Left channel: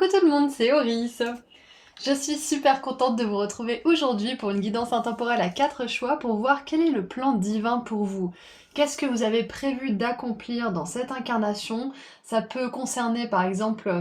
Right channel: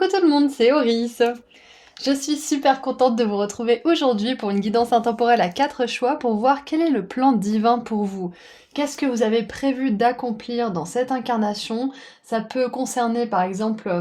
Coucou tout le monde, c'est Oris. Je suis super contente de vous retrouver aujourd'hui pour une guidance intemporelle à 4 choix pour voir quel est le plan divin pour vous. Qu'est-ce que vous avez prévu d'accomplir dans cette incarnation? Ça peut concerner par exemple,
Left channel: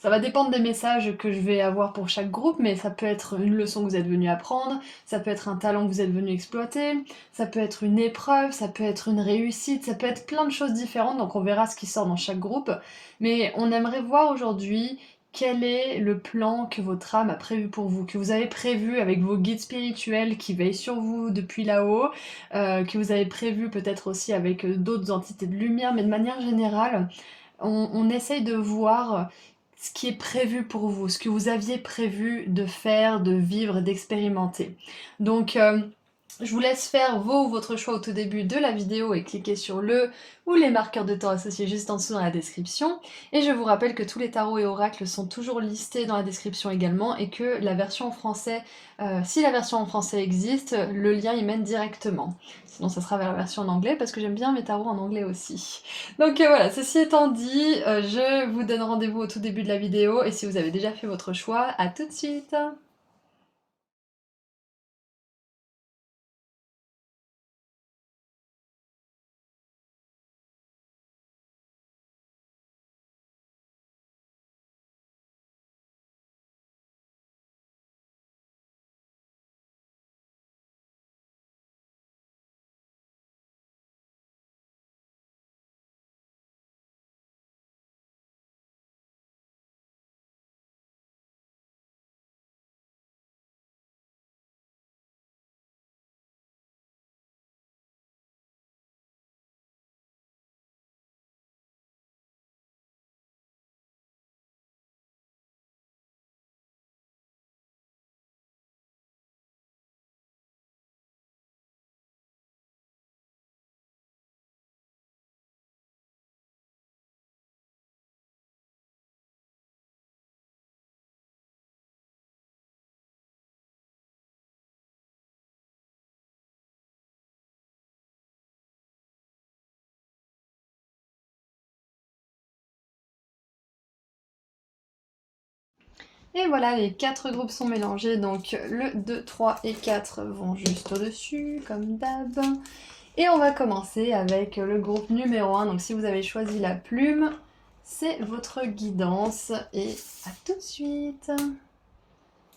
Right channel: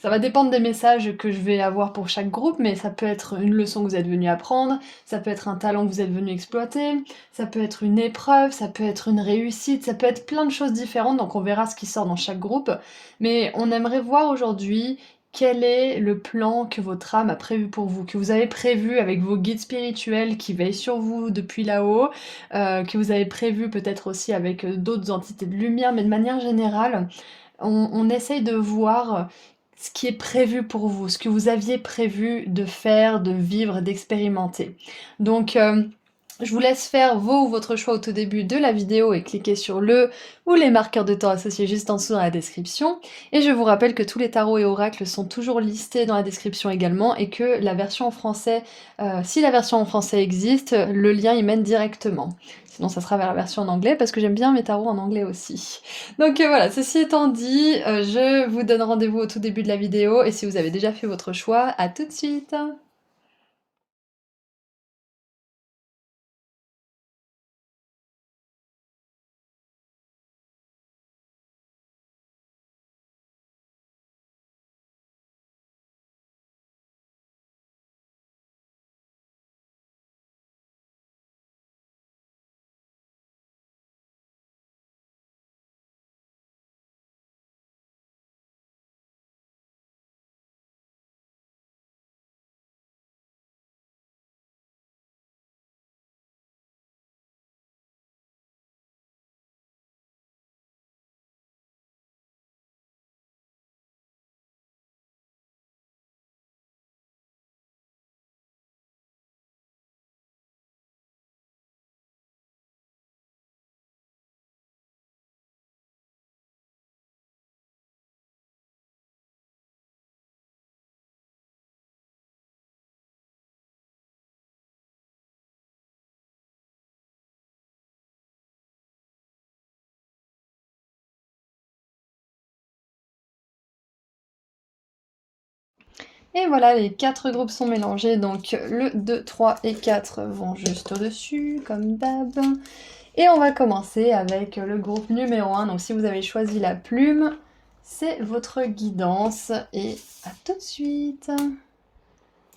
ça va dépendre des messages que je vais avoir pour chaque groupe, mais ça peut être une leçon que vous êtes venu apprendre, ça peut être un talent que vous êtes venu exploiter, ça peut être une épreuve, ça peut être une réussite, ça peut être plein de choses différentes, donc on verra ce qui sort dans chaque groupe. Mais on aimerait voir aujourd'hui quel est le plan que votre âme a prévu pour vous, que vous avez prévu avec vos guides spirituels qui veillent sur vous depuis là-haut, que vous avez prévu peut-être aussi avec d'autres entités de lumière, mais de manière générale, on essaye de voir ce qui est prévu pour vous, ce que vous aviez prévu de faire, de vivre, d'expérimenter. Donc, je vous laisse faire votre choix au tout début de la vidéo et cliquer sur le ou les marqueurs de temps associés juste en dessous dans la description. Et je vous rappelle que tous les tarots et oracles sont toujours listés dans la description également et que la version en français, si la version en français existe, le lien y mène directement. Sinon ça sera vers la version en anglais parce que j'aime bien mes tarots en anglais aussi. Donc voilà, ceci étant dit, je vous donne rendez-vous au tout début de la vidéo et si vous avez déjà fait votre choix, à tout de suite! Et voilà, les 4 groupes sont mélangés, donc le 2, 3 et 4 vont juste au-dessus, comme d'hab. Et on va commencer avec le groupe numéro 1, donc si vous avez choisi la plume, c'est votre guidance, et à tout de suite!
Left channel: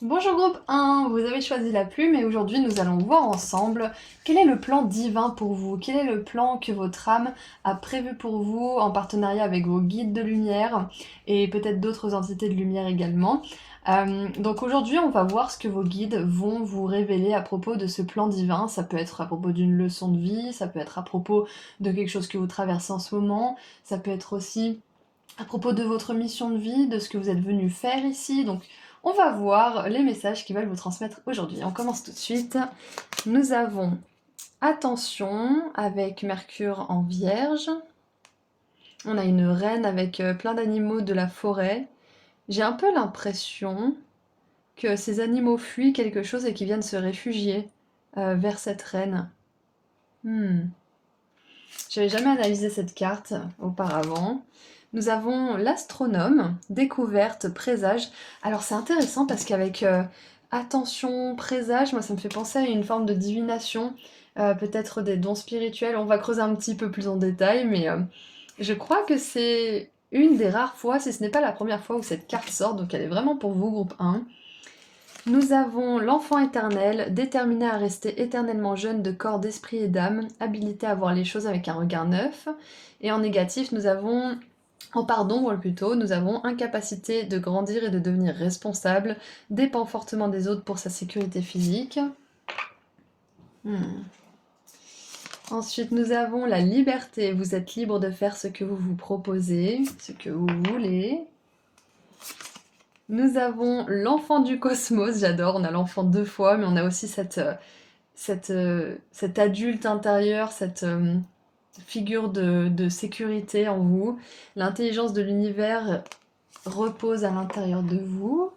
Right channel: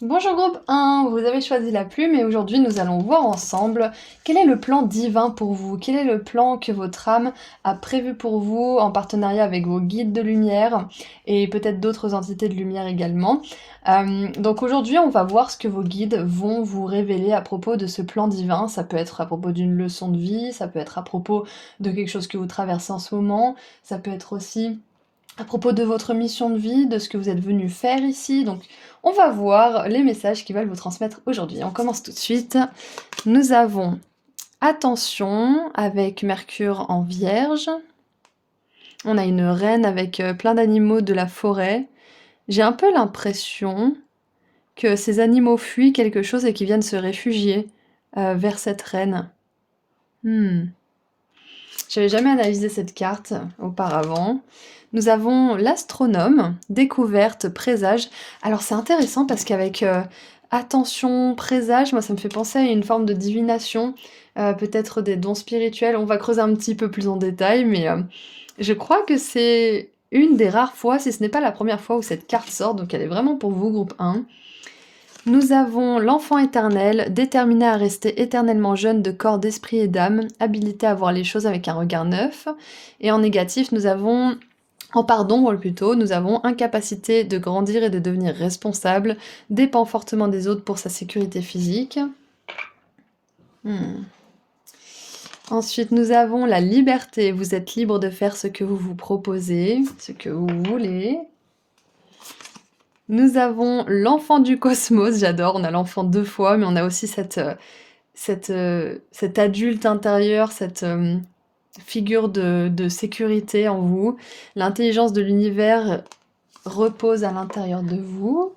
Bonjour groupe 1, vous avez choisi la plume et aujourd'hui nous allons voir ensemble quel est le plan divin pour vous, quel est le plan que votre âme a prévu pour vous en partenariat avec vos guides de lumière et peut-être d'autres entités de lumière également. Donc aujourd'hui on va voir ce que vos guides vont vous révéler à propos de ce plan divin. Ça peut être à propos d'une leçon de vie, ça peut être à propos de quelque chose que vous traversez en ce moment, ça peut être aussi à propos de votre mission de vie, de ce que vous êtes venu faire ici. Donc on va voir les messages qu'ils veulent vous transmettre aujourd'hui. On commence tout de suite. Nous avons attention avec Mercure en Vierge. On a une reine avec plein d'animaux de la forêt. J'ai un peu l'impression que ces animaux fuient quelque chose et qu'ils viennent se réfugier vers cette reine. J'avais jamais analysé cette carte auparavant. Nous avons l'astronome, découverte, présage. Alors c'est intéressant parce qu'avec attention, présage, moi ça me fait penser à une forme de divination, peut-être des dons spirituels. On va creuser un petit peu plus en détail, mais je crois que c'est une des rares fois, si ce n'est pas la première fois où cette carte sort, donc elle est vraiment pour vous, groupe 1. Nous avons l'enfant éternel, déterminé à rester éternellement jeune de corps, d'esprit et d'âme, habilité à voir les choses avec un regard neuf. Et en négatif, nous avons, en part d'ombre plutôt, nous avons incapacité de grandir et de devenir responsable, dépend fortement des autres pour sa sécurité physique. Ensuite, nous avons la liberté, vous êtes libre de faire ce que vous vous proposez, ce que vous voulez. Nous avons l'enfant du cosmos, j'adore, on a l'enfant 2 fois, mais on a aussi cet adulte intérieur, cette figure de sécurité en vous. L'intelligence de l'univers repose à l'intérieur de vous.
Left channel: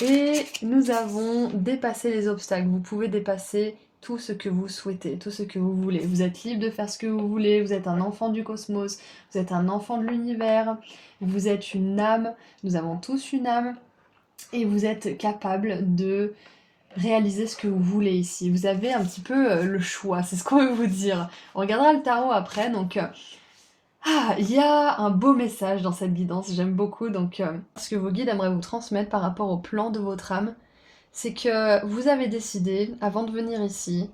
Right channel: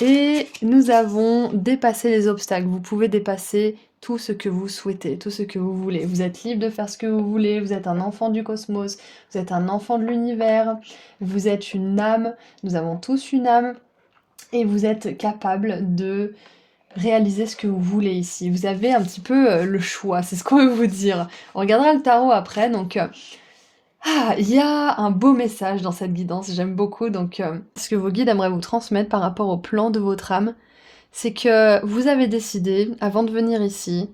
Et nous avons dépassé les obstacles. Vous pouvez dépasser tout ce que vous souhaitez, tout ce que vous voulez. Vous êtes libre de faire ce que vous voulez, vous êtes un enfant du cosmos, vous êtes un enfant de l'univers, vous êtes une âme, nous avons tous une âme, et vous êtes capable de réaliser ce que vous voulez ici. Vous avez un petit peu le choix, c'est ce qu'on veut vous dire. On regardera le tarot après, donc il y a un beau message dans cette guidance, j'aime beaucoup, donc ce que vos guides aimeraient vous transmettre par rapport au plan de votre âme, c'est que vous avez décidé, avant de venir ici,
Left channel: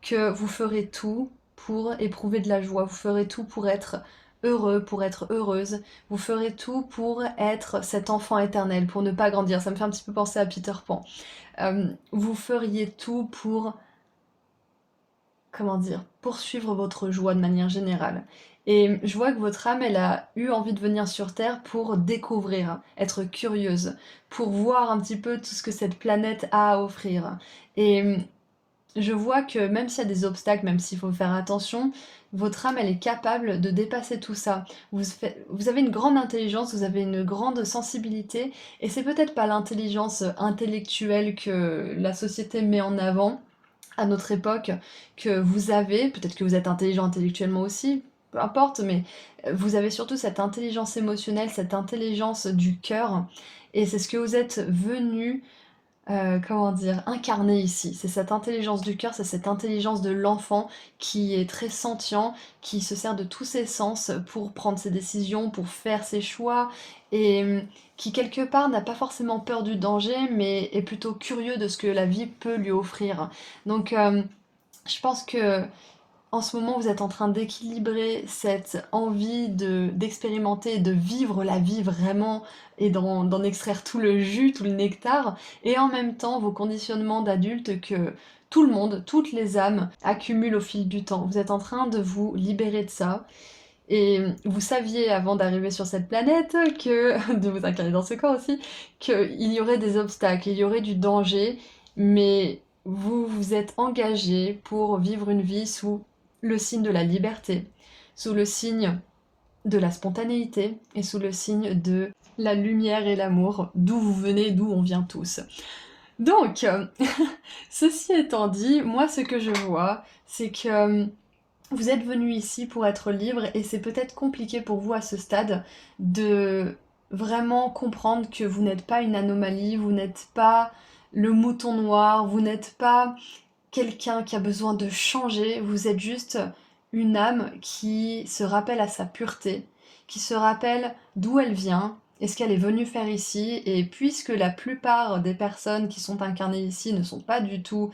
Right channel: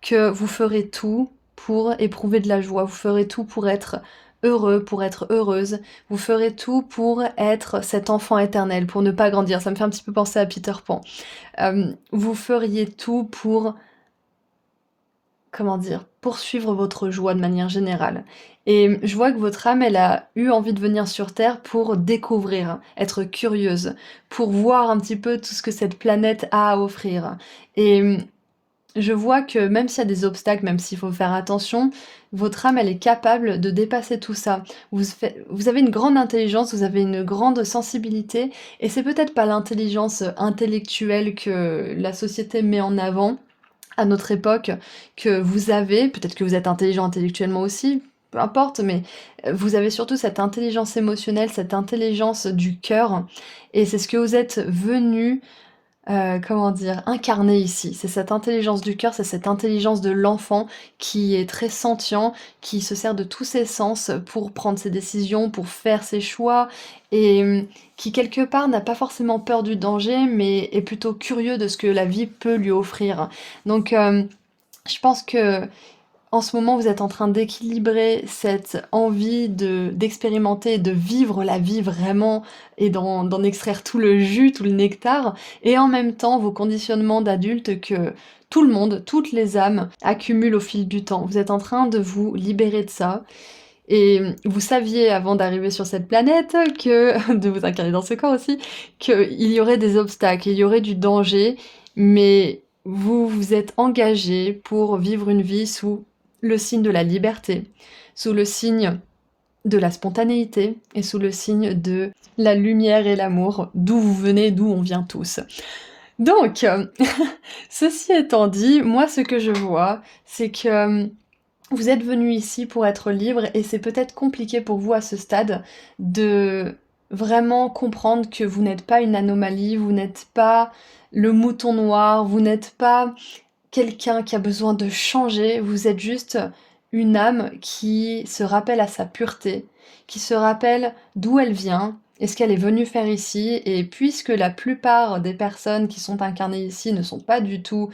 que vous ferez tout pour éprouver de la joie, vous ferez tout pour être heureux, pour être heureuse, vous ferez tout pour être cet enfant éternel, pour ne pas grandir. Ça me fait un petit peu penser à Peter Pan. Vous feriez tout pour, comment dire, poursuivre votre joie de manière générale. Et je vois que votre âme, elle a eu envie de venir sur Terre pour découvrir, être curieuse, pour voir un petit peu tout ce que cette planète a à offrir. Et je vois que même s'il y a des obstacles, même s'il faut faire attention, votre âme, elle est capable de dépasser tout ça. Vous avez une grande intelligence, vous avez une grande sensibilité, et c'est peut-être pas l'intelligence intellectuelle que la société met en avant à notre époque que vous avez, peut-être que vous êtes intelligent intellectuellement aussi, peu importe, mais vous avez surtout cette intelligence émotionnelle, cette intelligence du cœur, et c'est ce que vous êtes venu comment dire, incarné ici. C'est cette intelligence du cœur, c'est cette intelligence de l'enfant qui est très sentient, qui se sert de tous ses sens pour prendre ses décisions, pour faire ses choix, et qui quelque part n'a pas forcément peur du danger, mais est plutôt curieux de ce que la vie peut lui offrir. Donc je pense que en ce moment, vous êtes en train d'équilibrer cette envie d'expérimenter, de vivre la vie vraiment et d'en extraire tout le jus, tout le nectar, et en même temps vos conditionnements d'adulte que tout le monde, toutes les âmes accumulent au fil du temps. Vous êtes en train de vous libérer de ça. Et vous saviez avant d'arriver sur cette planète que, de vous incarner dans ce corps aussi, qu'il y aurait des obstacles, il y aurait du danger, mais vous vous êtes engagé pour vivre une vie sous le signe de la liberté, sous le signe de la spontanéité et sous le signe de la lumière et l'amour, d'où vous venez, d'où on vient tous. Donc, ceci étant dit, moi ce que je vois, c'est que vous êtes venu ici pour être libre et c'est peut-être compliqué pour vous à ce stade de vraiment comprendre que vous n'êtes pas une anomalie, vous n'êtes pas le mouton noir, vous n'êtes pas quelqu'un qui a besoin de changer, vous êtes juste une âme qui se rappelle à sa pureté, qui se rappelle d'où elle vient et ce qu'elle est venue faire ici. Et puisque la plupart des personnes qui sont incarnées ici ne sont pas du tout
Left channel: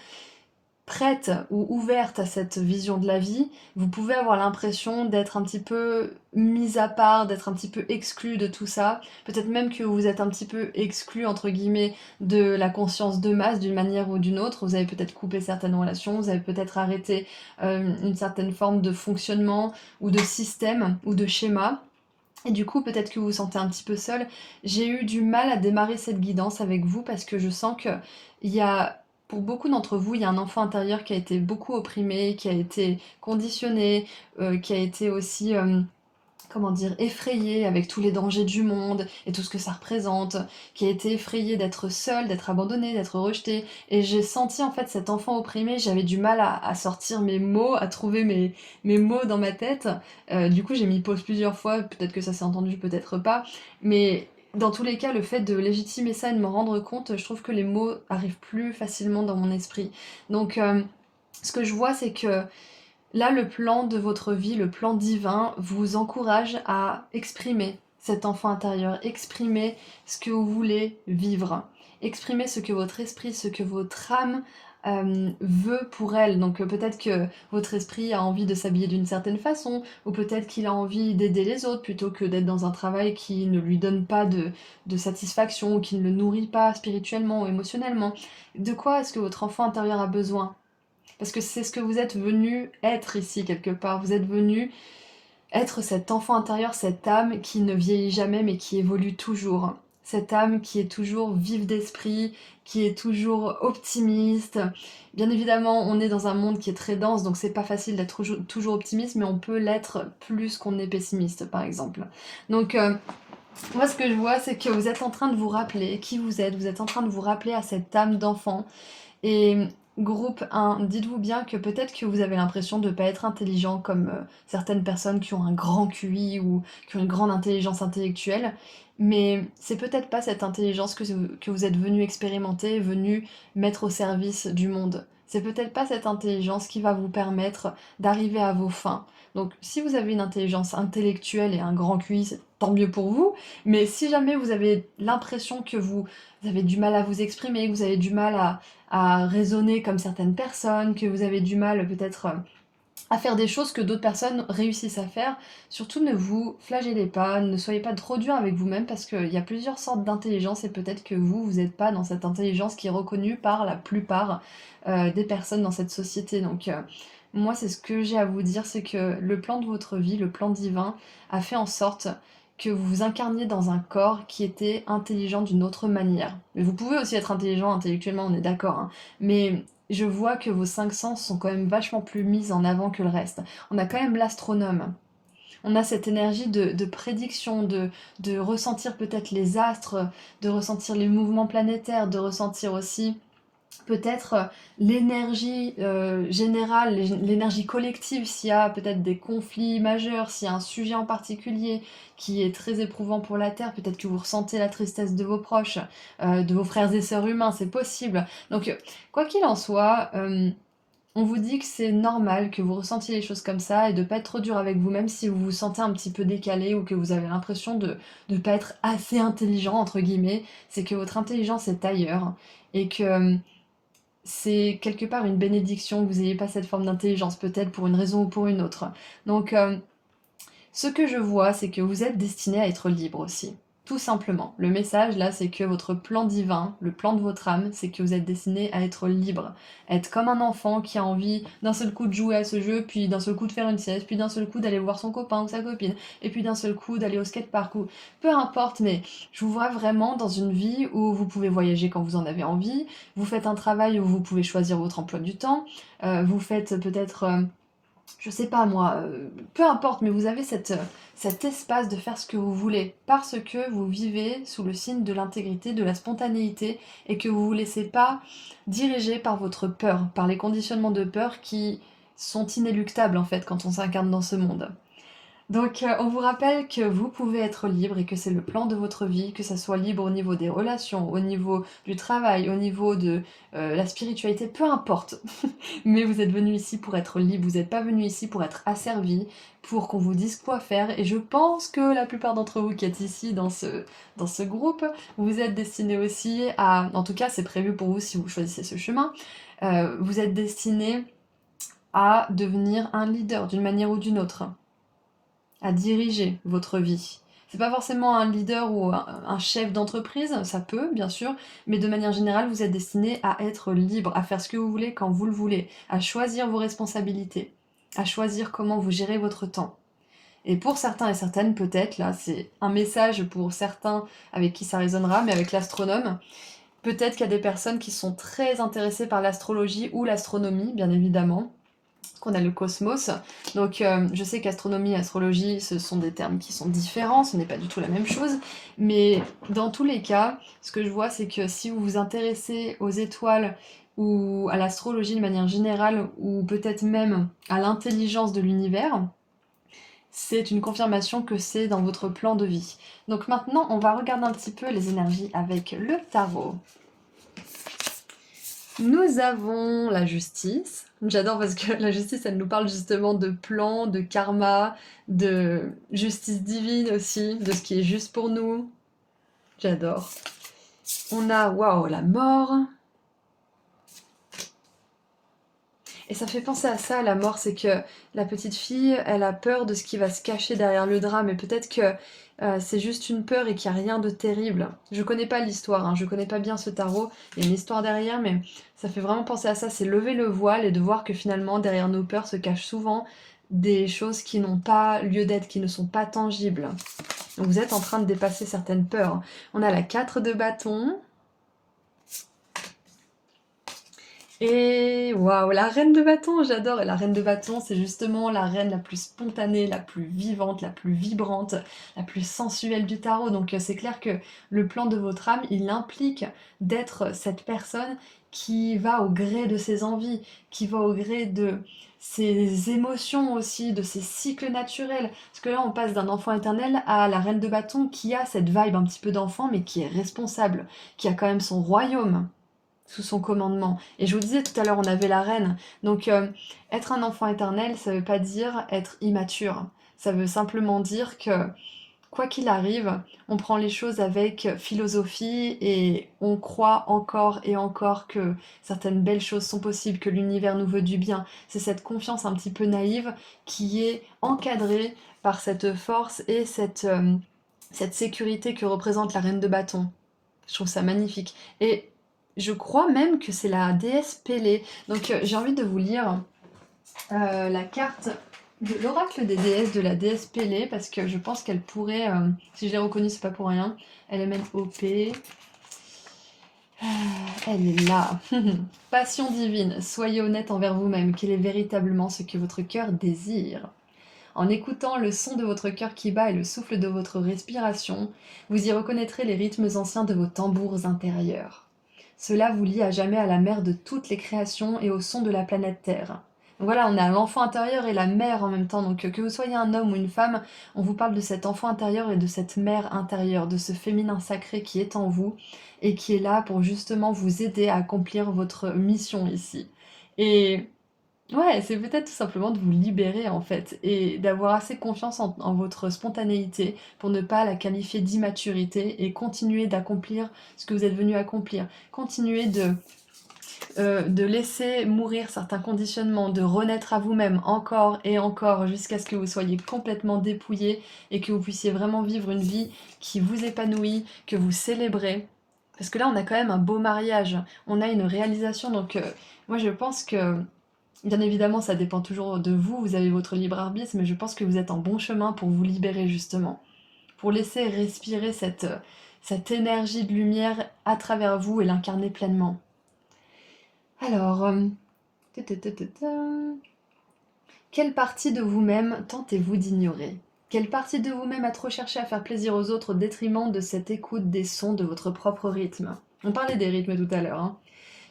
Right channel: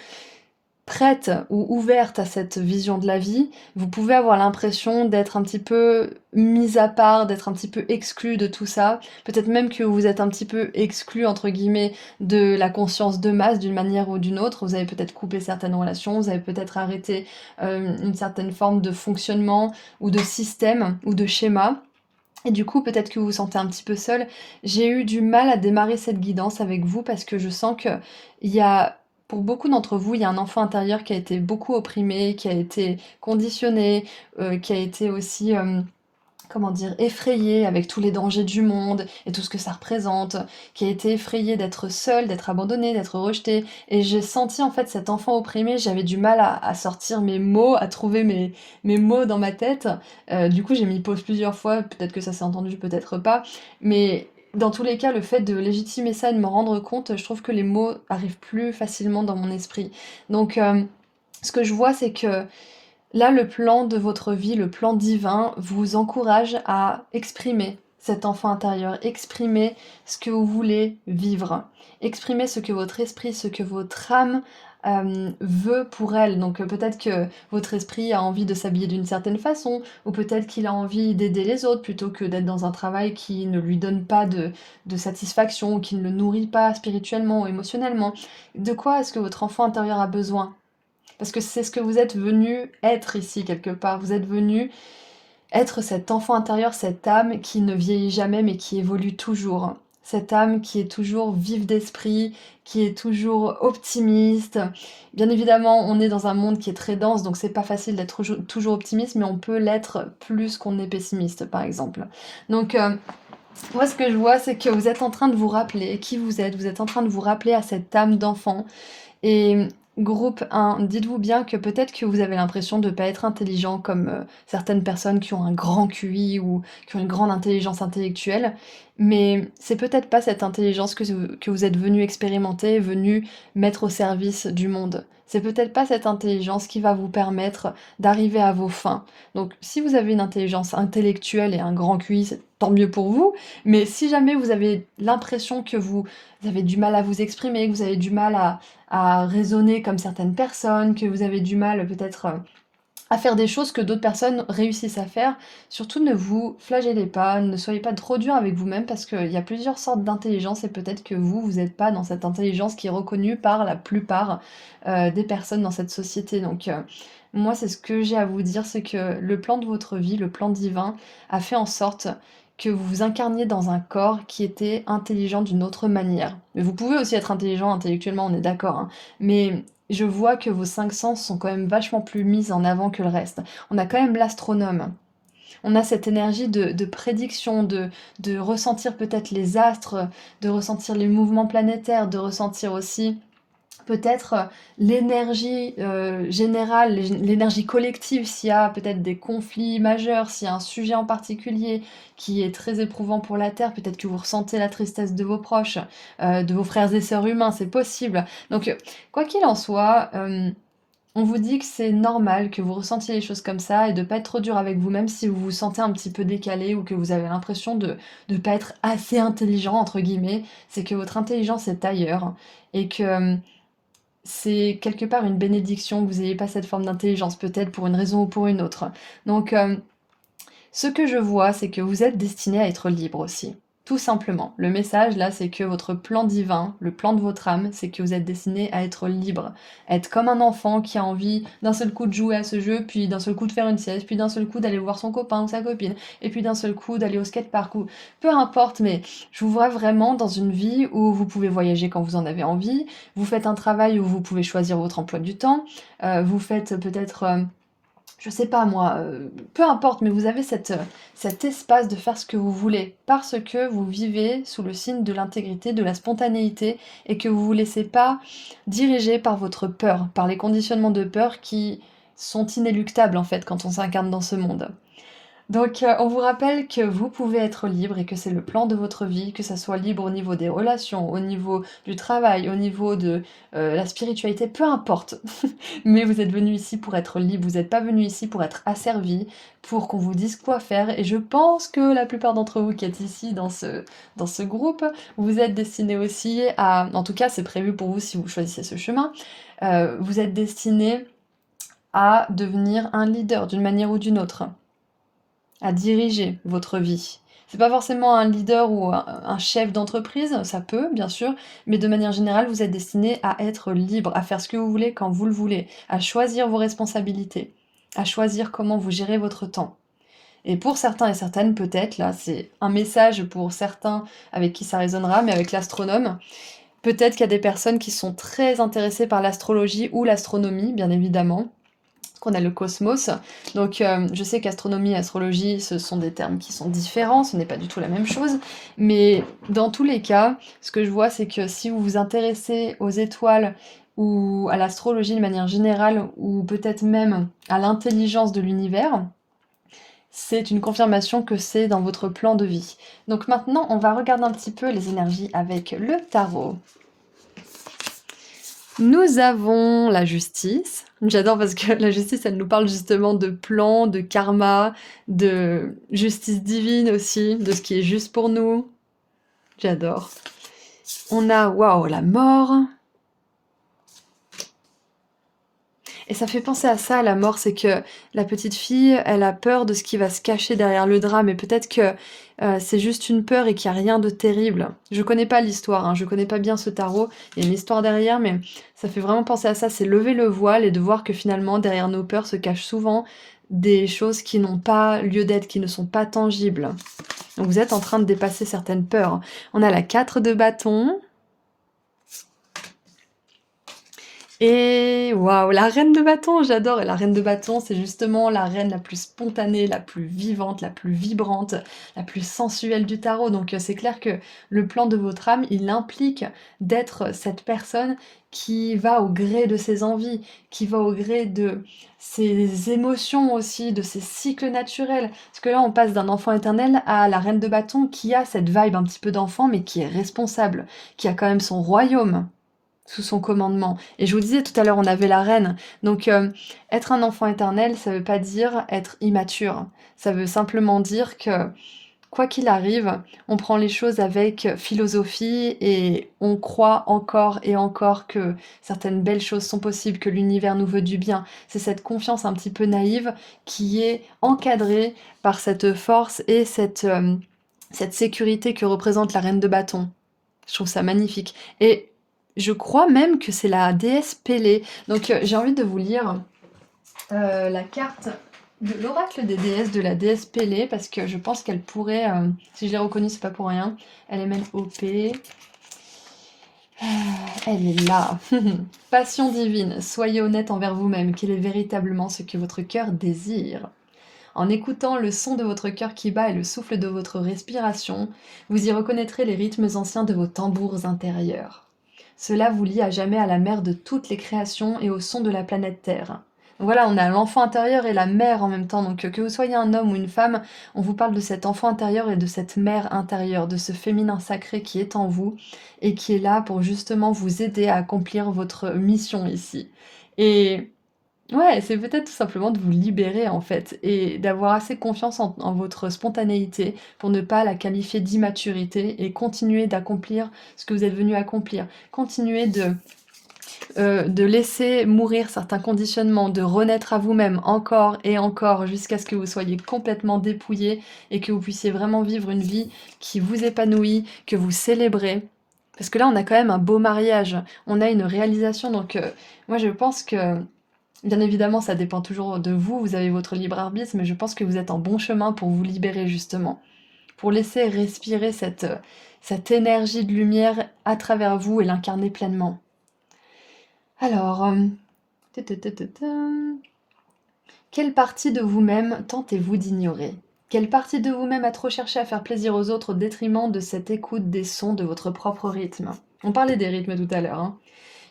prête ou ouverte à cette vision de la vie, vous pouvez avoir l'impression d'être un petit peu mise à part, d'être un petit peu exclu de tout ça. Peut-être même que vous êtes un petit peu exclu, entre guillemets, de la conscience de masse d'une manière ou d'une autre. Vous avez peut-être coupé certaines relations, vous avez peut-être arrêté une certaine forme de fonctionnement ou de système ou de schéma. Et du coup, peut-être que vous vous sentez un petit peu seul. J'ai eu du mal à démarrer cette guidance avec vous parce que je sens que il y a, pour beaucoup d'entre vous, il y a un enfant intérieur qui a été beaucoup opprimé, qui a été conditionné, qui a été aussi, comment dire, effrayé avec tous les dangers du monde et tout ce que ça représente, qui a été effrayé d'être seul, d'être abandonné, d'être rejeté. Et j'ai senti en fait cet enfant opprimé, j'avais du mal à sortir mes mots, à trouver mes mots dans ma tête. Du coup, j'ai mis pause plusieurs fois, peut-être que ça s'est entendu, peut-être pas. Mais dans tous les cas, le fait de légitimer ça et de me rendre compte, je trouve que les mots arrivent plus facilement dans mon esprit. Donc, ce que je vois, c'est que là, le plan de votre vie, le plan divin, vous encourage à exprimer cet enfant intérieur, exprimer ce que vous voulez vivre, exprimer ce que votre esprit, ce que votre âme veut pour elle. Donc peut-être que votre esprit a envie de s'habiller d'une certaine façon, ou peut-être qu'il a envie d'aider les autres plutôt que d'être dans un travail qui ne lui donne pas de satisfaction, ou qui ne le nourrit pas spirituellement ou émotionnellement. De quoi est-ce que votre enfant intérieur a besoin? Parce que c'est ce que vous êtes venu être ici quelque part. Vous êtes venu être cet enfant intérieur, cette âme qui ne vieillit jamais mais qui évolue toujours. Cette âme qui est toujours vive d'esprit, qui est toujours optimiste. Bien évidemment, on est dans un monde qui est très dense, donc c'est pas facile d'être toujours optimiste, mais on peut l'être plus qu'on est pessimiste, par exemple. Donc, moi, ce que je vois, c'est que vous êtes en train de vous rappeler qui vous êtes en train de vous rappeler à cette âme d'enfant. Et Groupe 1, dites-vous bien que peut-être que vous avez l'impression de ne pas être intelligent comme certaines personnes qui ont un grand QI ou qui ont une grande intelligence intellectuelle, mais c'est peut-être pas cette intelligence que vous êtes venu expérimenter, venu mettre au service du monde. C'est peut-être pas cette intelligence qui va vous permettre d'arriver à vos fins. Donc si vous avez une intelligence intellectuelle et un grand QI, c'est tant mieux pour vous, mais si jamais vous avez l'impression que vous avez du mal à vous exprimer, que vous avez du mal à raisonner comme certaines personnes, que vous avez du mal peut-être à faire des choses que d'autres personnes réussissent à faire. Surtout ne vous flagellez pas, ne soyez pas trop dur avec vous-même parce qu'il y a plusieurs sortes d'intelligence et peut-être que vous n'êtes pas dans cette intelligence qui est reconnue par la plupart des personnes dans cette société. Donc moi c'est ce que j'ai à vous dire, c'est que le plan de votre vie, le plan divin, a fait en sorte que vous vous incarniez dans un corps qui était intelligent d'une autre manière. Mais vous pouvez aussi être intelligent intellectuellement, on est d'accord, hein, mais je vois que vos 5 sens sont quand même vachement plus mis en avant que le reste. On a quand même l'astronome. On a cette énergie de prédiction, de ressentir peut-être les astres, de ressentir les mouvements planétaires, de ressentir aussi peut-être l'énergie générale, l'énergie collective, s'il y a peut-être des conflits majeurs, s'il y a un sujet en particulier qui est très éprouvant pour la Terre, peut-être que vous ressentez la tristesse de vos proches, de vos frères et sœurs humains, c'est possible. Donc, quoi qu'il en soit, on vous dit que c'est normal que vous ressentiez les choses comme ça et de pas être trop dur avec vous-même si vous vous sentez un petit peu décalé ou que vous avez l'impression de ne pas être assez intelligent, entre guillemets. C'est que votre intelligence est ailleurs et que c'est quelque part une bénédiction que vous n'ayez pas cette forme d'intelligence, peut-être pour une raison ou pour une autre. Donc, ce que je vois, c'est que vous êtes destiné à être libre aussi. Tout simplement. Le message là, c'est que votre plan divin, le plan de votre âme, c'est que vous êtes destiné à être libre. Être comme un enfant qui a envie d'un seul coup de jouer à ce jeu, puis d'un seul coup de faire une sieste, puis d'un seul coup d'aller voir son copain ou sa copine, et puis d'un seul coup d'aller au skatepark ou peu importe, mais je vous vois vraiment dans une vie où vous pouvez voyager quand vous en avez envie, vous faites un travail où vous pouvez choisir votre emploi du temps, vous faites peut-être je sais pas moi, peu importe, mais vous avez cet espace de faire ce que vous voulez, parce que vous vivez sous le signe de l'intégrité, de la spontanéité, et que vous vous laissez pas diriger par votre peur, par les conditionnements de peur qui sont inéluctables en fait quand on s'incarne dans ce monde. Donc, on vous rappelle que vous pouvez être libre et que c'est le plan de votre vie, que ça soit libre au niveau des relations, au niveau du travail, au niveau de la spiritualité, peu importe. Mais vous êtes venu ici pour être libre, vous n'êtes pas venu ici pour être asservi, pour qu'on vous dise quoi faire. Et je pense que la plupart d'entre vous qui êtes ici dans ce groupe, vous êtes destinés aussi à, en tout cas c'est prévu pour vous si vous choisissez ce chemin, vous êtes destinés à devenir un leader d'une manière ou d'une autre, à diriger votre vie. C'est pas forcément un leader ou un chef d'entreprise, ça peut, bien sûr, mais de manière générale, vous êtes destiné à être libre, à faire ce que vous voulez quand vous le voulez, à choisir vos responsabilités, à choisir comment vous gérez votre temps. Et pour certains et certaines, peut-être, là, c'est un message pour certains avec qui ça résonnera, mais avec l'astronome, peut-être qu'il y a des personnes qui sont très intéressées par l'astrologie ou l'astronomie, bien évidemment, qu'on a le cosmos. Donc je sais qu'astronomie et astrologie, ce sont des termes qui sont différents, ce n'est pas du tout la même chose, mais dans tous les cas, ce que je vois, c'est que si vous vous intéressez aux étoiles ou à l'astrologie de manière générale, ou peut-être même à l'intelligence de l'univers, c'est une confirmation que c'est dans votre plan de vie. Donc maintenant, on va regarder un petit peu les énergies avec le tarot. Nous avons la justice. J'adore parce que la justice, elle nous parle justement de plan, de karma, de justice divine aussi, de ce qui est juste pour nous. J'adore. On a, waouh, la mort. Et ça fait penser à ça, la mort, c'est que la petite fille, elle a peur de ce qui va se cacher derrière le drame, et peut-être que c'est juste une peur et qu'il n'y a rien de terrible. Je connais pas l'histoire, hein, je connais pas bien ce tarot, il y a une histoire derrière, mais ça fait vraiment penser à ça, c'est lever le voile et de voir que finalement, derrière nos peurs se cachent souvent des choses qui n'ont pas lieu d'être, qui ne sont pas tangibles. Donc vous êtes en train de dépasser certaines peurs. On a la 4 de bâton, Et waouh, la reine de bâton, j'adore! Et la reine de bâton, c'est justement la reine la plus spontanée, la plus vivante, la plus vibrante, la plus sensuelle du tarot. Donc, c'est clair que le plan de votre âme, il implique d'être cette personne qui va au gré de ses envies, qui va au gré de ses émotions aussi, de ses cycles naturels. Parce que là, on passe d'un enfant éternel à la reine de bâton qui a cette vibe un petit peu d'enfant, mais qui est responsable, qui a quand même son royaume sous son commandement. Et je vous disais tout à l'heure, on avait la reine. Donc, être un enfant éternel, ça veut pas dire être immature. Ça veut simplement dire que, quoi qu'il arrive, on prend les choses avec philosophie et on croit encore et encore que certaines belles choses sont possibles, que l'univers nous veut du bien. C'est cette confiance un petit peu naïve qui est encadrée par cette force et cette sécurité que représente la reine de bâton. Je trouve ça magnifique. Et je crois même que c'est la déesse Pélée. Donc j'ai envie de vous lire la carte de l'oracle des déesses de la déesse Pélée parce que je pense qu'elle pourrait, si je l'ai reconnue, c'est pas pour rien. Elle est même OP. Elle est là. Passion divine, soyez honnête envers vous-même. Quel est véritablement ce que votre cœur désire? En écoutant le son de votre cœur qui bat et le souffle de votre respiration, vous y reconnaîtrez les rythmes anciens de vos tambours intérieurs. Cela vous lie à jamais à la mère de toutes les créations et au son de la planète Terre. Donc voilà, on a l'enfant intérieur et la mère en même temps. Donc que vous soyez un homme ou une femme, on vous parle de cet enfant intérieur et de cette mère intérieure, de ce féminin sacré qui est en vous et qui est là pour justement vous aider à accomplir votre mission ici. Et ouais, c'est peut-être tout simplement de vous libérer en fait et d'avoir assez confiance en votre spontanéité pour ne pas la qualifier d'immaturité et continuer d'accomplir ce que vous êtes venu accomplir. Continuer de laisser mourir certains conditionnements, de renaître à vous-même encore et encore jusqu'à ce que vous soyez complètement dépouillé et que vous puissiez vraiment vivre une vie qui vous épanouit, que vous célébrez. Parce que là, on a quand même un beau mariage, on a une réalisation, donc moi je pense que bien évidemment, ça dépend toujours de vous, vous avez votre libre arbitre, mais je pense que vous êtes en bon chemin pour vous libérer justement, pour laisser respirer cette énergie de lumière à travers vous et l'incarner pleinement. Alors, ta, ta, ta, ta, ta. Quelle partie de vous-même tentez-vous d'ignorer? Quelle partie de vous-même a trop cherché à faire plaisir aux autres au détriment de cette écoute des sons de votre propre rythme? On parlait des rythmes tout à l'heure, hein.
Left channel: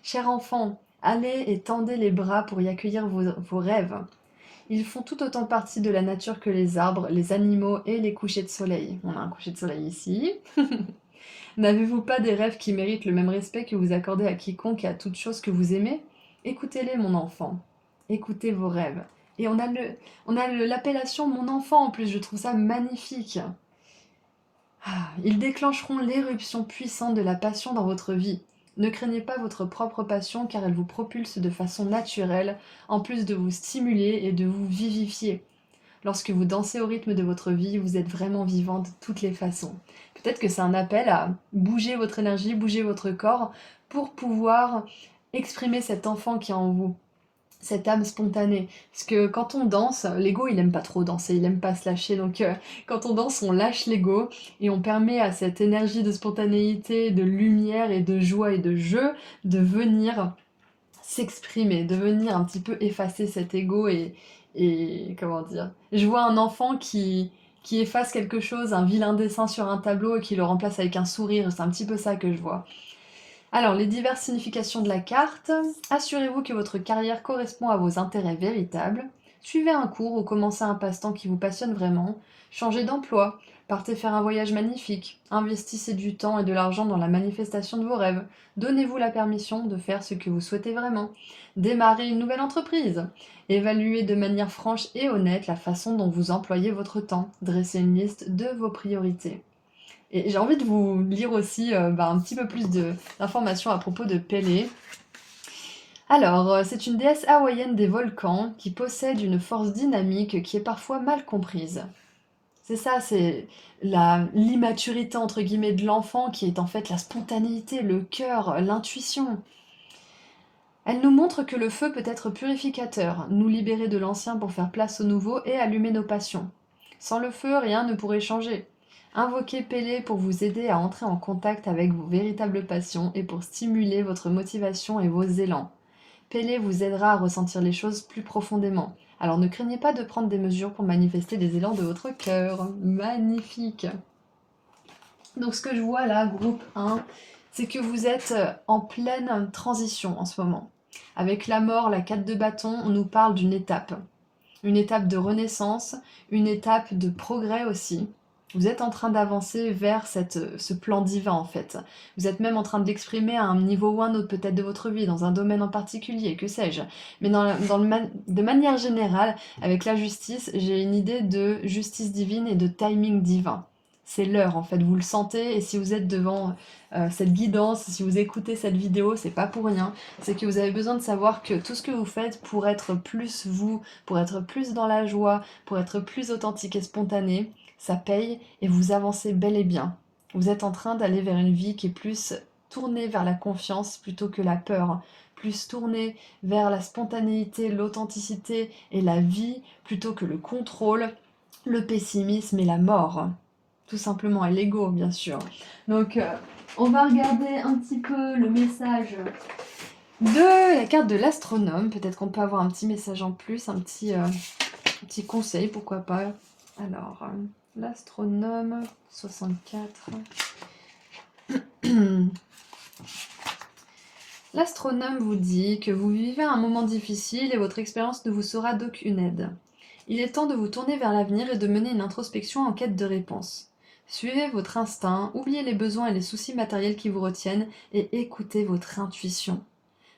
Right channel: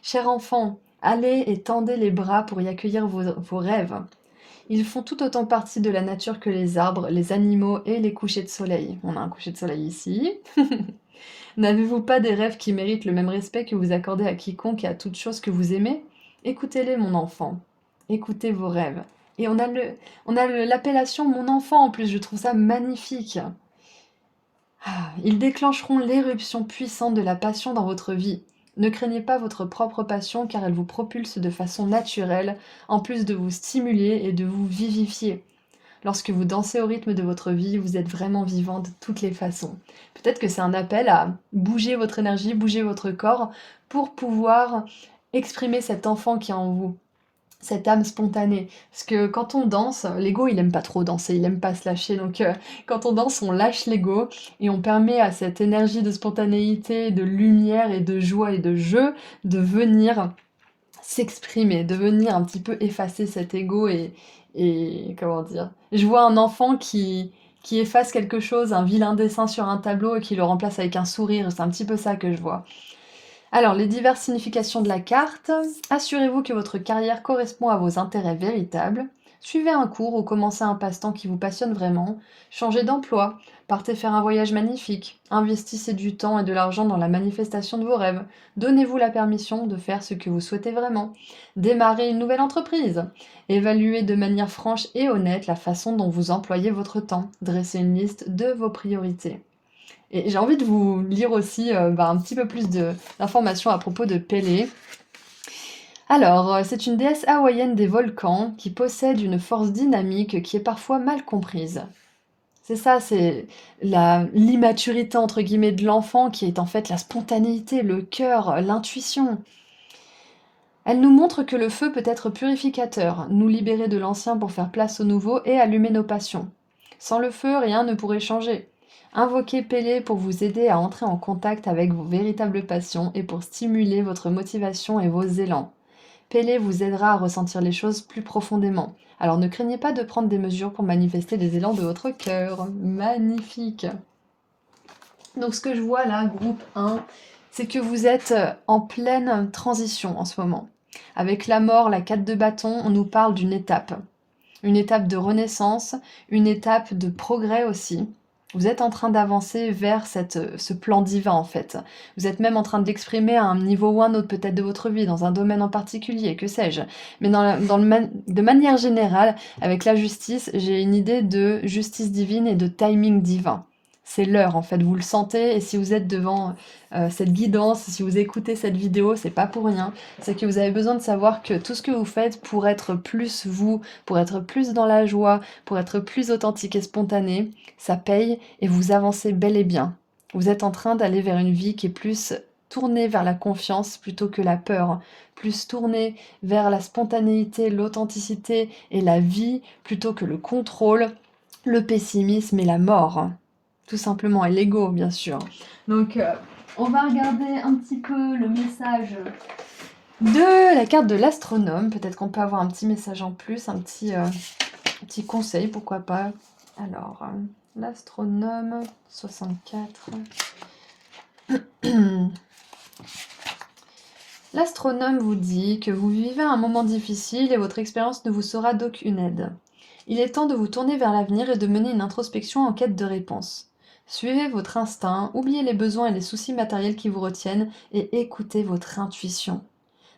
Cher enfant, allez et tendez les bras pour y accueillir vos rêves. Ils font tout autant partie de la nature que les arbres, les animaux et les couchers de soleil. On a un coucher de soleil ici. N'avez-vous pas des rêves qui méritent le même respect que vous accordez à quiconque et à toute chose que vous aimez? Écoutez-les, mon enfant. Écoutez vos rêves. Et l'appellation mon enfant en plus, je trouve ça magnifique. Ils déclencheront l'éruption puissante de la passion dans votre vie. Ne craignez pas votre propre passion car elle vous propulse de façon naturelle, en plus de vous stimuler et de vous vivifier. Lorsque vous dansez au rythme de votre vie, vous êtes vraiment vivant de toutes les façons. Peut-être que c'est un appel à bouger votre énergie, bouger votre corps pour pouvoir exprimer cet enfant qui est en vous, cette âme spontanée. Parce que quand on danse, l'ego il aime pas trop danser, il aime pas se lâcher. Donc quand on danse, on lâche l'ego et on permet à cette énergie de spontanéité, de lumière et de joie et de jeu de venir s'exprimer, de venir un petit peu effacer cet ego et comment dire. Je vois un enfant qui efface quelque chose, un vilain dessin sur un tableau et qui le remplace avec un sourire. C'est un petit peu ça que je vois. Alors, les diverses significations de la carte. Assurez-vous que votre carrière correspond à vos intérêts véritables. Suivez un cours ou commencez un passe-temps qui vous passionne vraiment. Changez d'emploi. Partez faire un voyage magnifique. Investissez du temps et de l'argent dans la manifestation de vos rêves. Donnez-vous la permission de faire ce que vous souhaitez vraiment. Démarrez une nouvelle entreprise. Évaluez de manière franche et honnête la façon dont vous employez votre temps. Dressez une liste de vos priorités. Et j'ai envie de vous lire aussi un petit peu plus d'informations à propos de Pélée. Alors, c'est une déesse hawaïenne des volcans qui possède une force dynamique qui est parfois mal comprise. C'est ça, c'est l'immaturité entre guillemets de l'enfant qui est en fait la spontanéité, le cœur, l'intuition. Elle nous montre que le feu peut être purificateur, nous libérer de l'ancien pour faire place au nouveau et allumer nos passions. Sans le feu, rien ne pourrait changer. Invoquez Pélée pour vous aider à entrer en contact avec vos véritables passions et pour stimuler votre motivation et vos élans. Pélé vous aidera à ressentir les choses plus profondément. Alors ne craignez pas de prendre des mesures pour manifester les élans de votre cœur. Magnifique! Donc ce que je vois là, groupe 1, c'est que vous êtes en pleine transition en ce moment. Avec la mort, la 4 de bâton, on nous parle d'une étape. Une étape de renaissance, une étape de progrès aussi. Vous êtes en train d'avancer vers ce plan divin en fait. Vous êtes même en train de l'exprimer à un niveau ou un autre peut-être de votre vie, dans un domaine en particulier, que sais-je. Mais de manière générale, avec la justice, j'ai une idée de justice divine et de timing divin. C'est l'heure en fait, vous le sentez, et si vous êtes devant cette guidance, si vous écoutez cette vidéo, c'est pas pour rien. C'est que vous avez besoin de savoir que tout ce que vous faites pour être plus vous, pour être plus dans la joie, pour être plus authentique et spontané, ça paye et vous avancez bel et bien. Vous êtes en train d'aller vers une vie qui est plus tournée vers la confiance plutôt que la peur, plus tournée vers la spontanéité, l'authenticité et la vie plutôt que le contrôle, le pessimisme et la mort. Tout simplement, et l'ego bien sûr. Donc on va regarder un petit peu le message de la carte de l'astronome. Peut-être qu'on peut avoir un petit message en plus, un petit conseil, pourquoi pas. Alors, l'astronome 64. L'astronome vous dit que vous vivez un moment difficile et votre expérience ne vous sera d'aucune aide. Il est temps de vous tourner vers l'avenir et de mener une introspection en quête de réponses. Suivez votre instinct, oubliez les besoins et les soucis matériels qui vous retiennent et écoutez votre intuition.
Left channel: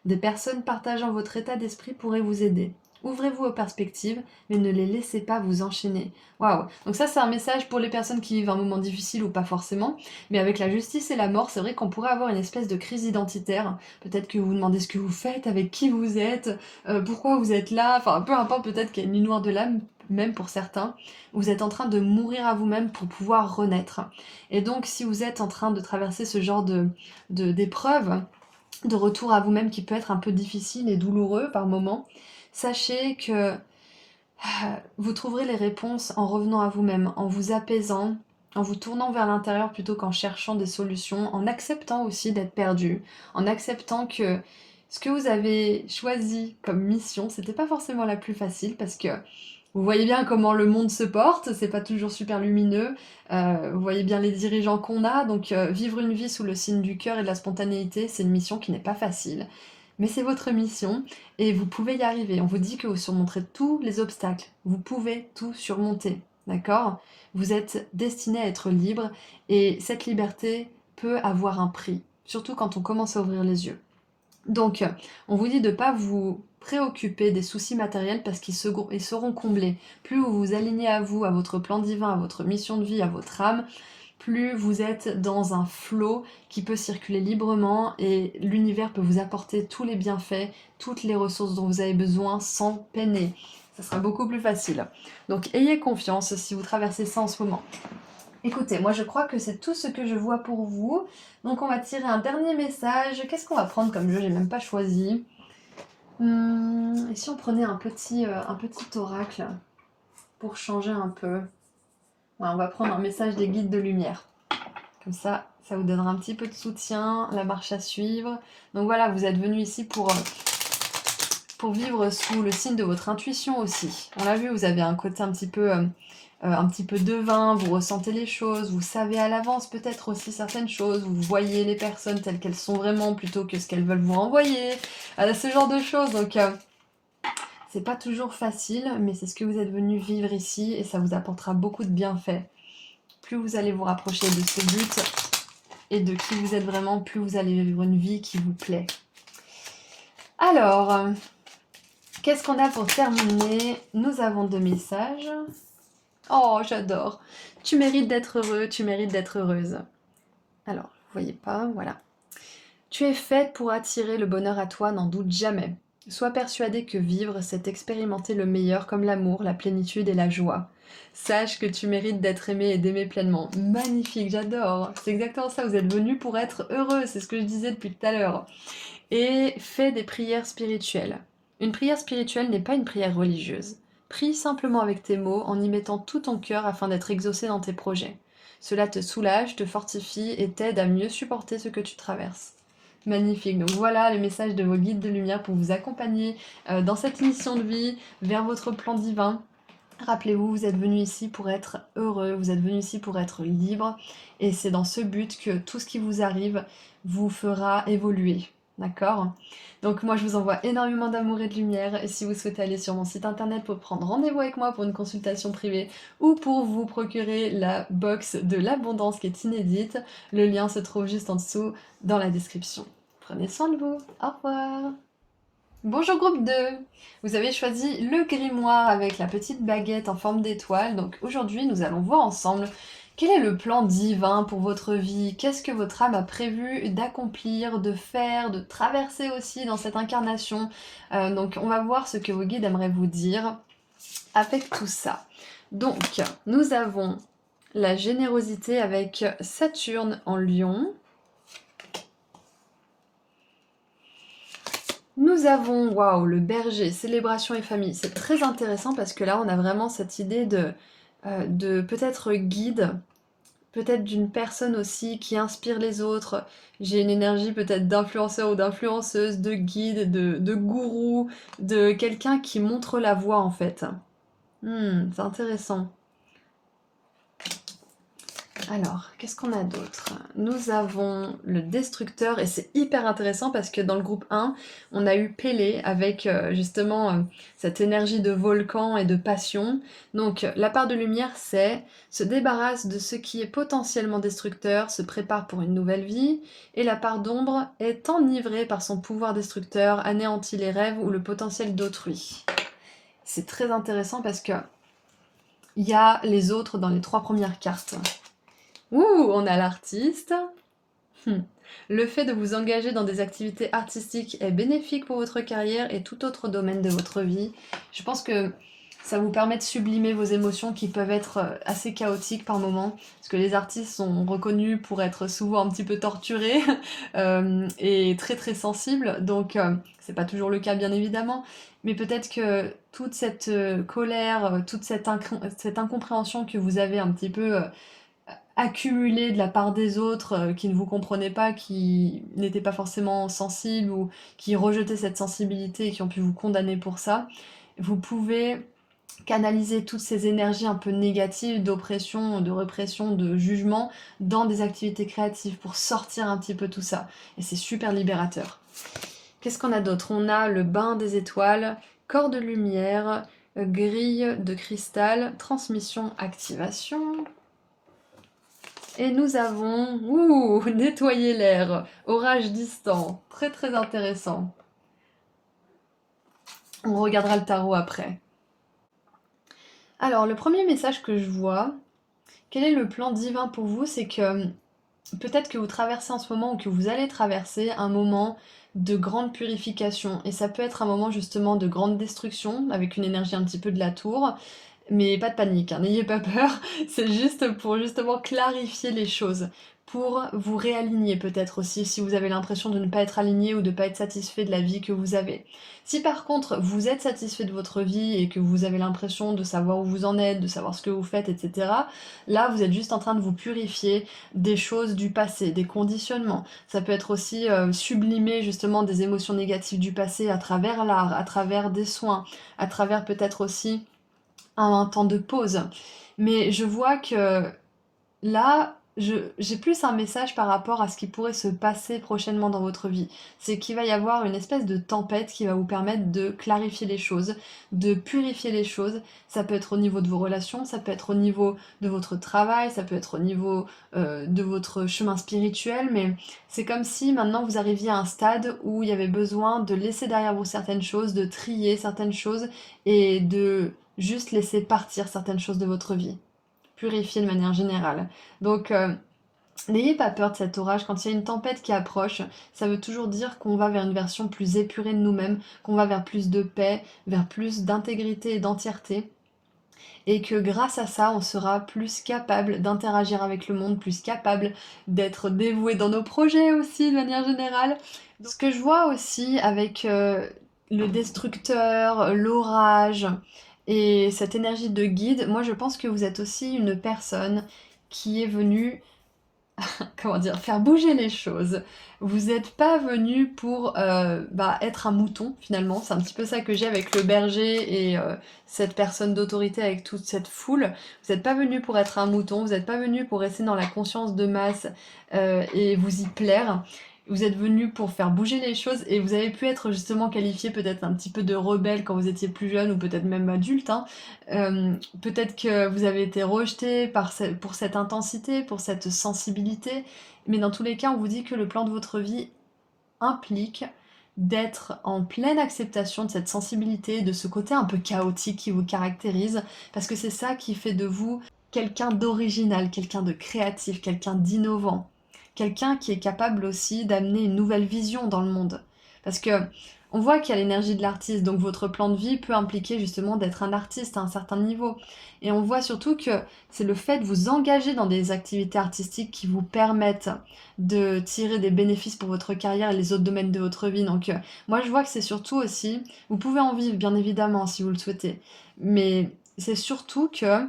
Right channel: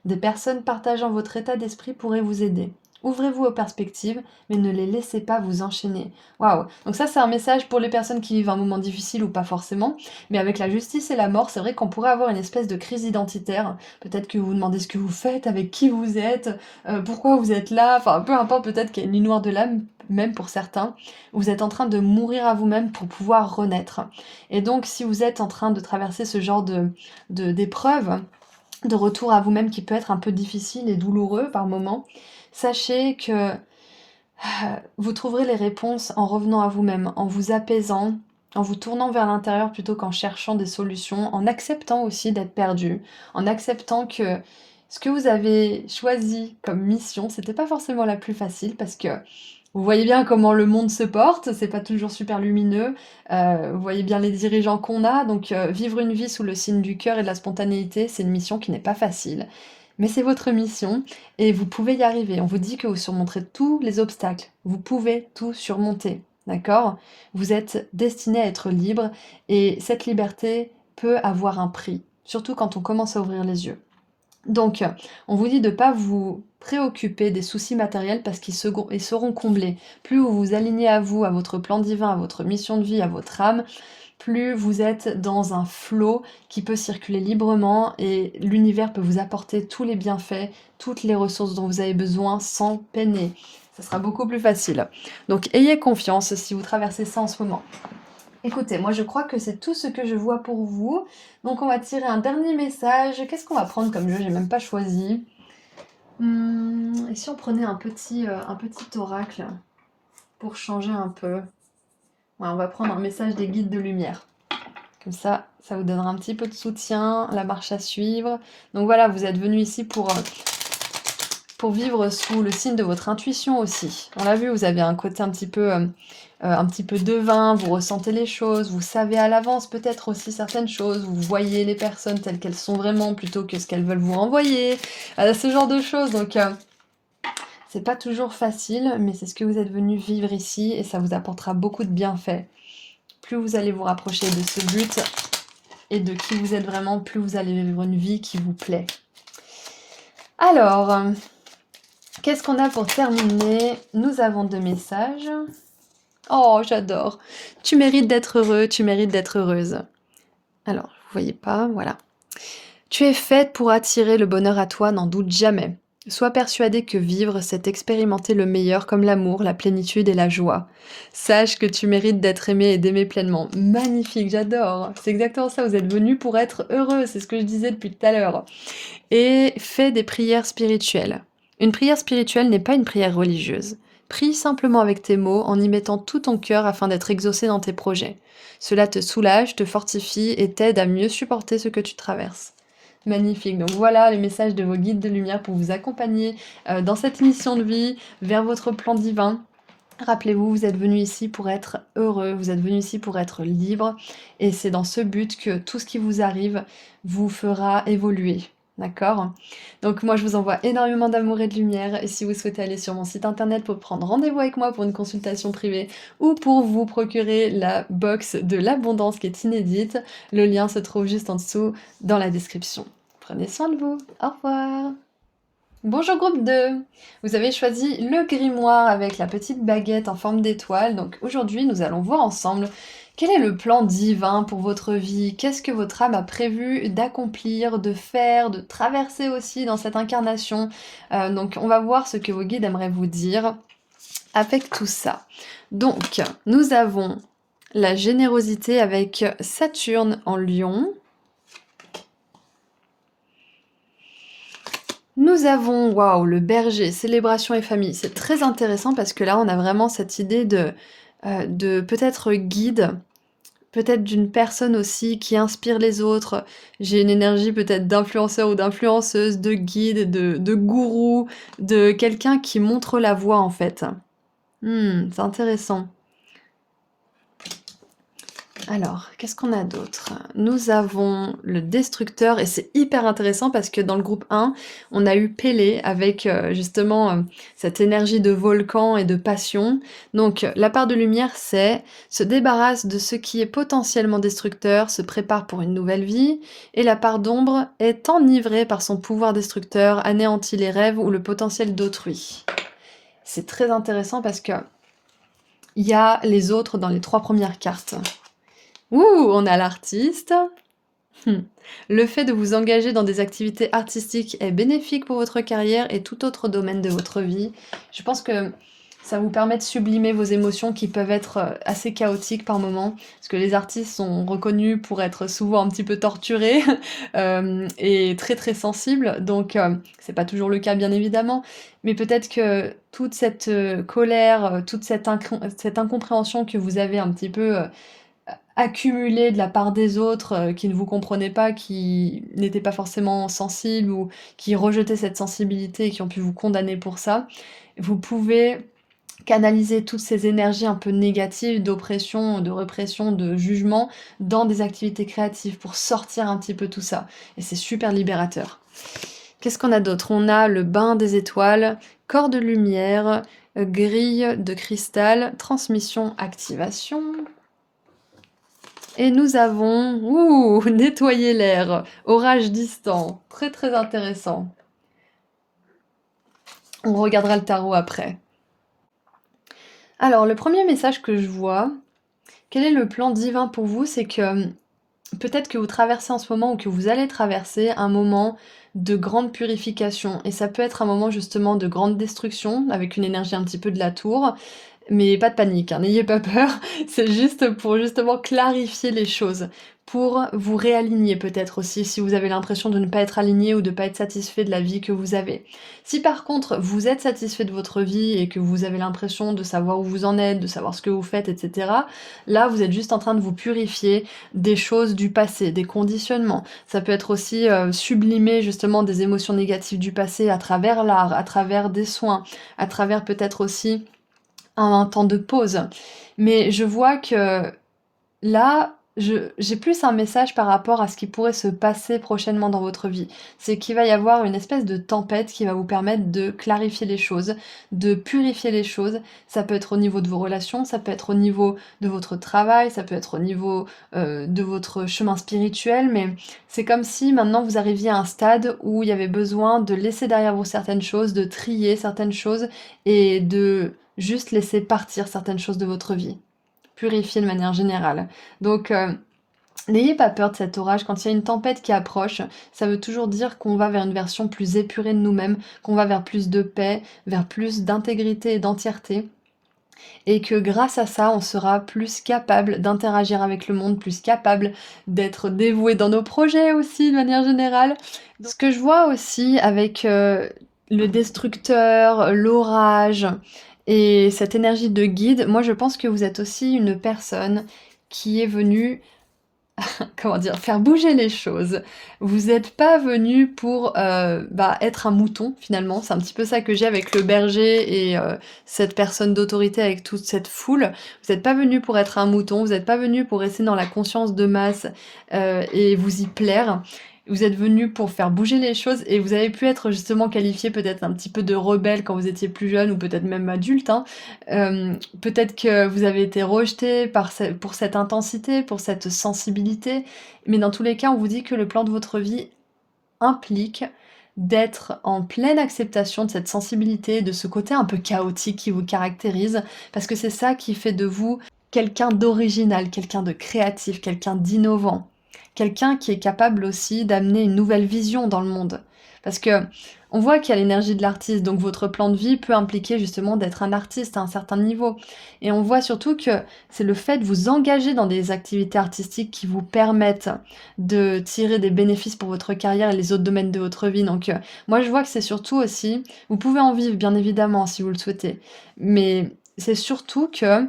Des personnes partageant votre état d'esprit pourraient vous aider. Ouvrez-vous aux perspectives, mais ne les laissez pas vous enchaîner. Waouh! Donc ça, c'est un message pour les personnes qui vivent un moment difficile ou pas forcément. Mais avec la justice et la mort, c'est vrai qu'on pourrait avoir une espèce de crise identitaire. Peut-être que vous vous demandez ce que vous faites, avec qui vous êtes, pourquoi vous êtes là. Enfin, peu importe, peut-être qu'il y a une nuit noire de l'âme, même pour certains. Vous êtes en train de mourir à vous-même pour pouvoir renaître. Et donc, si vous êtes en train de traverser ce genre d'épreuve, de retour à vous-même qui peut être un peu difficile et douloureux par moments, sachez que vous trouverez les réponses en revenant à vous-même, en vous apaisant, en vous tournant vers l'intérieur plutôt qu'en cherchant des solutions, en acceptant aussi d'être perdu, en acceptant que ce que vous avez choisi comme mission, c'était pas forcément la plus facile parce que vous voyez bien comment le monde se porte, c'est pas toujours super lumineux, vous voyez bien les dirigeants qu'on a, donc vivre une vie sous le signe du cœur et de la spontanéité, c'est une mission qui n'est pas facile. Mais c'est votre mission et vous pouvez y arriver. On vous dit que vous surmonterez tous les obstacles, vous pouvez tout surmonter, d'accord? Vous êtes destiné à être libre et cette liberté peut avoir un prix, surtout quand on commence à ouvrir les yeux. Donc, on vous dit de ne pas vous préoccuper des soucis matériels parce ils seront comblés. Plus vous vous alignez à vous, à votre plan divin, à votre mission de vie, à votre âme, plus vous êtes dans un flot qui peut circuler librement et l'univers peut vous apporter tous les bienfaits, toutes les ressources dont vous avez besoin sans peiner. Ça sera beaucoup plus facile. Donc, ayez confiance si vous traversez ça en ce moment. Écoutez, moi je crois que c'est tout ce que je vois pour vous. Donc on va tirer un dernier message. Qu'est-ce qu'on va prendre comme jeu? J'ai même pas choisi. Et si on prenait un petit oracle pour changer un peu? Ouais, on va prendre un message des guides de lumière. Comme ça vous donnera un petit peu de soutien, la marche à suivre. Donc voilà, vous êtes venu ici pour vivre sous le signe de votre intuition aussi. On l'a vu, vous avez un côté un petit peu devin, vous ressentez les choses, vous savez à l'avance peut-être aussi certaines choses, vous voyez les personnes telles qu'elles sont vraiment plutôt que ce qu'elles veulent vous envoyer, ce genre de choses. Donc c'est pas toujours facile, mais c'est ce que vous êtes venu vivre ici et ça vous apportera beaucoup de bienfaits. Plus vous allez vous rapprocher de ce but et de qui vous êtes vraiment, plus vous allez vivre une vie qui vous plaît. Alors, qu'est-ce qu'on a pour terminer? Nous avons 2 messages. Oh, j'adore. Tu mérites d'être heureux, tu mérites d'être heureuse. Alors, vous voyez pas, voilà. Tu es faite pour attirer le bonheur à toi, n'en doute jamais. Sois persuadée que vivre, c'est expérimenter le meilleur comme l'amour, la plénitude et la joie. Sache que tu mérites d'être aimée et d'aimer pleinement. Magnifique, j'adore. C'est exactement ça, vous êtes venu pour être heureux, c'est ce que je disais depuis tout à l'heure. Et fais des prières spirituelles. Une prière spirituelle n'est pas une prière religieuse. Prie simplement avec tes mots en y mettant tout ton cœur afin d'être exaucé dans tes projets. Cela te soulage, te fortifie et t'aide à mieux supporter ce que tu traverses. magnifique. Donc voilà les messages de vos guides de lumière pour vous accompagner dans cette mission de vie vers votre plan divin. Rappelez-vous, vous êtes venu ici pour être heureux, vous êtes venu ici pour être libre, et c'est dans ce but que tout ce qui vous arrive vous fera évoluer. D'accord? Donc moi je vous envoie énormément d'amour et de lumière, et si vous souhaitez aller sur mon site internet pour prendre rendez-vous avec moi pour une consultation privée ou pour vous procurer la box de l'abondance qui est inédite, le lien se trouve juste en dessous dans la description. Prenez soin de vous, au revoir! Bonjour groupe 2. Vous avez choisi le grimoire avec la petite baguette en forme d'étoile. Donc aujourd'hui, nous allons voir ensemble quel est le plan divin pour votre vie. Qu'est-ce que votre âme a prévu d'accomplir, de faire, de traverser aussi dans cette incarnation. Donc on va voir ce que vos guides aimeraient vous dire avec tout ça. Donc nous avons la générosité avec Saturne en Lion. Nous avons, waouh, le berger, célébration et famille. C'est très intéressant parce que là, on a vraiment cette idée de peut-être guide, peut-être d'une personne aussi qui inspire les autres. J'ai une énergie peut-être d'influenceur ou d'influenceuse, de guide, de gourou, de quelqu'un qui montre la voie en fait. C'est intéressant. Alors, qu'est-ce qu'on a d'autre? Nous avons le destructeur, et c'est hyper intéressant parce que dans le groupe 1, on a eu Pélé avec justement cette énergie de volcan et de passion. Donc la part de lumière, c'est se débarrasse de ce qui est potentiellement destructeur, se prépare pour une nouvelle vie, et la part d'ombre est enivrée par son pouvoir destructeur, anéantit les rêves ou le potentiel d'autrui. C'est très intéressant parce que il y a les autres dans les 3 premières cartes. Ouh, on a l'artiste. Le fait de vous engager dans des activités artistiques est bénéfique pour votre carrière et tout autre domaine de votre vie. Je pense que ça vous permet de sublimer vos émotions qui peuvent être assez chaotiques par moments, parce que les artistes sont reconnus pour être souvent un petit peu torturés et très très sensibles, donc c'est pas toujours le cas bien évidemment, mais peut-être que toute cette colère, toute cette incompréhension que vous avez un petit peu accumulé de la part des autres qui ne vous comprenaient pas, qui n'étaient pas forcément sensibles ou qui rejetaient cette sensibilité et qui ont pu vous condamner pour ça, vous pouvez canaliser toutes ces énergies un peu négatives d'oppression, de répression, de jugement dans des activités créatives pour sortir un petit peu tout ça. Et c'est super libérateur. Qu'est-ce qu'on a d'autre? On a le bain des étoiles, corps de lumière, grille de cristal, transmission, activation. Et nous avons, nettoyer l'air, orage distant, très très intéressant. On regardera le tarot après. Alors, le premier message que je vois, quel est le plan divin pour vous? C'est que peut-être que vous traversez en ce moment ou que vous allez traverser un moment de grande purification. Et ça peut être un moment justement de grande destruction, avec une énergie un petit peu de la tour. Mais pas de panique, hein, n'ayez pas peur, c'est juste pour justement clarifier les choses, pour vous réaligner peut-être aussi si vous avez l'impression de ne pas être aligné ou de ne pas être satisfait de la vie que vous avez. Si par contre vous êtes satisfait de votre vie et que vous avez l'impression de savoir où vous en êtes, de savoir ce que vous faites, etc., là vous êtes juste en train de vous purifier des choses du passé, des conditionnements. Ça peut être aussi sublimer justement des émotions négatives du passé à travers l'art, à travers des soins, à travers peut-être aussi un temps de pause. Mais je vois que là, j'ai plus un message par rapport à ce qui pourrait se passer prochainement dans votre vie. C'est qu'il va y avoir une espèce de tempête qui va vous permettre de clarifier les choses, de purifier les choses. Ça peut être au niveau de vos relations, ça peut être au niveau de votre travail, ça peut être au niveau de votre chemin spirituel, mais c'est comme si maintenant vous arriviez à un stade où il y avait besoin de laisser derrière vous certaines choses, de trier certaines choses et de juste laisser partir certaines choses de votre vie. Purifier de manière générale. Donc, n'ayez pas peur de cet orage. Quand il y a une tempête qui approche, ça veut toujours dire qu'on va vers une version plus épurée de nous-mêmes, qu'on va vers plus de paix, vers plus d'intégrité et d'entièreté. Et que grâce à ça, on sera plus capable d'interagir avec le monde, plus capable d'être dévoué dans nos projets aussi, de manière générale. Ce que je vois aussi avec le destructeur, l'orage et cette énergie de guide, moi je pense que vous êtes aussi une personne qui est venue comment dire, faire bouger les choses. Vous n'êtes pas venu pour être un mouton finalement. C'est un petit peu ça que j'ai avec le berger et cette personne d'autorité avec toute cette foule. Vous n'êtes pas venu pour être un mouton, vous n'êtes pas venu pour rester dans la conscience de masse et vous y plaire. Vous êtes venu pour faire bouger les choses et vous avez pu être justement qualifié peut-être un petit peu de rebelle quand vous étiez plus jeune ou peut-être même adulte, hein. Peut-être que vous avez été rejeté pour cette intensité, pour cette sensibilité, mais dans tous les cas, on vous dit que le plan de votre vie implique d'être en pleine acceptation de cette sensibilité, de ce côté un peu chaotique qui vous caractérise, parce que c'est ça qui fait de vous quelqu'un d'original, quelqu'un de créatif, quelqu'un d'innovant, quelqu'un qui est capable aussi d'amener une nouvelle vision dans le monde. Parce que on voit qu'il y a l'énergie de l'artiste, donc votre plan de vie peut impliquer justement d'être un artiste à un certain niveau. Et on voit surtout que c'est le fait de vous engager dans des activités artistiques qui vous permettent de tirer des bénéfices pour votre carrière et les autres domaines de votre vie. Donc moi je vois que c'est surtout aussi, vous pouvez en vivre bien évidemment si vous le souhaitez, mais c'est surtout que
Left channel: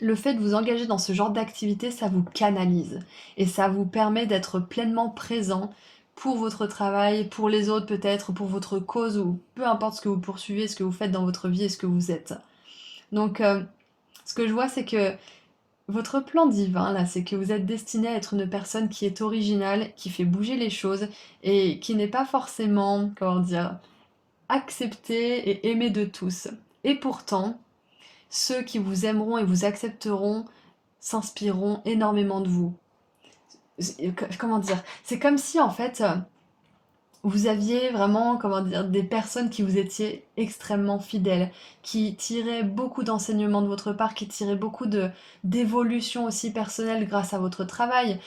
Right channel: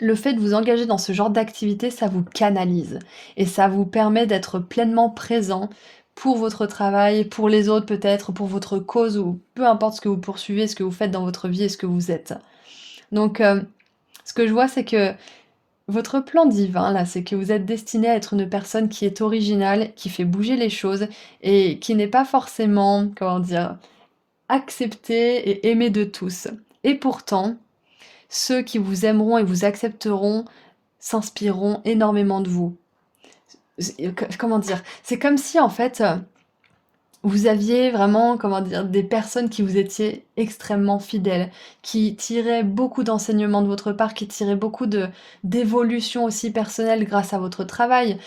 le fait de vous engager dans ce genre d'activité, ça vous canalise et ça vous permet d'être pleinement présent pour votre travail, pour les autres peut-être, pour votre cause ou peu importe ce que vous poursuivez, ce que vous faites dans votre vie et ce que vous êtes. Donc ce que je vois c'est que votre plan divin là, c'est que vous êtes destiné à être une personne qui est originale, qui fait bouger les choses et qui n'est pas forcément, comment dire, acceptée et aimée de tous. Et pourtant, ceux qui vous aimeront et vous accepteront s'inspireront énormément de vous. Comment dire? C'est comme si en fait, vous aviez vraiment, comment dire, des personnes qui vous étiez extrêmement fidèles, qui tiraient beaucoup d'enseignements de votre part, qui tiraient beaucoup d'évolution aussi personnelle grâce à votre travail.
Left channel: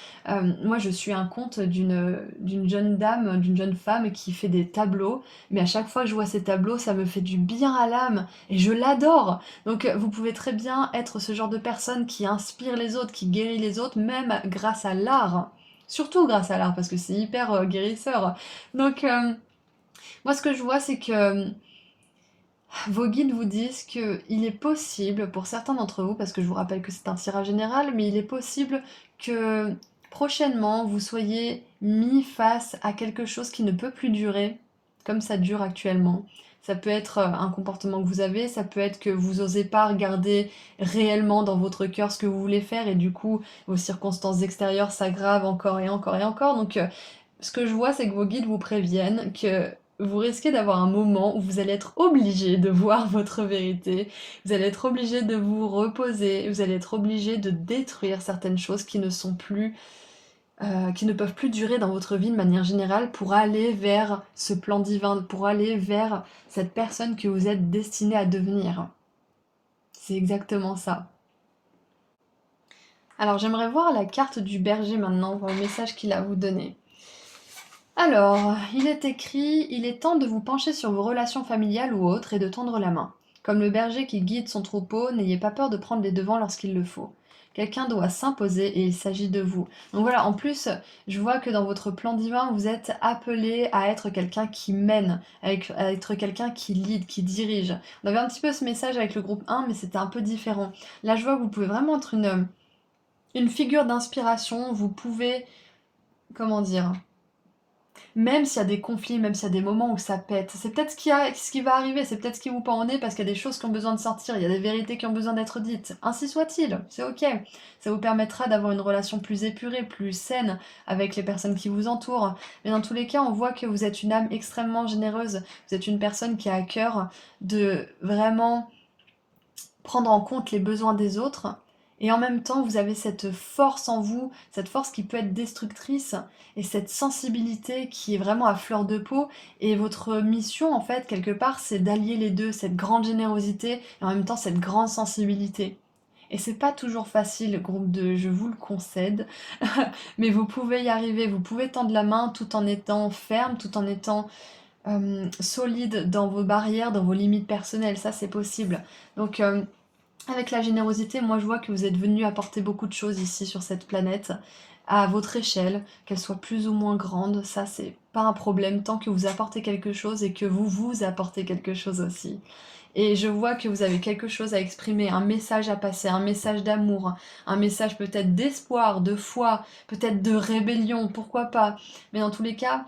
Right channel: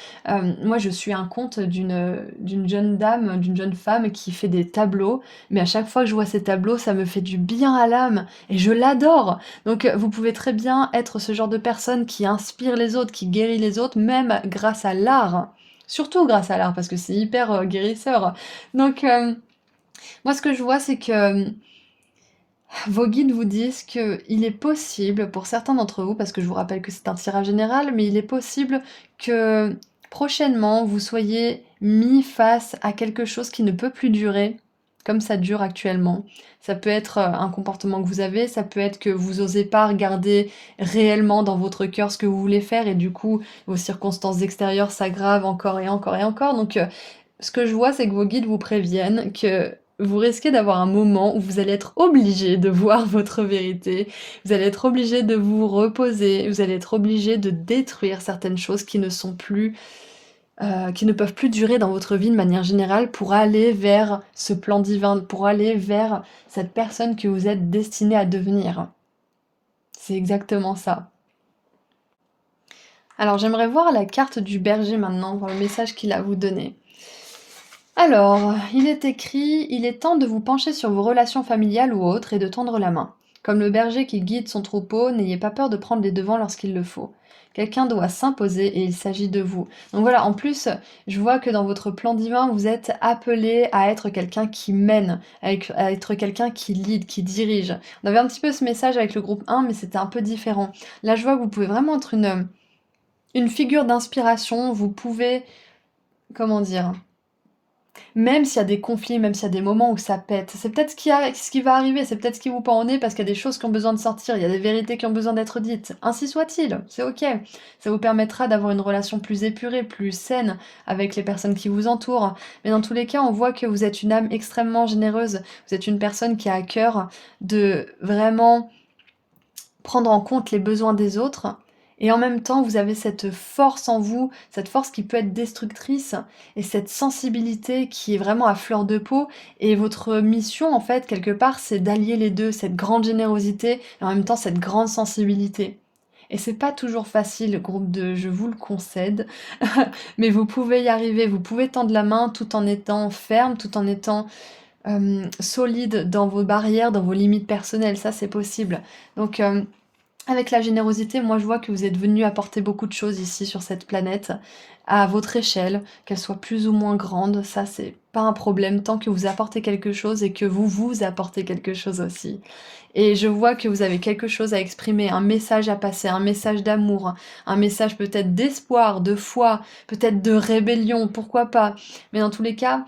Moi, je suis un conte d'une jeune dame, d'une jeune femme qui fait des tableaux, mais à chaque fois que je vois ces tableaux, ça me fait du bien à l'âme et je l'adore. Donc, vous pouvez très bien être ce genre de personne qui inspire les autres, qui guérit les autres, même grâce à l'art. Surtout grâce à l'art, parce que c'est hyper guérisseur. Donc, moi, ce que je vois, c'est que vos guides vous disent qu'il est possible, pour certains d'entre vous, parce que je vous rappelle que c'est un tirage général, mais il est possible que prochainement, vous soyez mis face à quelque chose qui ne peut plus durer, comme ça dure actuellement. Ça peut être un comportement que vous avez, ça peut être que vous n'osez pas regarder réellement dans votre cœur ce que vous voulez faire, et du coup, vos circonstances extérieures s'aggravent encore et encore et encore. Donc, ce que je vois, c'est que vos guides vous préviennent que vous risquez d'avoir un moment où vous allez être obligé de voir votre vérité, vous allez être obligé de vous reposer, vous allez être obligé de détruire certaines choses qui ne sont plus, qui ne peuvent plus durer dans votre vie de manière générale pour aller vers ce plan divin, pour aller vers cette personne que vous êtes destiné à devenir. C'est exactement ça. Alors j'aimerais voir la carte du berger maintenant, voir le message qu'il a à vous donner. Alors, il est écrit: il est temps de vous pencher sur vos relations familiales ou autres et de tendre la main. Comme le berger qui guide son troupeau, n'ayez pas peur de prendre les devants lorsqu'il le faut. Quelqu'un doit s'imposer et il s'agit de vous. Donc voilà, en plus, je vois que dans votre plan divin, vous êtes appelé à être quelqu'un qui mène, à être quelqu'un qui lead, qui dirige. On avait un petit peu ce message avec le groupe 1, mais c'était un peu différent. Là, je vois que vous pouvez vraiment être une figure d'inspiration, vous pouvez, comment dire, même s'il y a des conflits, même s'il y a des moments où ça pète, c'est peut-être ce qui va arriver, c'est peut-être ce qui vous pend au nez parce qu'il y a des choses qui ont besoin de sortir, il y a des vérités qui ont besoin d'être dites. Ainsi soit-il, c'est ok. Ça vous permettra d'avoir une relation plus épurée, plus saine avec les personnes qui vous entourent. Mais dans tous les cas, on voit que vous êtes une âme extrêmement généreuse. Vous êtes une personne qui a à cœur de vraiment prendre en compte les besoins des autres. Et en même temps, vous avez cette force en vous, cette force qui peut être destructrice, et cette sensibilité qui est vraiment à fleur de peau. Et votre mission, en fait, quelque part, c'est d'allier les deux, cette grande générosité, et en même temps cette grande sensibilité. Et c'est pas toujours facile, groupe de je vous le concède, mais vous pouvez y arriver, vous pouvez tendre la main tout en étant ferme, tout en étant solide dans vos barrières, dans vos limites personnelles, ça c'est possible. Donc avec la générosité, moi je vois que vous êtes venu apporter beaucoup de choses ici sur cette planète, à votre échelle, qu'elle soit plus ou moins grande, ça pas un problème tant que vous apportez quelque chose et que vous vous apportez quelque chose aussi. Et je vois que vous avez quelque chose à exprimer, un message à passer, un message d'amour, un message peut-être d'espoir, de foi, peut-être de rébellion, pourquoi pas. Mais dans tous les cas,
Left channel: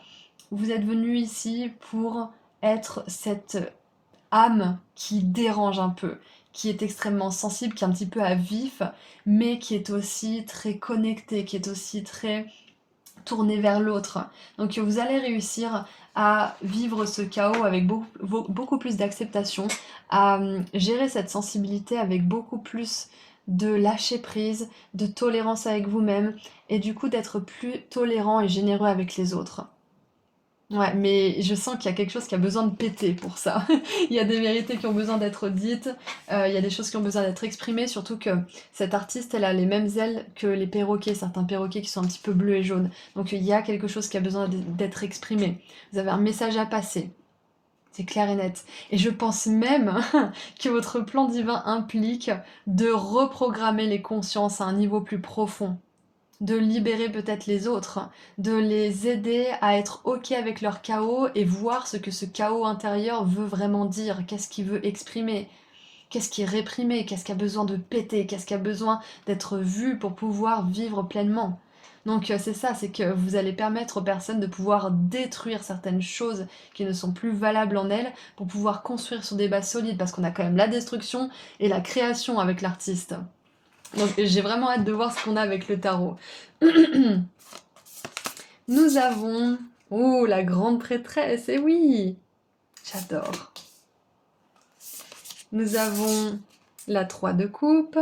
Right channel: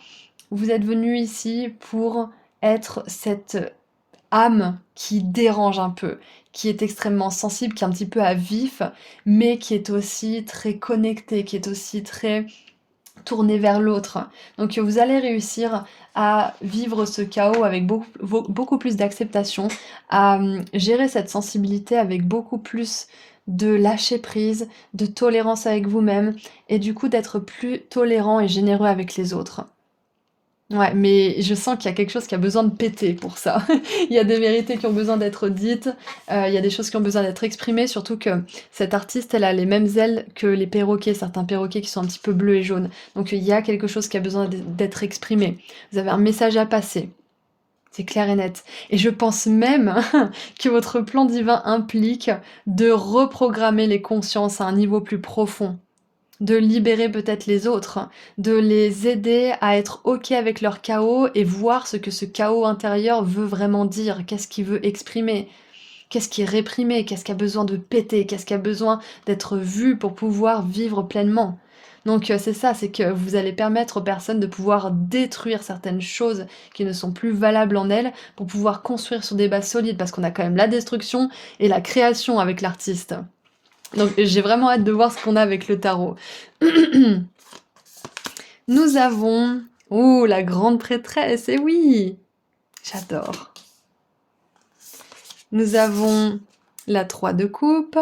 vous êtes venu ici pour être cette âme qui dérange un peu, qui est extrêmement sensible, qui est un petit peu à vif, mais qui est aussi très connectée, qui est aussi très tournée vers l'autre. Donc vous allez réussir à vivre ce chaos avec beaucoup plus d'acceptation, à gérer cette sensibilité avec beaucoup plus de lâcher prise, de tolérance avec vous-même, et du coup d'être plus tolérant et généreux avec les autres. Ouais, mais je sens qu'il y a quelque chose qui a besoin de péter pour ça. Il y a des vérités qui ont besoin d'être dites, il y a des choses qui ont besoin d'être exprimées, surtout que cette artiste, elle a les mêmes ailes que les perroquets, certains perroquets qui sont un petit peu bleus et jaunes. Donc il y a quelque chose qui a besoin d'être exprimé. Vous avez un message à passer. C'est clair et net. Et je pense même que votre plan divin implique de reprogrammer les consciences à un niveau plus profond, de libérer peut-être les autres, de les aider à être OK avec leur chaos et voir ce que ce chaos intérieur veut vraiment dire, qu'est-ce qu'il veut exprimer, qu'est-ce qui est réprimé, qu'est-ce qui a besoin de péter, qu'est-ce qui a besoin d'être vu pour pouvoir vivre pleinement. Donc c'est ça, c'est que vous allez permettre aux personnes de pouvoir détruire certaines choses qui ne sont plus valables en elles pour pouvoir construire sur des bases solides parce qu'on a quand même la destruction et la création avec l'artiste. Donc j'ai vraiment hâte de voir ce qu'on a avec le tarot. Nous avons... Oh, la grande prêtresse, et oui, j'adore. Nous avons la 3 de coupe.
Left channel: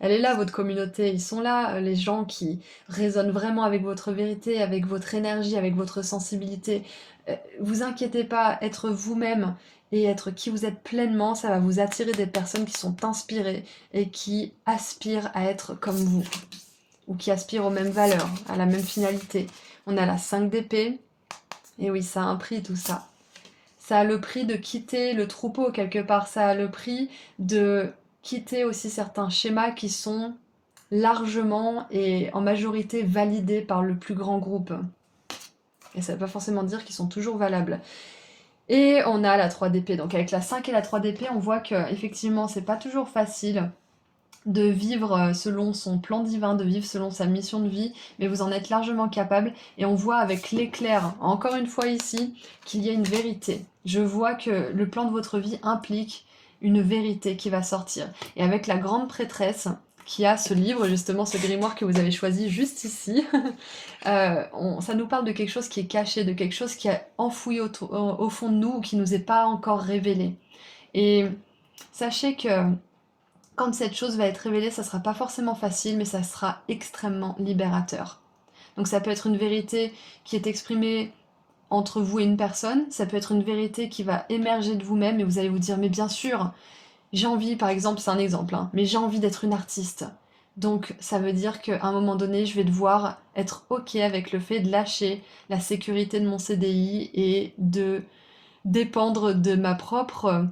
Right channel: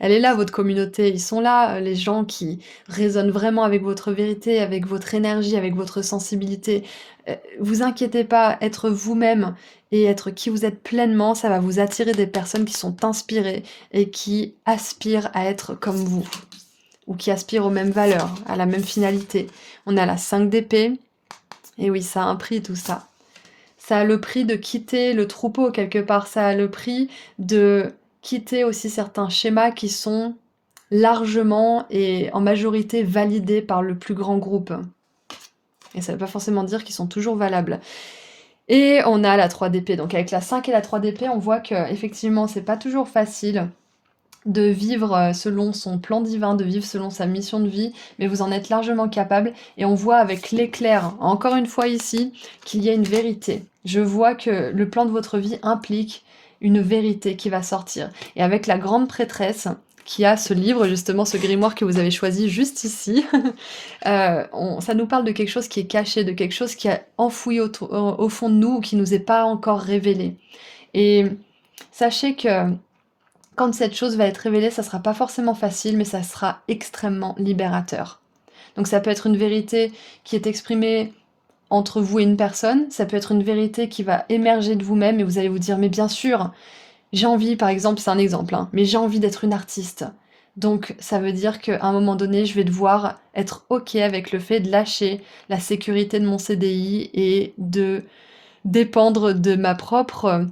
Elle est là, votre communauté, ils sont là, les gens qui résonnent vraiment avec votre vérité, avec votre énergie, avec votre sensibilité. Vous inquiétez pas, être vous-même et être qui vous êtes pleinement, ça va vous attirer des personnes qui sont inspirées et qui aspirent à être comme vous, ou qui aspirent aux mêmes valeurs, à la même finalité. On a la 5 d'épée, et oui, ça a un prix tout ça. Ça a le prix de quitter le troupeau quelque part, ça a le prix de quitter aussi certains schémas qui sont largement et en majorité validés par le plus grand groupe. Et ça ne veut pas forcément dire qu'ils sont toujours valables. Et on a la 3 d'épée. Donc avec la 5 et la 3 d'épée, on voit que effectivement, c'est pas toujours facile de vivre selon son plan divin, de vivre selon sa mission de vie, mais vous en êtes largement capable. Et on voit avec l'éclair, encore une fois ici, qu'il y a une vérité. Je vois que le plan de votre vie implique une vérité qui va sortir. Et avec la grande prêtresse, qui a ce livre, justement, ce grimoire que vous avez choisi juste ici, ça nous parle de quelque chose qui est caché, de quelque chose qui est enfoui au fond de nous, ou qui nous est pas encore révélé. Et sachez que quand cette chose va être révélée, ça sera pas forcément facile, mais ça sera extrêmement libérateur. Donc ça peut être une vérité qui est exprimée entre vous et une personne, ça peut être une vérité qui va émerger de vous-même et vous allez vous dire mais bien sûr, j'ai envie, par exemple, c'est un exemple, hein, mais j'ai envie d'être une artiste. Donc ça veut dire qu'à un moment donné, je vais devoir être OK avec le fait de lâcher la sécurité de mon CDI et de dépendre de ma propre,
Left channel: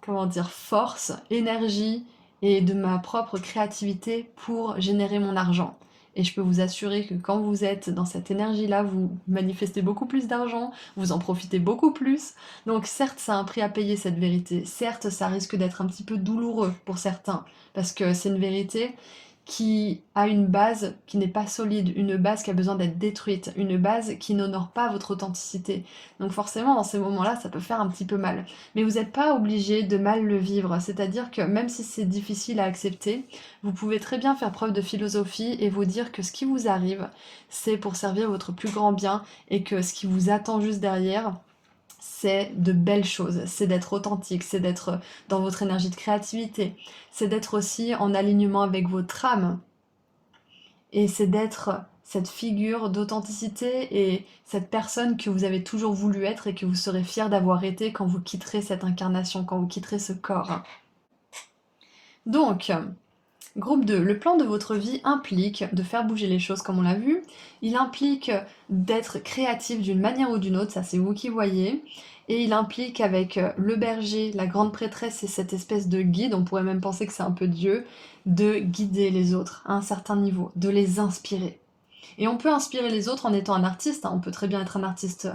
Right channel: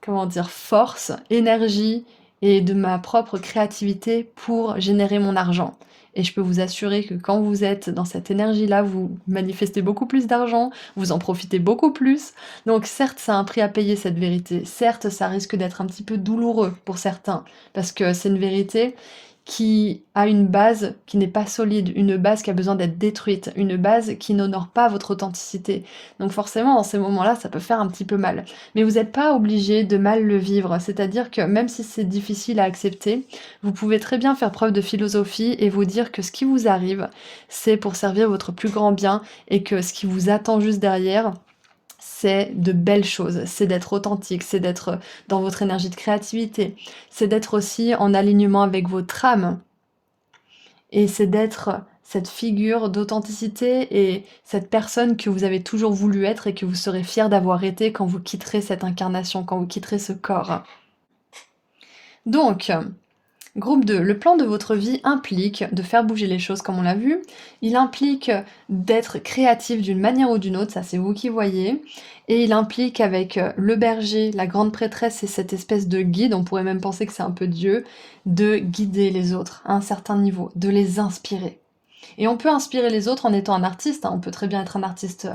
comment dire, force, énergie et de ma propre créativité pour générer mon argent. Et je peux vous assurer que quand vous êtes dans cette énergie-là, vous manifestez beaucoup plus d'argent, vous en profitez beaucoup plus. Donc certes, ça a un prix à payer cette vérité. Certes, ça risque d'être un petit peu douloureux pour certains, parce que c'est une vérité qui a une base qui n'est pas solide, une base qui a besoin d'être détruite, une base qui n'honore pas votre authenticité. Donc forcément, dans ces moments-là, ça peut faire un petit peu mal. Mais vous n'êtes pas obligé de mal le vivre, c'est-à-dire que même si c'est difficile à accepter, vous pouvez très bien faire preuve de philosophie et vous dire que ce qui vous arrive, c'est pour servir votre plus grand bien et que ce qui vous attend juste derrière, c'est de belles choses, c'est d'être authentique, c'est d'être dans votre énergie de créativité, c'est d'être aussi en alignement avec votre âme, et c'est d'être cette figure d'authenticité et cette personne que vous avez toujours voulu être et que vous serez fier d'avoir été quand vous quitterez cette incarnation, quand vous quitterez ce corps. Donc, groupe 2, le plan de votre vie implique de faire bouger les choses comme on l'a vu, il implique d'être créatif d'une manière ou d'une autre, ça c'est vous qui voyez, et il implique avec le berger, la grande prêtresse et cette espèce de guide, on pourrait même penser que c'est un peu Dieu, de guider les autres à un certain niveau, de les inspirer. Et on peut inspirer les autres en étant un artiste, hein. On peut très bien être un artiste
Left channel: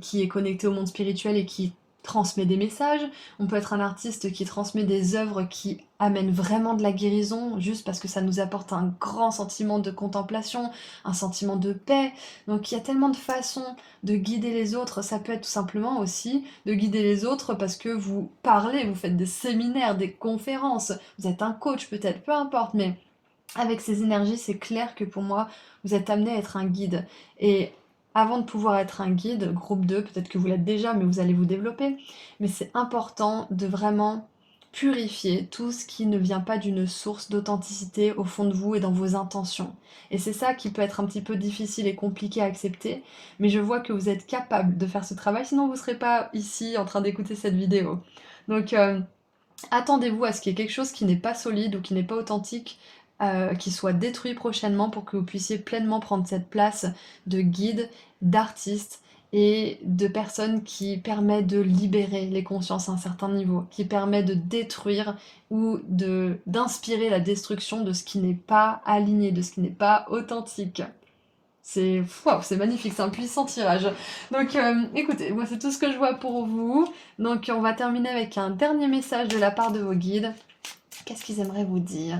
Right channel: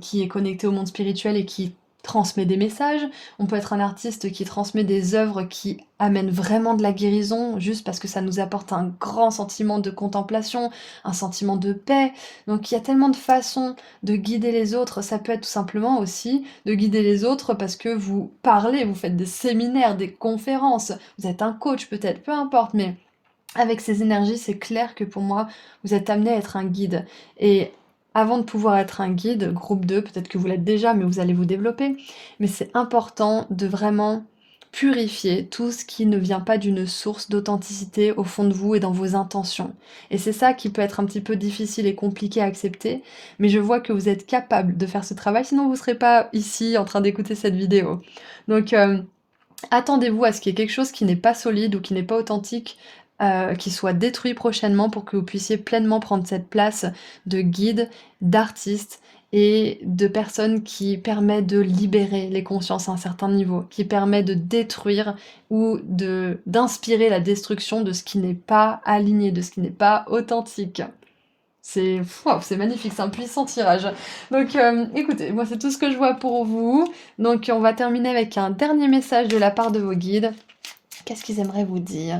qui est connecté au monde spirituel et qui transmet des messages. On peut être un artiste qui transmet des œuvres qui amènent vraiment de la guérison, juste parce que ça nous apporte un grand sentiment de contemplation, un sentiment de paix. Donc il y a tellement de façons de guider les autres. Ça peut être tout simplement aussi de guider les autres parce que vous parlez, vous faites des séminaires, des conférences, vous êtes un coach peut-être, peu importe, mais avec ces énergies, c'est clair que pour moi, vous êtes amené à être un guide. Et avant de pouvoir être un guide, groupe 2, peut-être que vous l'êtes déjà, mais vous allez vous développer, mais c'est important de vraiment purifier tout ce qui ne vient pas d'une source d'authenticité au fond de vous et dans vos intentions. Et c'est ça qui peut être un petit peu difficile et compliqué à accepter, mais je vois que vous êtes capable de faire ce travail, sinon vous ne serez pas ici en train d'écouter cette vidéo. Donc, attendez-vous à ce qu'il y ait quelque chose qui n'est pas solide ou qui n'est pas authentique, qui soit détruit prochainement pour que vous puissiez pleinement prendre cette place de guide, d'artiste et de personne qui permet de libérer les consciences à un certain niveau, qui permet de détruire ou d'inspirer la destruction de ce qui n'est pas aligné, de ce qui n'est pas authentique. C'est magnifique, c'est un puissant tirage. Donc écoutez, moi c'est tout ce que je vois pour vous. Donc on va terminer avec un dernier message de la part de vos guides. Qu'est-ce qu'ils aimeraient vous dire?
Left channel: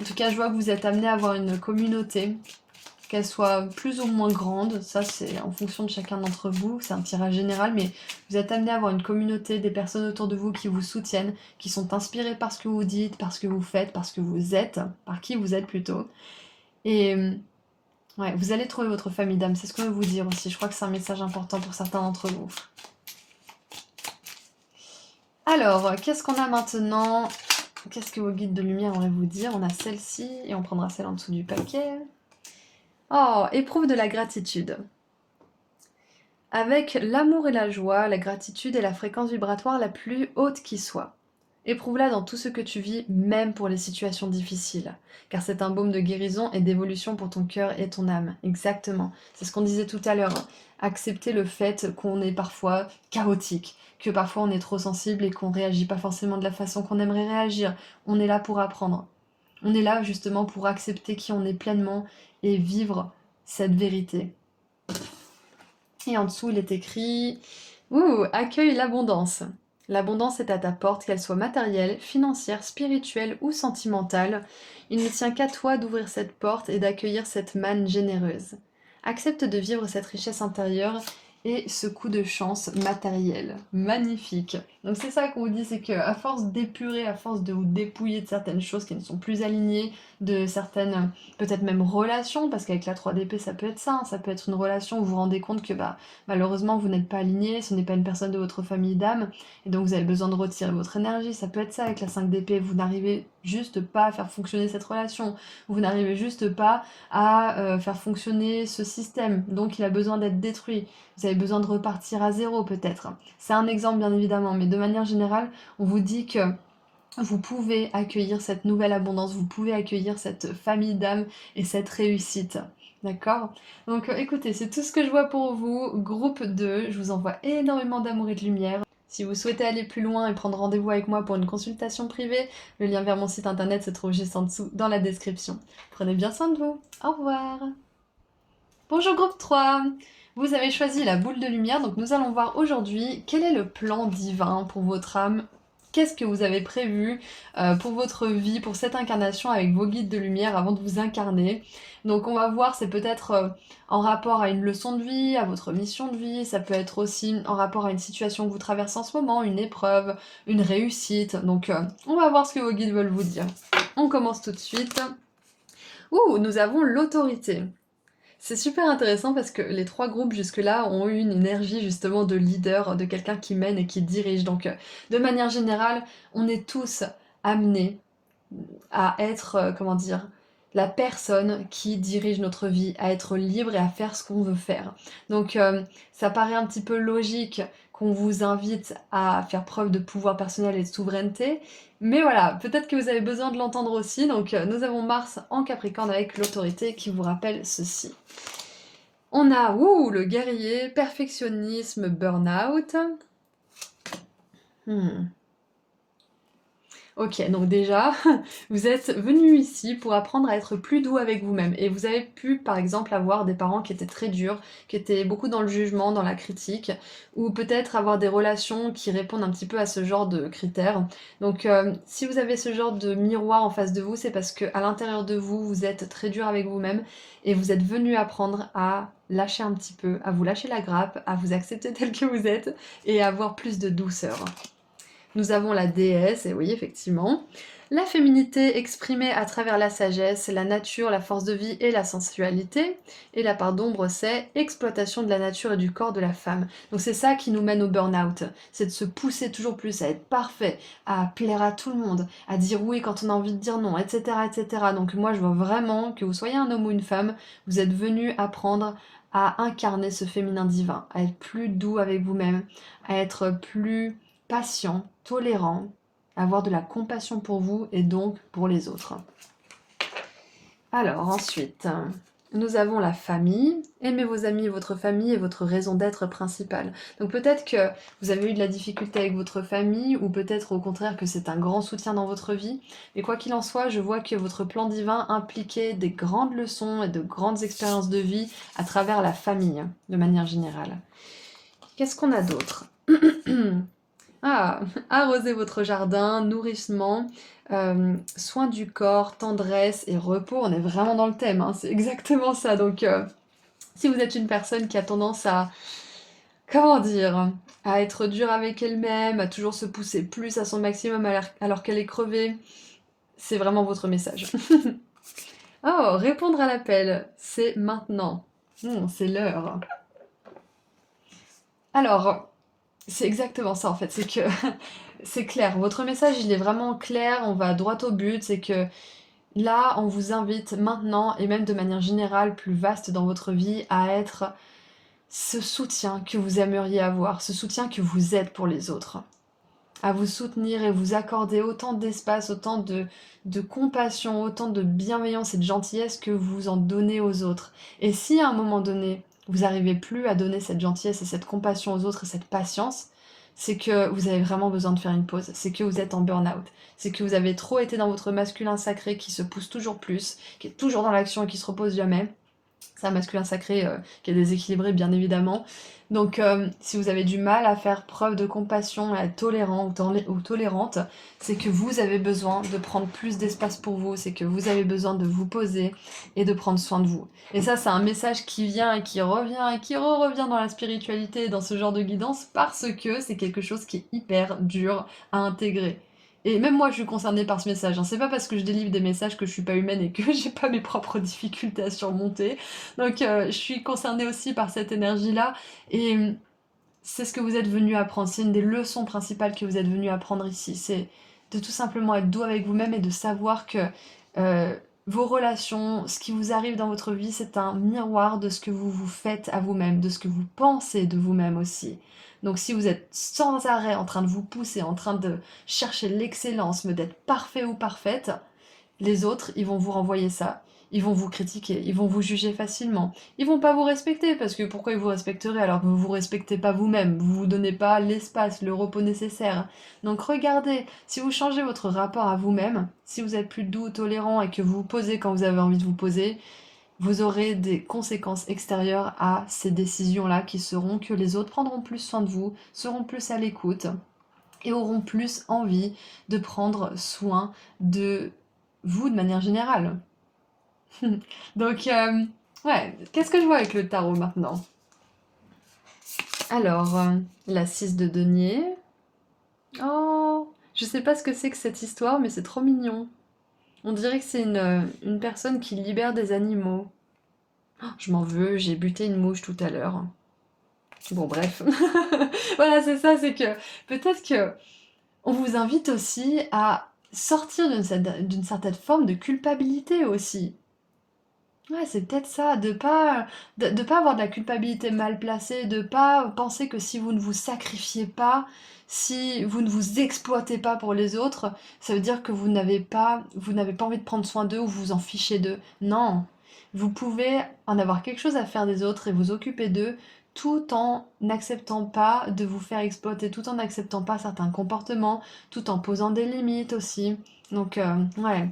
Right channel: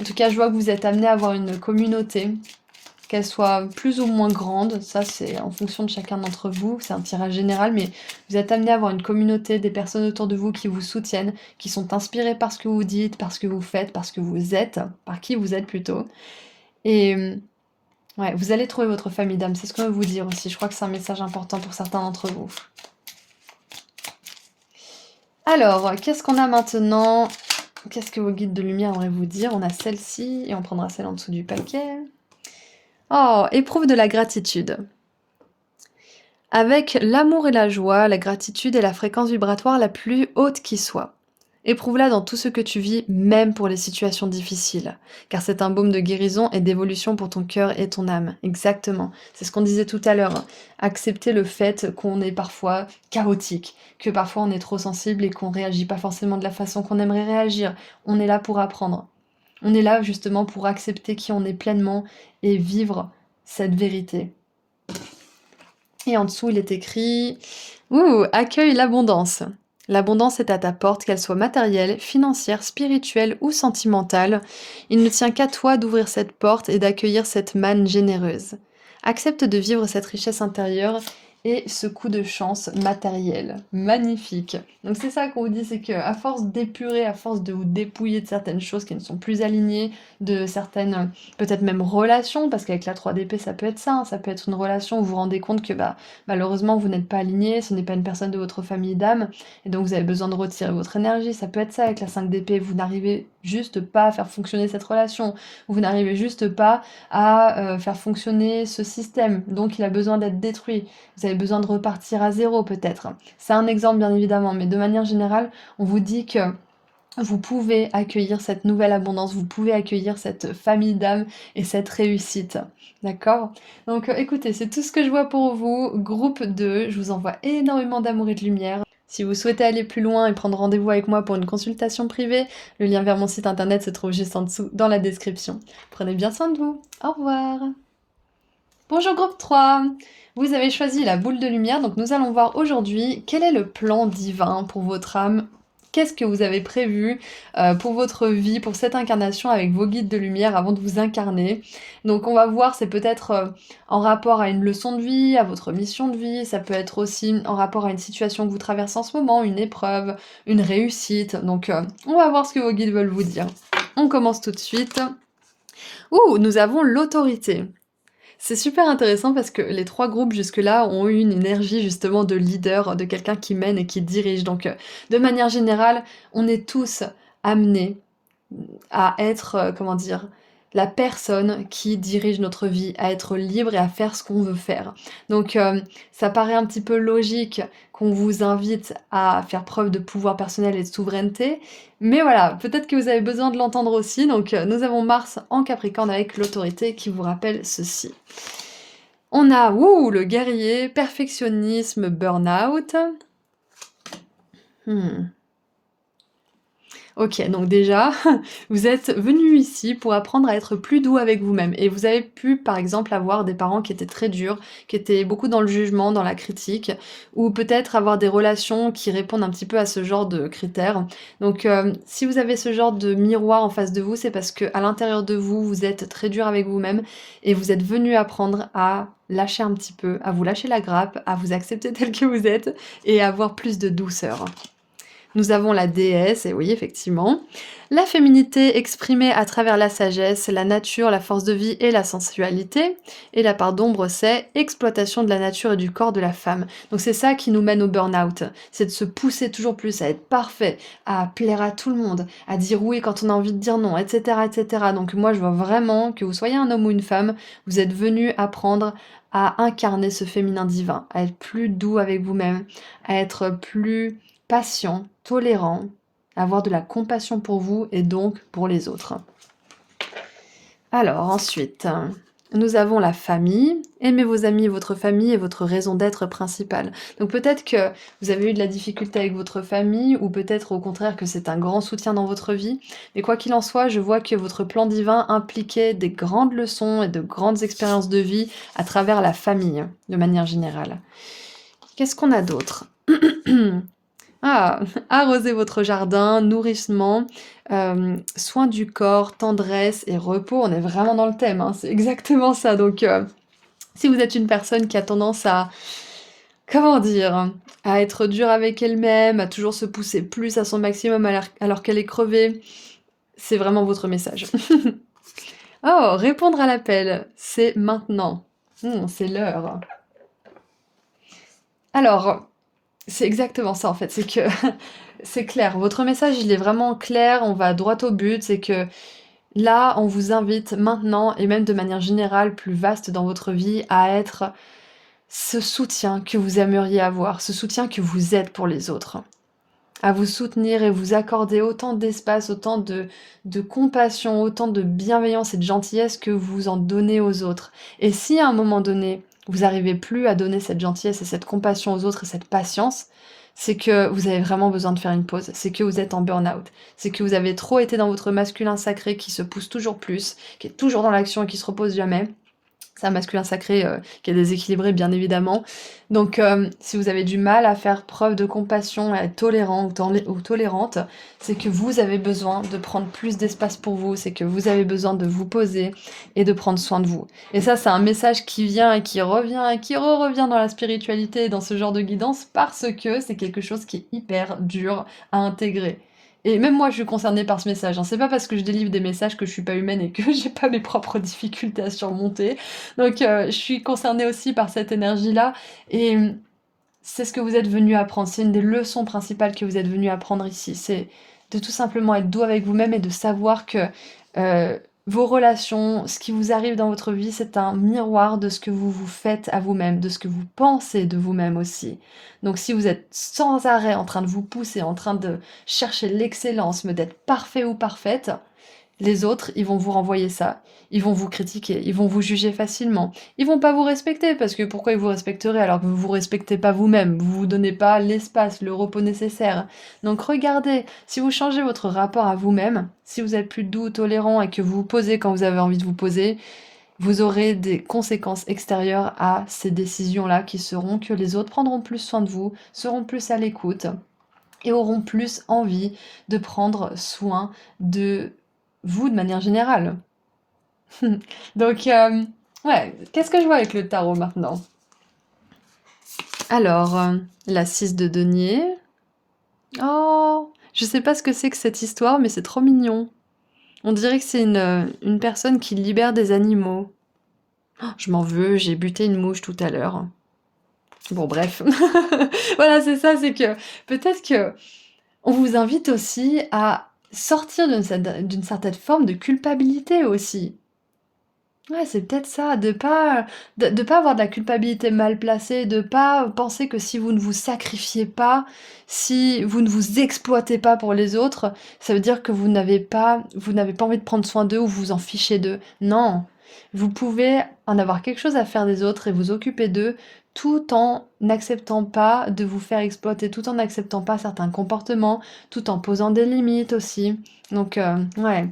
En tout cas, je vois que vous êtes amené à avoir une communauté, qu'elle soit plus ou moins grande. Ça, c'est en fonction de chacun d'entre vous. C'est un tirage général, mais vous êtes amené à avoir une communauté, des personnes autour de vous qui vous soutiennent, qui sont inspirées par ce que vous dites, par ce que vous faites, par ce que vous êtes, par qui vous êtes plutôt. Et ouais, vous allez trouver votre famille d'âme, c'est ce qu'on veut vous dire aussi. Je crois que c'est un message important pour certains d'entre vous. Alors, qu'est-ce qu'on a maintenant? Qu'est-ce que vos guides de lumière auraient vous dire? On a celle-ci et on prendra celle en dessous du paquet. Oh, éprouve de la gratitude. Avec l'amour et la joie, la gratitude est la fréquence vibratoire la plus haute qui soit. Éprouve-la dans tout ce que tu vis, même pour les situations difficiles, car c'est un baume de guérison et d'évolution pour ton cœur et ton âme. Exactement. C'est ce qu'on disait tout à l'heure. Accepter le fait qu'on est parfois chaotique, que parfois on est trop sensible et qu'on réagit pas forcément de la façon qu'on aimerait réagir. On est là pour apprendre. On est là justement pour accepter qui on est pleinement et vivre cette vérité. Et en dessous, il est écrit accueille l'abondance. L'abondance est à ta porte, qu'elle soit matérielle, financière, spirituelle ou sentimentale. Il ne tient qu'à toi d'ouvrir cette porte et d'accueillir cette manne généreuse. Accepte de vivre cette richesse intérieure et ce coup de chance matériel. Magnifique. Donc c'est ça qu'on vous dit, c'est qu'à force d'épurer, à force de vous dépouiller de certaines choses qui ne sont plus alignées, de certaines peut-être même relations, parce qu'avec la 3DP ça peut être ça, hein, ça peut être une relation où vous vous rendez compte que malheureusement vous n'êtes pas aligné, ce n'est pas une personne de votre famille d'âme, et donc vous avez besoin de retirer votre énergie. Ça peut être ça avec la 5DP, vous n'arrivez juste pas à faire fonctionner cette relation, vous n'arrivez juste pas à faire fonctionner ce système, donc il a besoin d'être détruit, vous avez besoin de repartir à zéro peut-être. C'est un exemple bien évidemment, mais de manière générale, on vous dit que vous pouvez accueillir cette nouvelle abondance, vous pouvez accueillir cette famille d'âme et cette réussite. D'accord? Donc écoutez, c'est tout ce que je vois pour vous. Groupe 2, je vous envoie énormément d'amour et de lumière. Si vous souhaitez aller plus loin et prendre rendez-vous avec moi pour une consultation privée, le lien vers mon site internet se trouve juste en dessous dans la description. Prenez bien soin de vous. Au revoir. Bonjour groupe 3. Vous avez choisi la boule de lumière, donc nous allons voir aujourd'hui quel est le plan divin pour votre âme. Qu'est-ce que vous avez prévu pour votre vie, pour cette incarnation avec vos guides de lumière avant de vous incarner. Donc on va voir, c'est peut-être en rapport à une leçon de vie, à votre mission de vie, ça peut être aussi en rapport à une situation que vous traversez en ce moment, une épreuve, une réussite. Donc on va voir ce que vos guides veulent vous dire. On commence tout de suite. Nous avons l'autorité. C'est super intéressant parce que les 3 groupes jusque-là ont eu une énergie justement de leader, de quelqu'un qui mène et qui dirige. Donc de manière générale, on est tous amenés à être, comment dire, la personne qui dirige notre vie, à être libre et à faire ce qu'on veut faire. Donc ça paraît un petit peu logique qu'on vous invite à faire preuve de pouvoir personnel et de souveraineté, mais voilà, peut-être que vous avez besoin de l'entendre aussi. Donc nous avons Mars en Capricorne avec l'autorité qui vous rappelle ceci. On a le guerrier, perfectionnisme, burn-out. OK, donc déjà, vous êtes venu ici pour apprendre à être plus doux avec vous-même et vous avez pu, par exemple, avoir des parents qui étaient très durs, qui étaient beaucoup dans le jugement, dans la critique ou peut-être avoir des relations qui répondent un petit peu à ce genre de critères. Donc, si vous avez ce genre de miroir en face de vous, c'est parce qu'à l'intérieur de vous, vous êtes très dur avec vous-même et vous êtes venu apprendre à lâcher un petit peu, à vous lâcher la grappe, à vous accepter tel que vous êtes et à avoir plus de douceur. Nous avons la déesse, et oui, effectivement. La féminité exprimée à travers la sagesse, la nature, la force de vie et la sensualité. Et la part d'ombre, c'est exploitation de la nature et du corps de la femme. Donc c'est ça qui nous mène au burn-out. C'est de se pousser toujours plus à être parfait, à plaire à tout le monde, à dire oui quand on a envie de dire non, etc. etc. Donc moi je vois vraiment que vous soyez un homme ou une femme, vous êtes venu apprendre à incarner ce féminin divin, à être plus doux avec vous-même, à être plus patient, tolérant, avoir de la compassion pour vous et donc pour les autres. Alors ensuite, nous avons la famille. Aimez vos amis, votre famille est votre raison d'être principale. Donc peut-être que vous avez eu de la difficulté avec votre famille ou peut-être au contraire que c'est un grand soutien dans votre vie. Mais quoi qu'il en soit, je vois que votre plan divin impliquait des grandes leçons et de grandes expériences de vie à travers la famille, de manière générale. Qu'est-ce qu'on a d'autre? Ah, arroser votre jardin, nourrissement, soin du corps, tendresse et repos, on est vraiment dans le thème, hein, c'est exactement ça. Donc, si vous êtes une personne qui a tendance à, comment dire, à être dure avec elle-même, à toujours se pousser plus à son maximum alors qu'elle est crevée, c'est vraiment votre message. Oh, répondre à l'appel, c'est maintenant. C'est l'heure. Alors, c'est exactement ça en fait, c'est que c'est clair, votre message il est vraiment clair, on va droit au but, c'est que là on vous invite maintenant et même de manière générale plus vaste dans votre vie à être ce soutien que vous aimeriez avoir, ce soutien que vous êtes pour les autres, à vous soutenir et vous accorder autant d'espace, autant de compassion, autant de bienveillance et de gentillesse que vous en donnez aux autres. Et si à un moment donné, vous n'arrivez plus à donner cette gentillesse et cette compassion aux autres et cette patience, c'est que vous avez vraiment besoin de faire une pause, c'est que vous êtes en burn-out, c'est que vous avez trop été dans votre masculin sacré qui se pousse toujours plus, qui est toujours dans l'action et qui se repose jamais. C'est un masculin sacré qui est déséquilibré, bien évidemment. Donc, si vous avez du mal à faire preuve de compassion, à être tolérant ou tolérante, c'est que vous avez besoin de prendre plus d'espace pour vous, c'est que vous avez besoin de vous poser et de prendre soin de vous. Et ça, c'est un message qui vient et qui revient et qui revient dans la spiritualité et dans ce genre de guidance parce que c'est quelque chose qui est hyper dur à intégrer. Et même moi, je suis concernée par ce message, hein. C'est pas parce que je délivre des messages que je suis pas humaine et que j'ai pas mes propres difficultés à surmonter. Donc, je suis concernée aussi par cette énergie-là et c'est ce que vous êtes venu apprendre. C'est une des leçons principales que vous êtes venu apprendre ici. C'est de tout simplement être doux avec vous-même et de savoir que euh, vos relations, ce qui vous arrive dans votre vie, c'est un miroir de ce que vous vous faites à vous-même, de ce que vous pensez de vous-même aussi. Donc si vous êtes sans arrêt en train de vous pousser, en train de chercher l'excellence, mais d'être parfait ou parfaite, les autres, ils vont vous renvoyer ça. Ils vont vous critiquer, ils vont vous juger facilement. Ils vont pas vous respecter parce que pourquoi ils vous respecteraient alors que vous vous respectez pas vous-même, vous vous donnez pas l'espace, le repos nécessaire. Donc regardez, si vous changez votre rapport à vous-même, si vous êtes plus doux, tolérant et que vous vous posez quand vous avez envie de vous poser, vous aurez des conséquences extérieures à ces décisions-là qui seront que les autres prendront plus soin de vous, seront plus à l'écoute et auront plus envie de prendre soin de vous de manière générale. Donc, ouais, qu'est-ce que je vois avec le tarot maintenant? Alors, la 6 de denier. Oh, je sais pas ce que c'est que cette histoire, mais c'est trop mignon. On dirait que c'est une personne qui libère des animaux. Oh, je m'en veux, j'ai buté une mouche tout à l'heure. Bon, bref. Voilà, c'est ça, c'est que peut-être que on vous invite aussi à sortir d'une certaine forme de culpabilité aussi. Ouais, c'est peut-être ça, de pas avoir de la culpabilité mal placée, de pas penser que si vous ne vous sacrifiez pas, si vous ne vous exploitez pas pour les autres, ça veut dire que vous n'avez pas envie de prendre soin d'eux ou vous vous en fichez d'eux. Non, vous pouvez en avoir quelque chose à faire des autres et vous occuper d'eux tout en n'acceptant pas de vous faire exploiter, tout en n'acceptant pas certains comportements, tout en posant des limites aussi. Donc, ouais,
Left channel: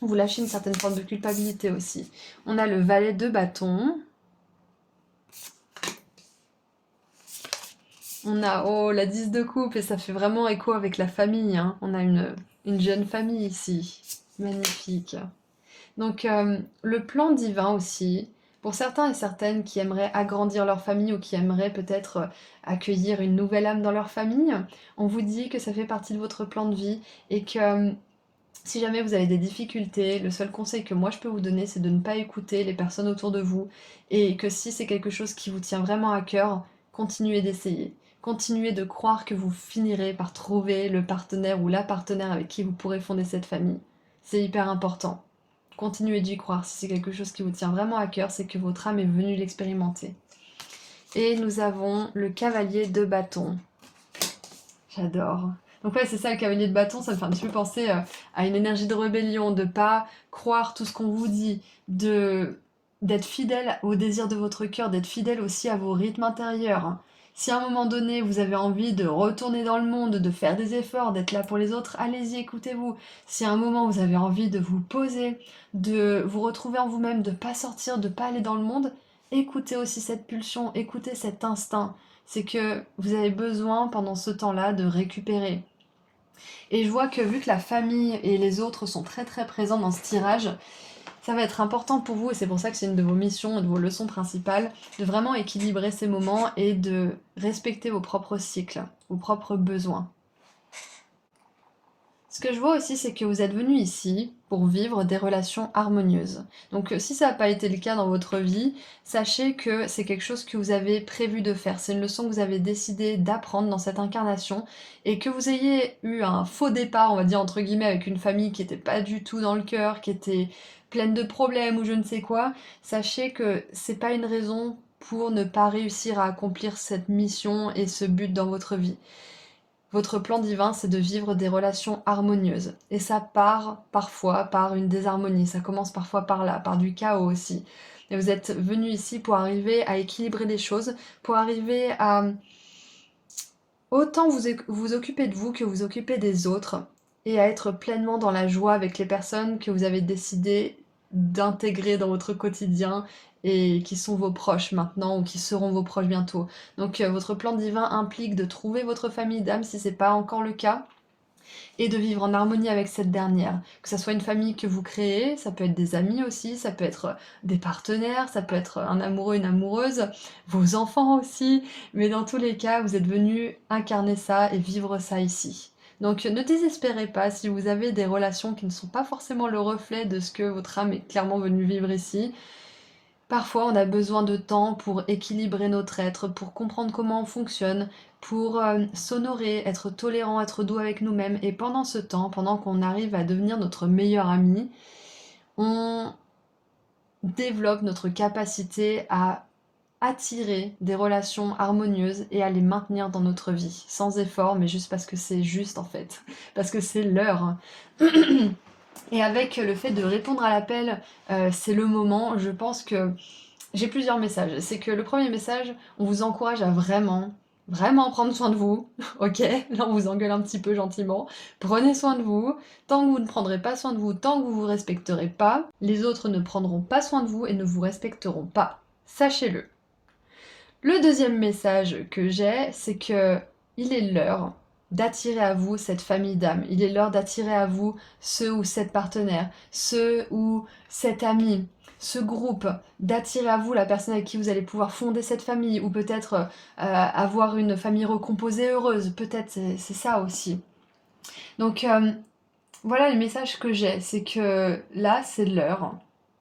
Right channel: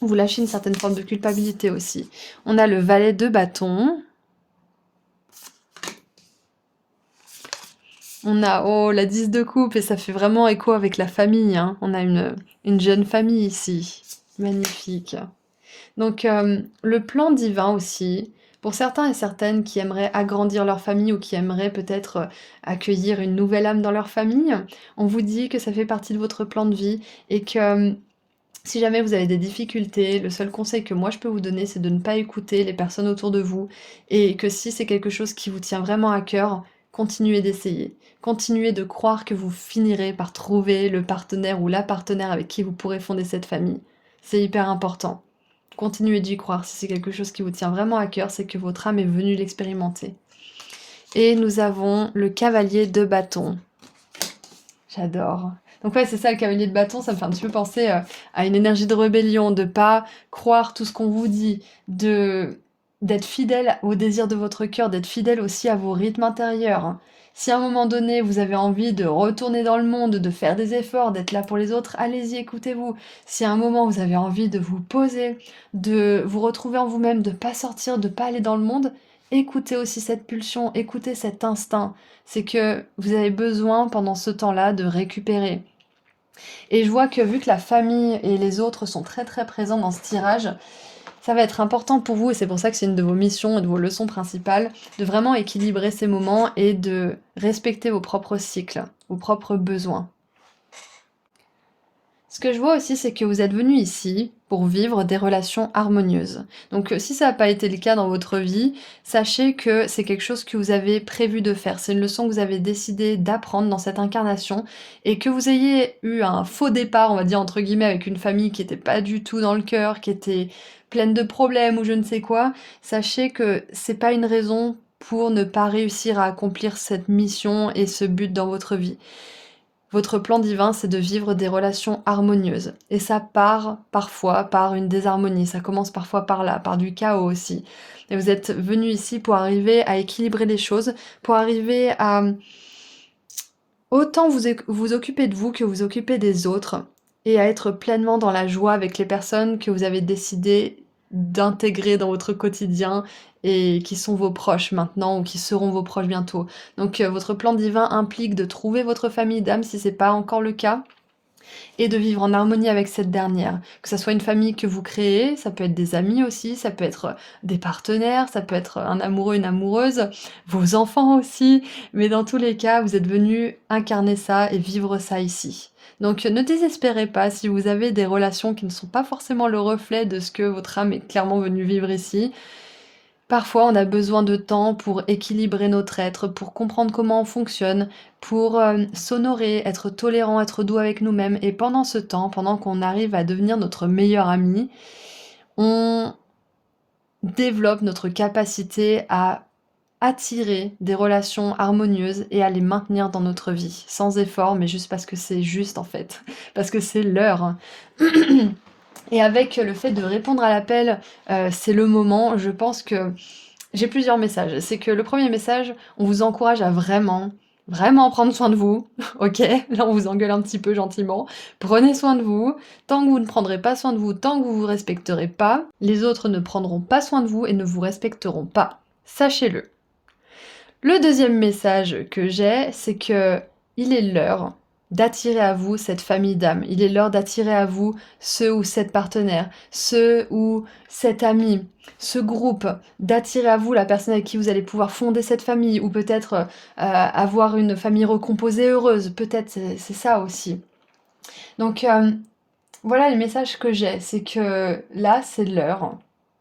vous lâchez une certaine forme de culpabilité aussi. On a le valet de bâton. On a, oh, la 10 de coupe, et ça fait vraiment écho avec la famille, hein. On a une jeune famille ici. Magnifique. Donc, le plan divin aussi, pour certains et certaines qui aimeraient agrandir leur famille ou qui aimeraient peut-être accueillir une nouvelle âme dans leur famille, on vous dit que ça fait partie de votre plan de vie et que si jamais vous avez des difficultés, le seul conseil que moi je peux vous donner, c'est de ne pas écouter les personnes autour de vous et que si c'est quelque chose qui vous tient vraiment à cœur, continuez d'essayer. Continuez de croire que vous finirez par trouver le partenaire ou la partenaire avec qui vous pourrez fonder cette famille. C'est hyper important. Continuez d'y croire. Si c'est quelque chose qui vous tient vraiment à cœur, c'est que votre âme est venue l'expérimenter. Et nous avons le cavalier de bâton. J'adore. Donc ouais, c'est ça, le cavalier de bâton, ça me fait un petit peu penser à une énergie de rébellion, de pas croire tout ce qu'on vous dit, d'être fidèle au désir de votre cœur, d'être fidèle aussi à vos rythmes intérieurs. Si à un moment donné, vous avez envie de retourner dans le monde, de faire des efforts, d'être là pour les autres, allez-y, écoutez-vous. Si à un moment, vous avez envie de vous poser, de vous retrouver en vous-même, de pas sortir, de pas aller dans le monde, écoutez aussi cette pulsion, écoutez cet instinct. C'est que vous avez besoin pendant ce temps-là de récupérer. Et je vois que vu que la famille et les autres sont très très présents dans ce tirage, ça va être important pour vous, et c'est pour ça que c'est une de vos missions et de vos leçons principales, de vraiment équilibrer ces moments et de respecter vos propres cycles, vos propres besoins. Ce que je vois aussi, c'est que vous êtes venu ici pour vivre des relations harmonieuses. Donc si ça n'a pas été le cas dans votre vie, sachez que c'est quelque chose que vous avez prévu de faire. C'est une leçon que vous avez décidé d'apprendre dans cette incarnation et que vous ayez eu un faux départ, on va dire entre guillemets, avec une famille qui n'était pas du tout dans le cœur, qui était pleine de problèmes ou je ne sais quoi, sachez que c'est pas une raison pour ne pas réussir à accomplir cette mission et ce but dans votre vie. Votre plan divin, c'est de vivre des relations harmonieuses. Et ça part parfois par une désharmonie, ça commence parfois par là, par du chaos aussi. Et vous êtes venu ici pour arriver à équilibrer les choses, pour arriver à autant vous occuper de vous que vous occuper des autres, et à être pleinement dans la joie avec les personnes que vous avez décidé d'intégrer dans votre quotidien et qui sont vos proches maintenant ou qui seront vos proches bientôt. Donc votre plan divin implique de trouver votre famille d'âme si c'est pas encore le cas et de vivre en harmonie avec cette dernière. Que ça soit une famille que vous créez, ça peut être des amis aussi, ça peut être des partenaires, ça peut être un amoureux, une amoureuse, vos enfants aussi, mais dans tous les cas, vous êtes venu incarner ça et vivre ça ici. Donc ne désespérez pas si vous avez des relations qui ne sont pas forcément le reflet de ce que votre âme est clairement venue vivre ici. Parfois, on a besoin de temps pour équilibrer notre être, pour comprendre comment on fonctionne, pour s'honorer, être tolérant, être doux avec nous-mêmes. Et pendant ce temps, pendant qu'on arrive à devenir notre meilleur ami, on développe notre capacité à attirer des relations harmonieuses et à les maintenir dans notre vie, sans effort, mais juste parce que c'est juste en fait, parce que c'est l'heure. Et avec le fait de répondre à l'appel, c'est le moment, je pense que j'ai plusieurs messages. C'est que le premier message, on vous encourage à vraiment, vraiment prendre soin de vous. Ok, là on vous engueule un petit peu gentiment. Prenez soin de vous. Tant que vous ne prendrez pas soin de vous, tant que vous vous respecterez pas, les autres ne prendront pas soin de vous et ne vous respecteront pas. Sachez-le. Le deuxième message que j'ai, c'est que il est l'heure d'attirer à vous cette famille d'âmes. Il est l'heure d'attirer à vous ce ou cette partenaire, ce ou cet ami, ce groupe, d'attirer à vous la personne avec qui vous allez pouvoir fonder cette famille, ou peut-être avoir une famille recomposée heureuse. Peut-être c'est ça aussi. Donc voilà les messages que j'ai, c'est que là c'est l'heure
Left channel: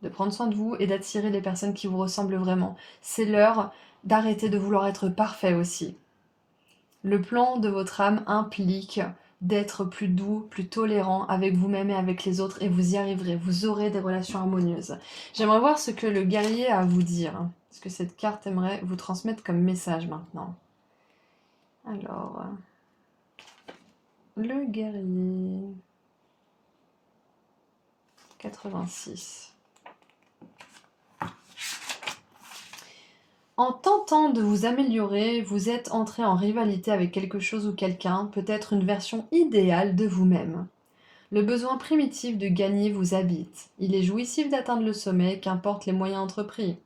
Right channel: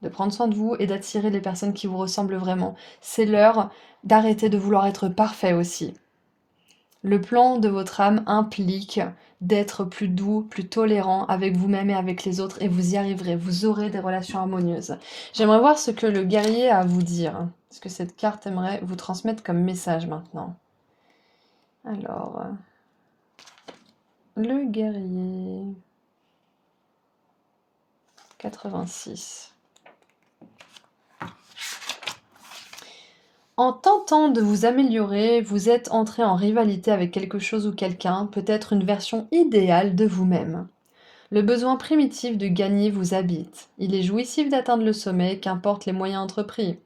de prendre soin de vous et d'attirer les personnes qui vous ressemblent vraiment. C'est l'heure d'arrêter de vouloir être parfait aussi. Le plan de votre âme implique d'être plus doux, plus tolérant avec vous-même et avec les autres, et vous y arriverez, vous aurez des relations harmonieuses. J'aimerais voir ce que le guerrier a à vous dire, ce que cette carte aimerait vous transmettre comme message maintenant. Alors, le guerrier 86. En tentant de vous améliorer, vous êtes entré en rivalité avec quelque chose ou quelqu'un, peut-être une version idéale de vous-même. Le besoin primitif de gagner vous habite. Il est jouissif d'atteindre le sommet, qu'importe les moyens entrepris.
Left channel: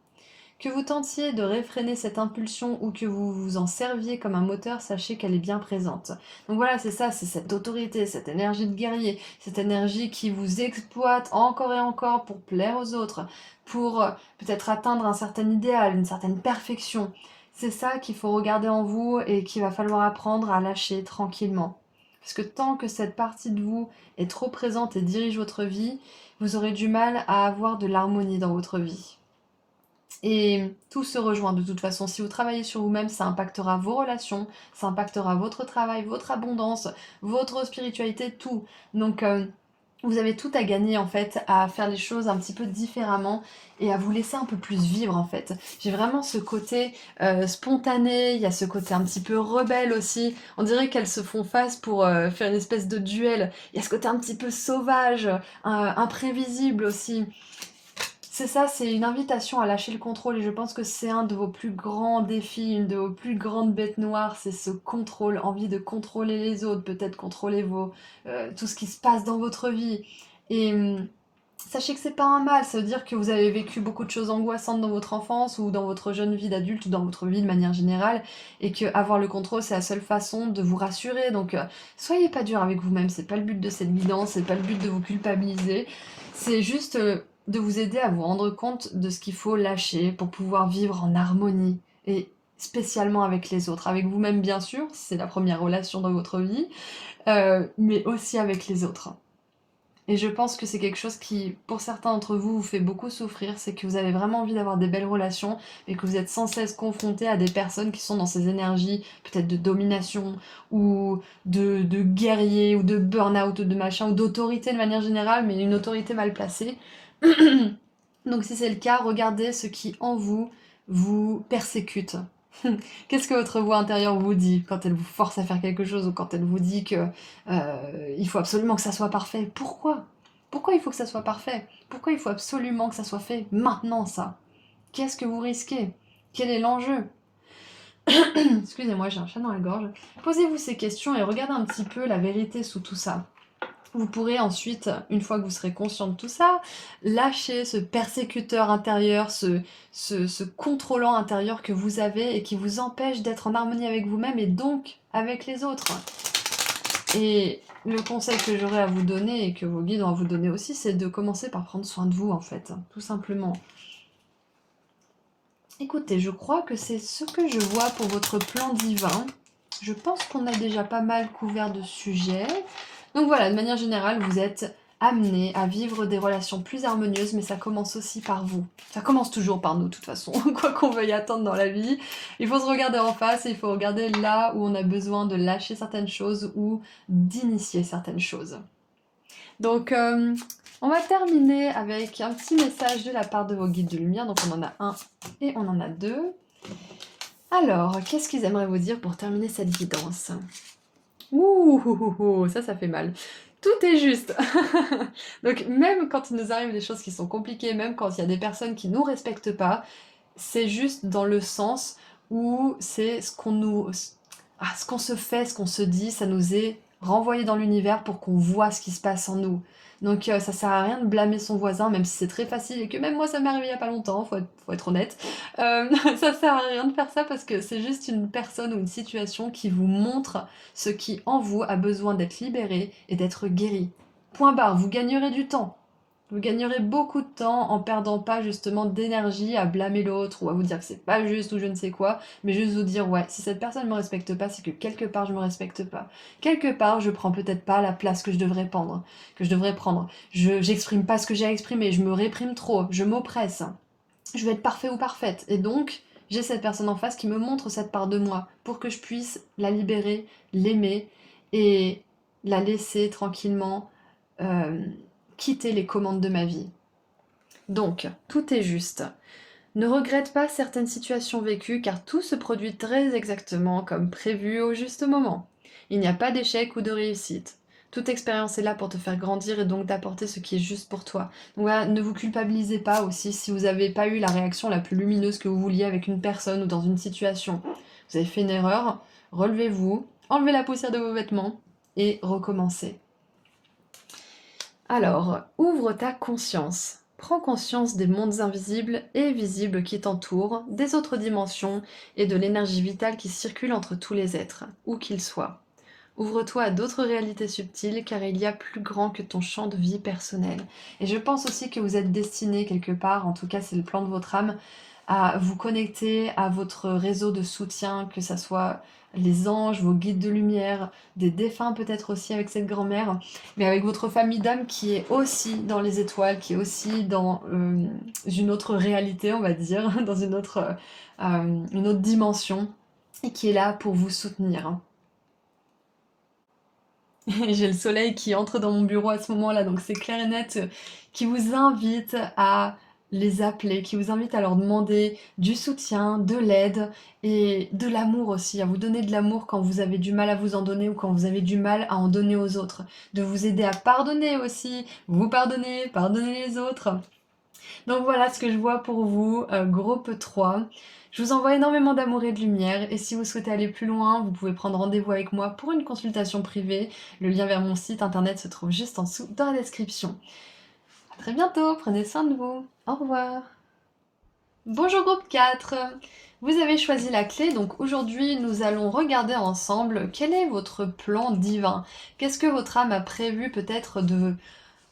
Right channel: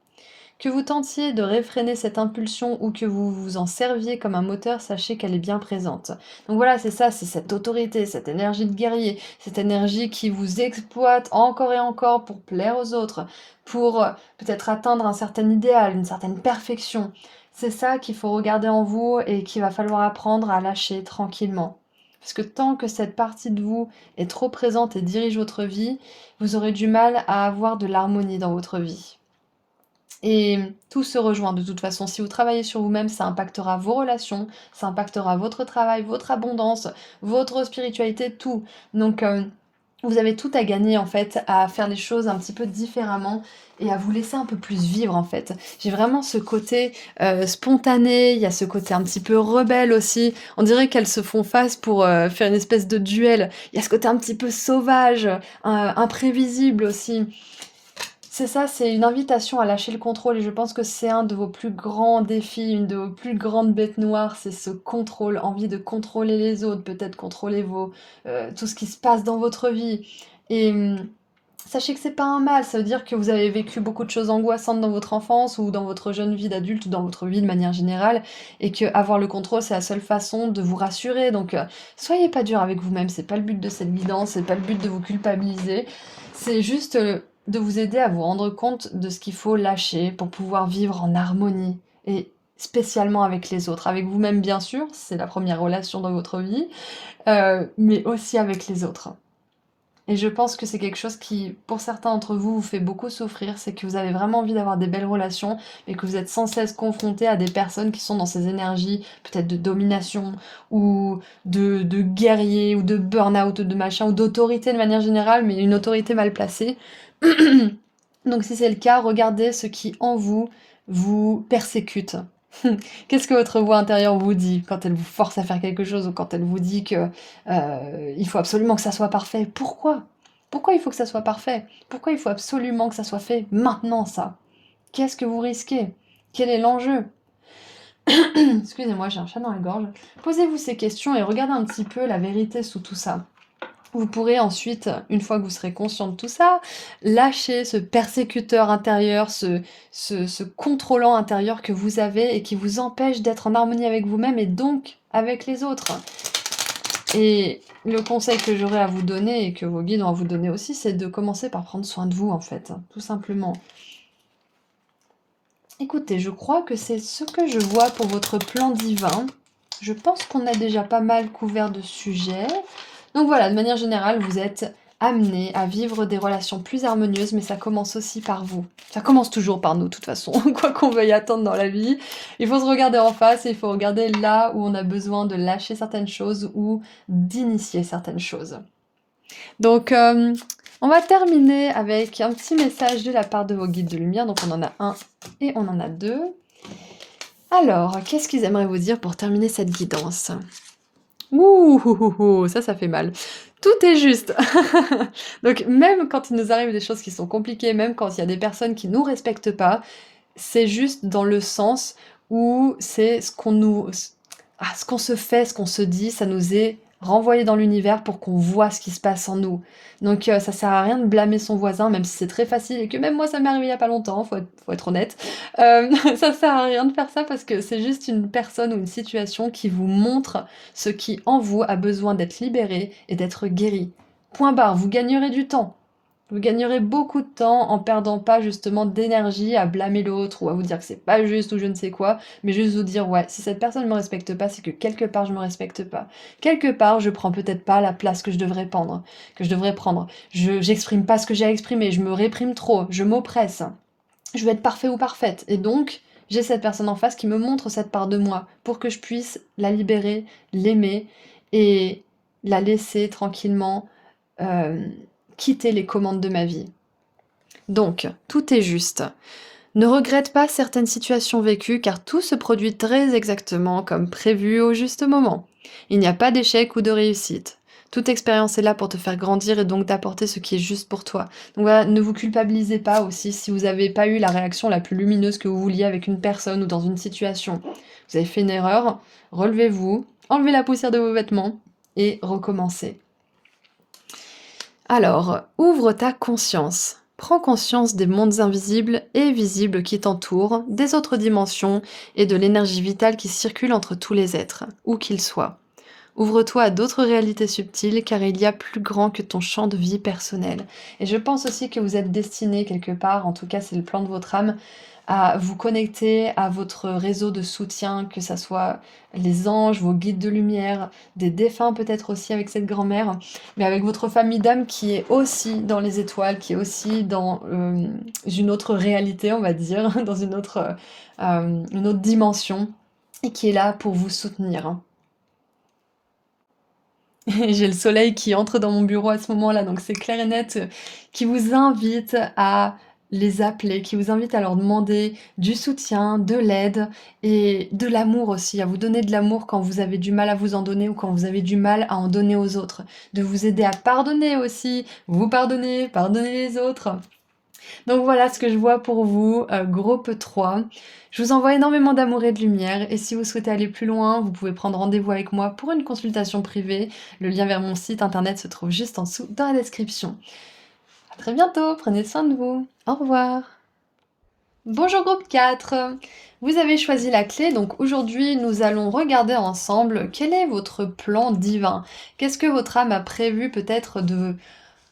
Que vous tentiez de réfréner cette impulsion ou que vous vous en serviez comme un moteur, sachez qu'elle est bien présente. Donc voilà, c'est ça, c'est cette autorité, cette énergie de guerrier, cette énergie qui vous exploite encore et encore pour plaire aux autres, pour peut-être atteindre un certain idéal, une certaine perfection. C'est ça qu'il faut regarder en vous et qu'il va falloir apprendre à lâcher tranquillement. Parce que tant que cette partie de vous est trop présente et dirige votre vie, vous aurez du mal à avoir de l'harmonie dans votre vie. Et tout se rejoint de toute façon. Si vous travaillez sur vous-même, ça impactera vos relations, ça impactera votre travail, votre abondance, votre spiritualité, tout. Donc, vous avez tout à gagner en fait à faire les choses un petit peu différemment et à vous laisser un peu plus vivre en fait. J'ai vraiment ce côté spontané, il y a ce côté un petit peu rebelle aussi. On dirait qu'elles se font face pour faire une espèce de duel. Il y a ce côté un petit peu sauvage, imprévisible aussi. C'est ça, c'est une invitation à lâcher le contrôle et je pense que c'est un de vos plus grands défis, une de vos plus grandes bêtes noires, c'est ce contrôle, envie de contrôler les autres, peut-être contrôler tout ce qui se passe dans votre vie. Et sachez que c'est pas un mal, ça veut dire que vous avez vécu beaucoup de choses angoissantes dans votre enfance ou dans votre jeune vie d'adulte ou dans votre vie de manière générale et que avoir le contrôle, c'est la seule façon de vous rassurer. Donc soyez pas dur avec vous-même, c'est pas le but de cette guidance, c'est pas le but de vous culpabiliser, c'est juste de vous aider à vous rendre compte de ce qu'il faut lâcher pour pouvoir vivre en harmonie et spécialement avec les autres, avec vous-même bien sûr, c'est la première relation dans votre vie, mais aussi avec les autres. Et je pense que c'est quelque chose qui, pour certains d'entre vous, vous fait beaucoup souffrir, c'est que vous avez vraiment envie d'avoir des belles relations, mais que vous êtes sans cesse confronté à des personnes qui sont dans ces énergies, peut-être de domination, ou de guerrier, ou de burn-out, de machin, ou d'autorité de manière générale, mais une autorité mal placée. Donc si c'est le cas, regardez ce qui en vous vous persécute. Qu'est-ce que votre voix intérieure vous dit quand elle vous force à faire quelque chose ou quand elle vous dit que il faut absolument que ça soit parfait? Pourquoi? Pourquoi il faut que ça soit parfait? Pourquoi il faut absolument que ça soit fait maintenant, ça? Qu'est-ce que vous risquez? Quel est l'enjeu? Excusez-moi, j'ai un chat dans la gorge. Posez-vous ces questions et regardez un petit peu la vérité sous tout ça. Vous pourrez ensuite, une fois que vous serez conscient de tout ça, lâcher ce persécuteur intérieur, ce contrôlant intérieur que vous avez et qui vous empêche d'être en harmonie avec vous-même et donc avec les autres. Et le conseil que j'aurais à vous donner et que vos guides ont à vous donner aussi, c'est de commencer par prendre soin de vous en fait, tout simplement. Écoutez, je crois que c'est ce que je vois pour votre plan divin. Je pense qu'on a déjà pas mal couvert de sujets. Donc voilà, de manière générale, vous êtes amené à vivre des relations plus harmonieuses, mais ça commence aussi par vous. Ça commence toujours par nous, de toute façon, quoi qu'on veuille attendre dans la vie. Il faut se regarder en face et il faut regarder là où on a besoin de lâcher certaines choses ou d'initier certaines choses. Donc, on va terminer avec un petit message de la part de vos guides de lumière. Donc, on en a un et on en a deux. Alors, qu'est-ce qu'ils aimeraient vous dire pour terminer cette guidance? Ouh, ça fait mal. Tout est juste. Donc, même quand il nous arrive des choses qui sont compliquées, même quand il y a des personnes qui nous respectent pas, c'est juste dans le sens où c'est ce qu'on se fait, ce qu'on se dit, ça nous est renvoyé dans l'univers pour qu'on voit ce qui se passe en nous. Donc ça sert à rien de blâmer son voisin, même si c'est très facile et que même moi ça m'est arrivé il y a pas longtemps, faut être honnête. Ça sert à rien de faire ça parce que c'est juste une personne ou une situation qui vous montre ce qui en vous a besoin d'être libéré et d'être guéri. Point barre, vous gagnerez du temps. Vous gagnerez beaucoup de temps en perdant pas justement d'énergie à blâmer l'autre ou à vous dire que c'est pas juste ou je ne sais quoi, mais juste vous dire ouais, si cette personne ne me respecte pas, c'est que quelque part je me respecte pas. Quelque part, je prends peut-être pas la place que je devrais prendre, j'exprime pas ce que j'ai à exprimer, je me réprime trop, je m'oppresse. Je veux être parfait ou parfaite et donc j'ai cette personne en face qui me montre cette part de moi pour que je puisse la libérer, l'aimer et la laisser tranquillement quitter les commandes de ma vie. Donc, tout est juste. Ne regrette pas certaines situations vécues car tout se produit très exactement comme prévu au juste moment. Il n'y a pas d'échec ou de réussite. Toute expérience est là pour te faire grandir et donc d'apporter ce qui est juste pour toi. Donc voilà, ne vous culpabilisez pas aussi si vous n'avez pas eu la réaction la plus lumineuse que vous vouliez avec une personne ou dans une situation. Vous avez fait une erreur, relevez-vous, enlevez la poussière de vos vêtements et recommencez. Alors, ouvre ta conscience. Prends conscience des mondes invisibles et visibles qui t'entourent, des autres dimensions et de l'énergie vitale qui circule entre tous les êtres, où qu'ils soient. Ouvre-toi à d'autres réalités subtiles car il y a plus grand que ton champ de vie personnel. Et je pense aussi que vous êtes destiné quelque part, en tout cas c'est le plan de votre âme, à vous connecter à votre réseau de soutien, que ça soit les anges, vos guides de lumière, des défunts peut-être aussi avec cette grand-mère, mais avec votre famille d'âme qui est aussi dans les étoiles, qui est aussi dans une autre réalité, on va dire, dans une autre dimension, et qui est là pour vous soutenir. J'ai le soleil qui entre dans mon bureau à ce moment-là, donc c'est clair et net, qui vous invite à les appeler, qui vous invite à leur demander du soutien, de l'aide et de l'amour aussi, à vous donner de l'amour quand vous avez du mal à vous en donner ou quand vous avez du mal à en donner aux autres. De vous aider à pardonner aussi, vous pardonner, pardonner les autres. Donc voilà ce que je vois pour vous, groupe 3. Je vous envoie énormément d'amour et de lumière et si vous souhaitez aller plus loin, vous pouvez prendre rendez-vous avec moi pour une consultation privée. Le lien vers mon site internet se trouve juste en dessous dans la description. À très bientôt, prenez soin de vous. Au revoir. Bonjour groupe 4. Vous avez choisi la clé, donc aujourd'hui nous allons regarder ensemble quel est votre plan divin. Qu'est-ce que votre âme a prévu peut-être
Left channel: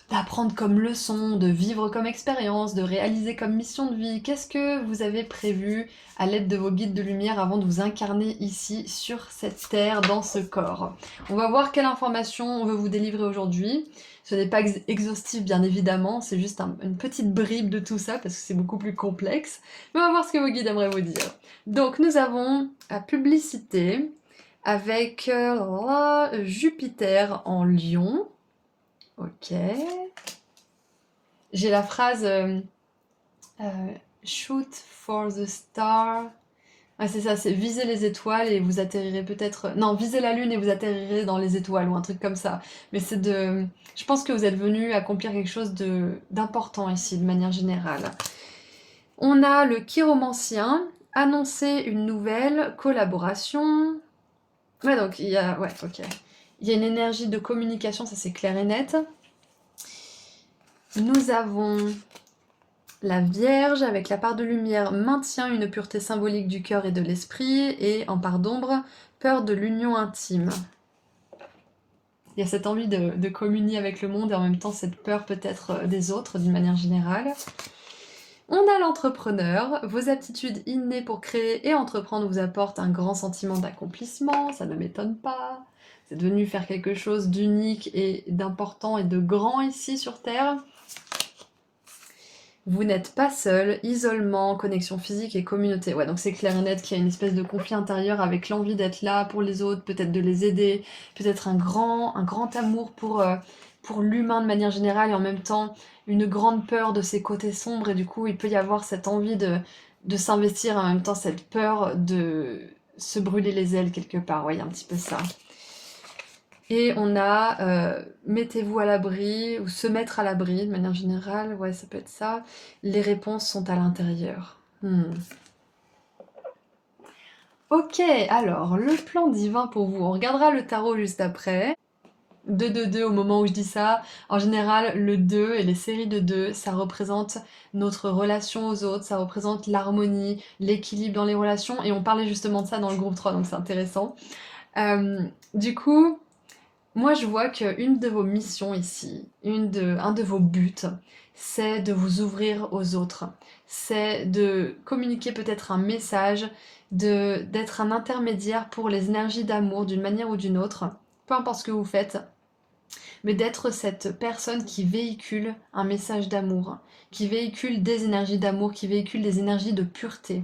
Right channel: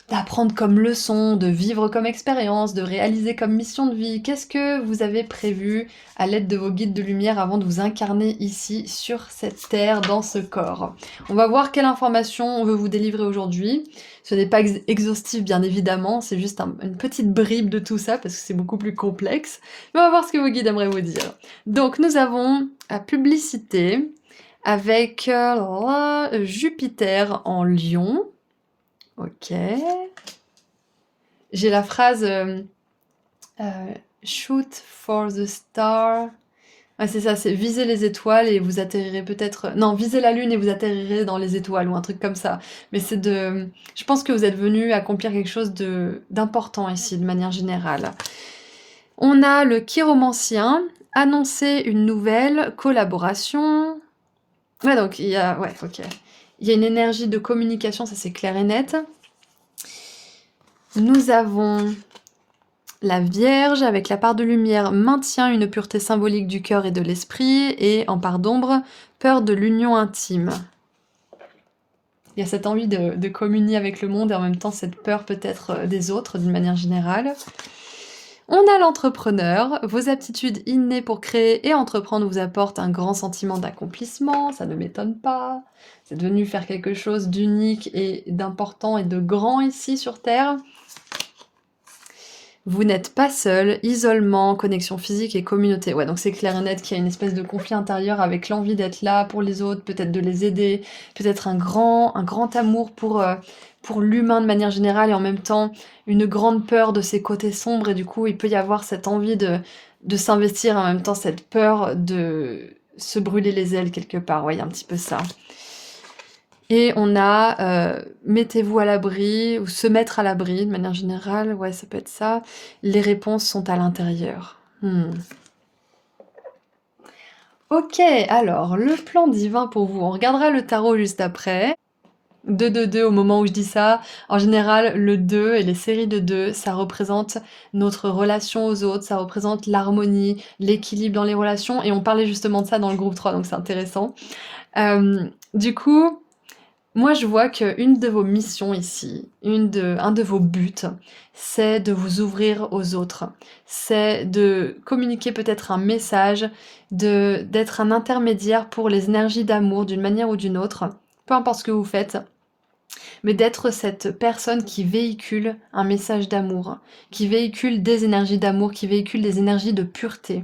d'apprendre comme leçon, de vivre comme expérience, de réaliser comme mission de vie. Qu'est-ce que vous avez prévu à l'aide de vos guides de lumière avant de vous incarner ici sur cette terre, dans ce corps? On va voir quelle information on veut vous délivrer aujourd'hui. Ce n'est pas exhaustif bien évidemment, c'est juste une petite bribe de tout ça parce que c'est beaucoup plus complexe. Mais on va voir ce que vos guides aimeraient vous dire. Donc nous avons la publicité avec Jupiter en Lion. Ok. J'ai la phrase shoot for the star. Ouais, c'est ça, c'est viser les étoiles et vous atterrirez peut-être. Non, visez la lune et vous atterrirez dans les étoiles ou un truc comme ça. Mais c'est de. Je pense que vous êtes venu accomplir quelque chose d'important ici, de manière générale. On a le chiromancien, annoncer une nouvelle collaboration. Ouais, donc il y a. Ouais, ok. Il y a une énergie de communication, ça c'est clair et net. Nous avons la Vierge avec la part de lumière maintient une pureté symbolique du cœur et de l'esprit et en part d'ombre, peur de l'union intime. Il y a cette envie de communier avec le monde et en même temps cette peur peut-être des autres d'une manière générale. On a l'entrepreneur, vos aptitudes innées pour créer et entreprendre vous apportent un grand sentiment d'accomplissement, ça ne m'étonne pas. C'est devenu faire quelque chose d'unique et d'important et de grand ici sur Terre. Vous n'êtes pas seul, isolement, connexion physique et communauté. Ouais, donc c'est clair et net qu'il y a une espèce de conflit intérieur avec l'envie d'être là pour les autres, peut-être de les aider, peut-être un grand amour pour l'humain de manière générale et en même temps une grande peur de ses côtés sombres et du coup il peut y avoir cette envie de s'investir et en même temps cette peur de se brûler les ailes quelque part. Ouais, il y a un petit peu ça. Et on a mettez-vous à l'abri ou se mettre à l'abri de manière générale, ouais ça peut être ça. Les réponses sont à l'intérieur. Ok, alors le plan divin pour vous, on regardera le tarot juste après. 2, 2, 2 au moment où je dis ça. En général, le 2 et les séries de 2, ça représente notre relation aux autres, ça représente l'harmonie, l'équilibre dans les relations, et on parlait justement de ça dans le groupe 3, donc c'est intéressant. Du coup, moi, je vois qu'une de vos missions ici, un de vos buts, c'est de vous ouvrir aux autres. C'est de communiquer peut-être un message, d'être un intermédiaire pour les énergies d'amour d'une manière ou d'une autre, peu importe ce que vous faites, mais d'être cette personne qui véhicule un message d'amour, qui véhicule des énergies d'amour, qui véhicule des énergies de pureté.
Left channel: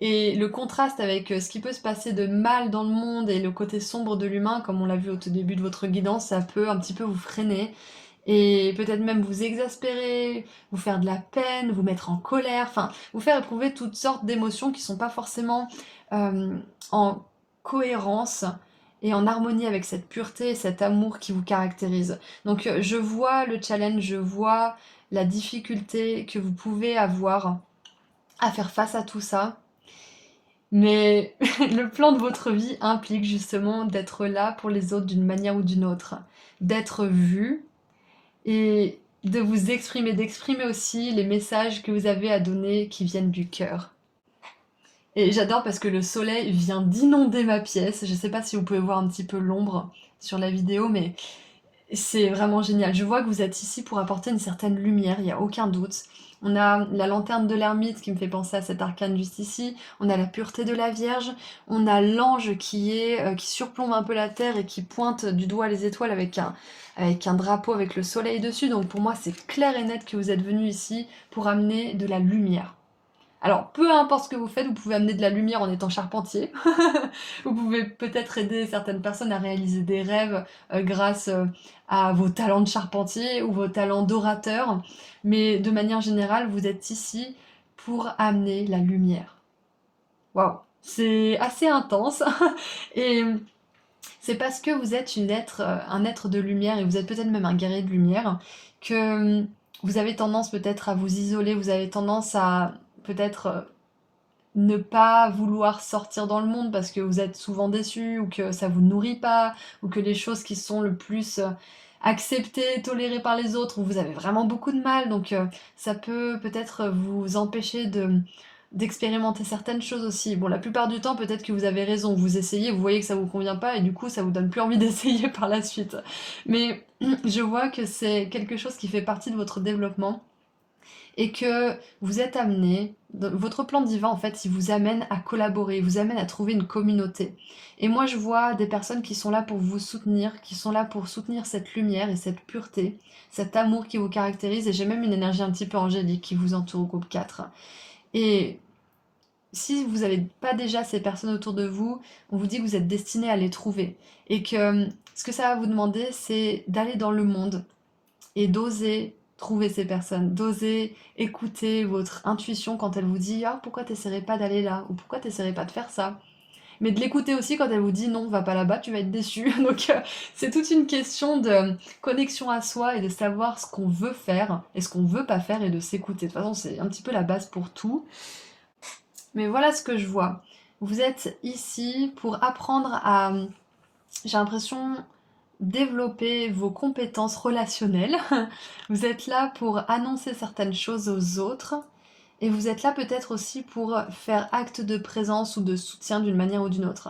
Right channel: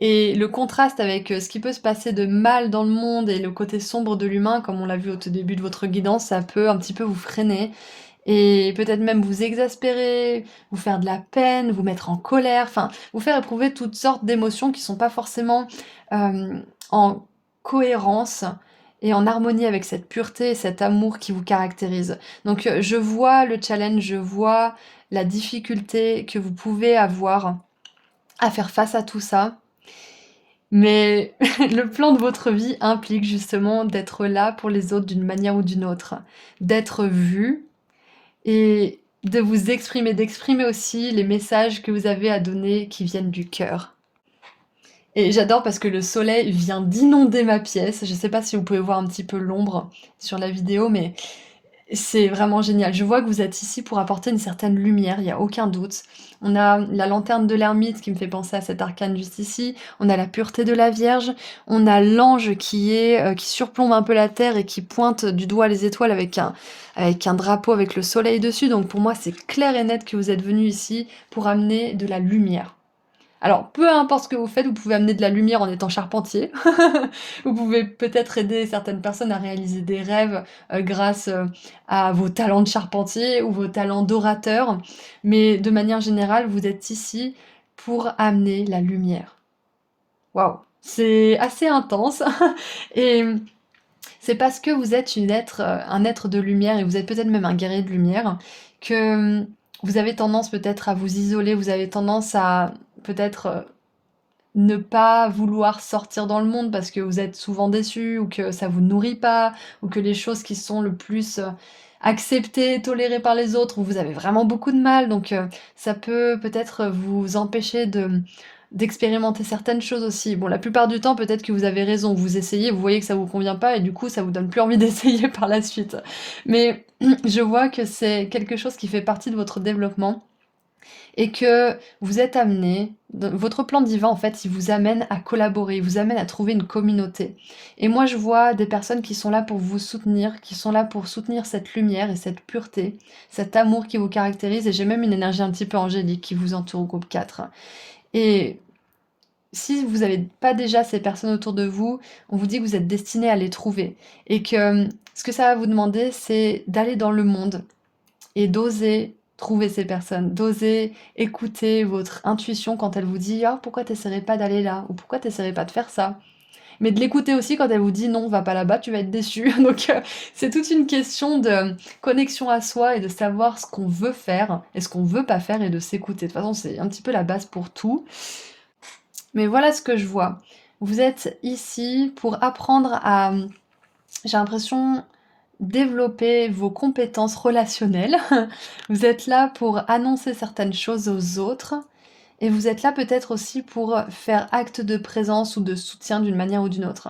Et le contraste avec ce qui peut se passer de mal dans le monde et le côté sombre de l'humain, comme on l'a vu au tout début de votre guidance, ça peut un petit peu vous freiner et peut-être même vous exaspérer, vous faire de la peine, vous mettre en colère, enfin vous faire éprouver toutes sortes d'émotions qui sont pas forcément en cohérence et en harmonie avec cette pureté et cet amour qui vous caractérise. Donc je vois le challenge, je vois la difficulté que vous pouvez avoir à faire face à tout ça. Mais le plan de votre vie implique justement d'être là pour les autres d'une manière ou d'une autre, d'être vu et de vous exprimer, d'exprimer aussi les messages que vous avez à donner qui viennent du cœur. Et j'adore parce que le soleil vient d'inonder ma pièce. Je sais pas si vous pouvez voir un petit peu l'ombre sur la vidéo, mais c'est vraiment génial. Je vois que vous êtes ici pour apporter une certaine lumière, il n'y a aucun doute. On a la lanterne de l'ermite qui me fait penser à cet arcane juste ici. On a la pureté de la Vierge. On a l'ange qui surplombe un peu la terre et qui pointe du doigt les étoiles avec un drapeau avec le soleil dessus. Donc pour moi, c'est clair et net que vous êtes venu ici pour amener de la lumière. Alors, peu importe ce que vous faites, vous pouvez amener de la lumière en étant charpentier. Vous pouvez peut-être aider certaines personnes à réaliser des rêves grâce à vos talents de charpentier ou vos talents d'orateur. Mais de manière générale, vous êtes ici pour amener la lumière. Waouh, c'est assez intense. Et c'est parce que vous êtes un être de lumière et vous êtes peut-être même un guerrier de lumière que vous avez tendance peut-être à vous isoler, vous avez tendance à peut-être ne pas vouloir sortir dans le monde parce que vous êtes souvent déçu ou que ça vous nourrit pas ou que les choses qui sont le plus acceptées, tolérées par les autres, vous avez vraiment beaucoup de mal. Donc ça peut peut-être vous empêcher d'expérimenter certaines choses aussi. Bon, la plupart du temps, peut-être que vous avez raison, vous essayez, vous voyez que ça vous convient pas et du coup, ça vous donne plus envie d'essayer par la suite. Mais je vois que c'est quelque chose qui fait partie de votre développement et que vous êtes amené, votre plan divin en fait, il vous amène à collaborer, il vous amène à trouver une communauté. Et moi je vois des personnes qui sont là pour vous soutenir, qui sont là pour soutenir cette lumière et cette pureté, cet amour qui vous caractérise, et j'ai même une énergie un petit peu angélique qui vous entoure au groupe 4. Et si vous n'avez pas déjà ces personnes autour de vous, on vous dit que vous êtes destiné à les trouver. Et que ce que ça va vous demander, c'est d'aller dans le monde et d'oser trouver ces personnes, d'oser écouter votre intuition quand elle vous dit «Ah, pourquoi t'essaierais pas d'aller là?» ou «Pourquoi t'essaierais pas de faire ça?» Mais de l'écouter aussi quand elle vous dit «Non, va pas là-bas, tu vas être déçu». Donc c'est toute une question de connexion à soi et de savoir ce qu'on veut faire et ce qu'on veut pas faire et de s'écouter. De toute façon, c'est un petit peu la base pour tout. Mais voilà ce que je vois. Vous êtes ici pour apprendre à, j'ai l'impression, développer vos compétences relationnelles. Vous êtes là pour annoncer certaines choses aux autres. Et vous êtes là peut-être aussi pour faire acte de présence ou de soutien d'une manière ou d'une autre.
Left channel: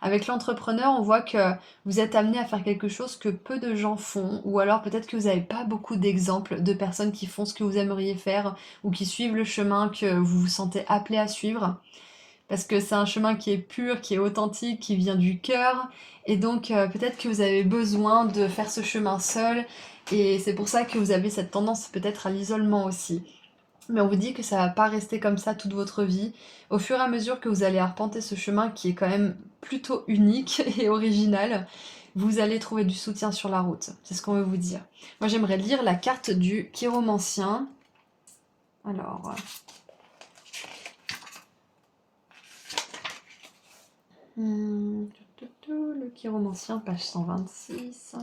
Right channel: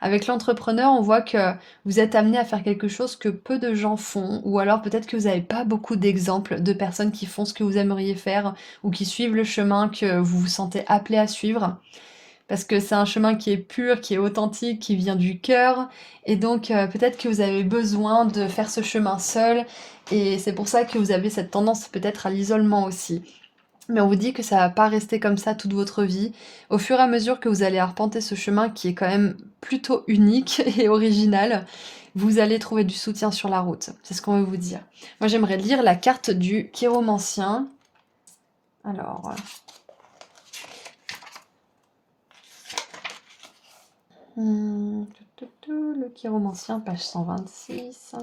Avec l'entrepreneur, on voit que vous êtes amené à faire quelque chose que peu de gens font, ou alors peut-être que vous n'avez pas beaucoup d'exemples de personnes qui font ce que vous aimeriez faire, ou qui suivent le chemin que vous vous sentez appelé à suivre parce que c'est un chemin qui est pur, qui est authentique, qui vient du cœur. Et donc peut-être que vous avez besoin de faire ce chemin seul. Et c'est pour ça que vous avez cette tendance peut-être à l'isolement aussi. Mais on vous dit que ça va pas rester comme ça toute votre vie. Au fur et à mesure que vous allez arpenter ce chemin qui est quand même plutôt unique et original, vous allez trouver du soutien sur la route. C'est ce qu'on veut vous dire. Moi j'aimerais lire la carte du chiromancien. Alors, le chiromancien, page 126.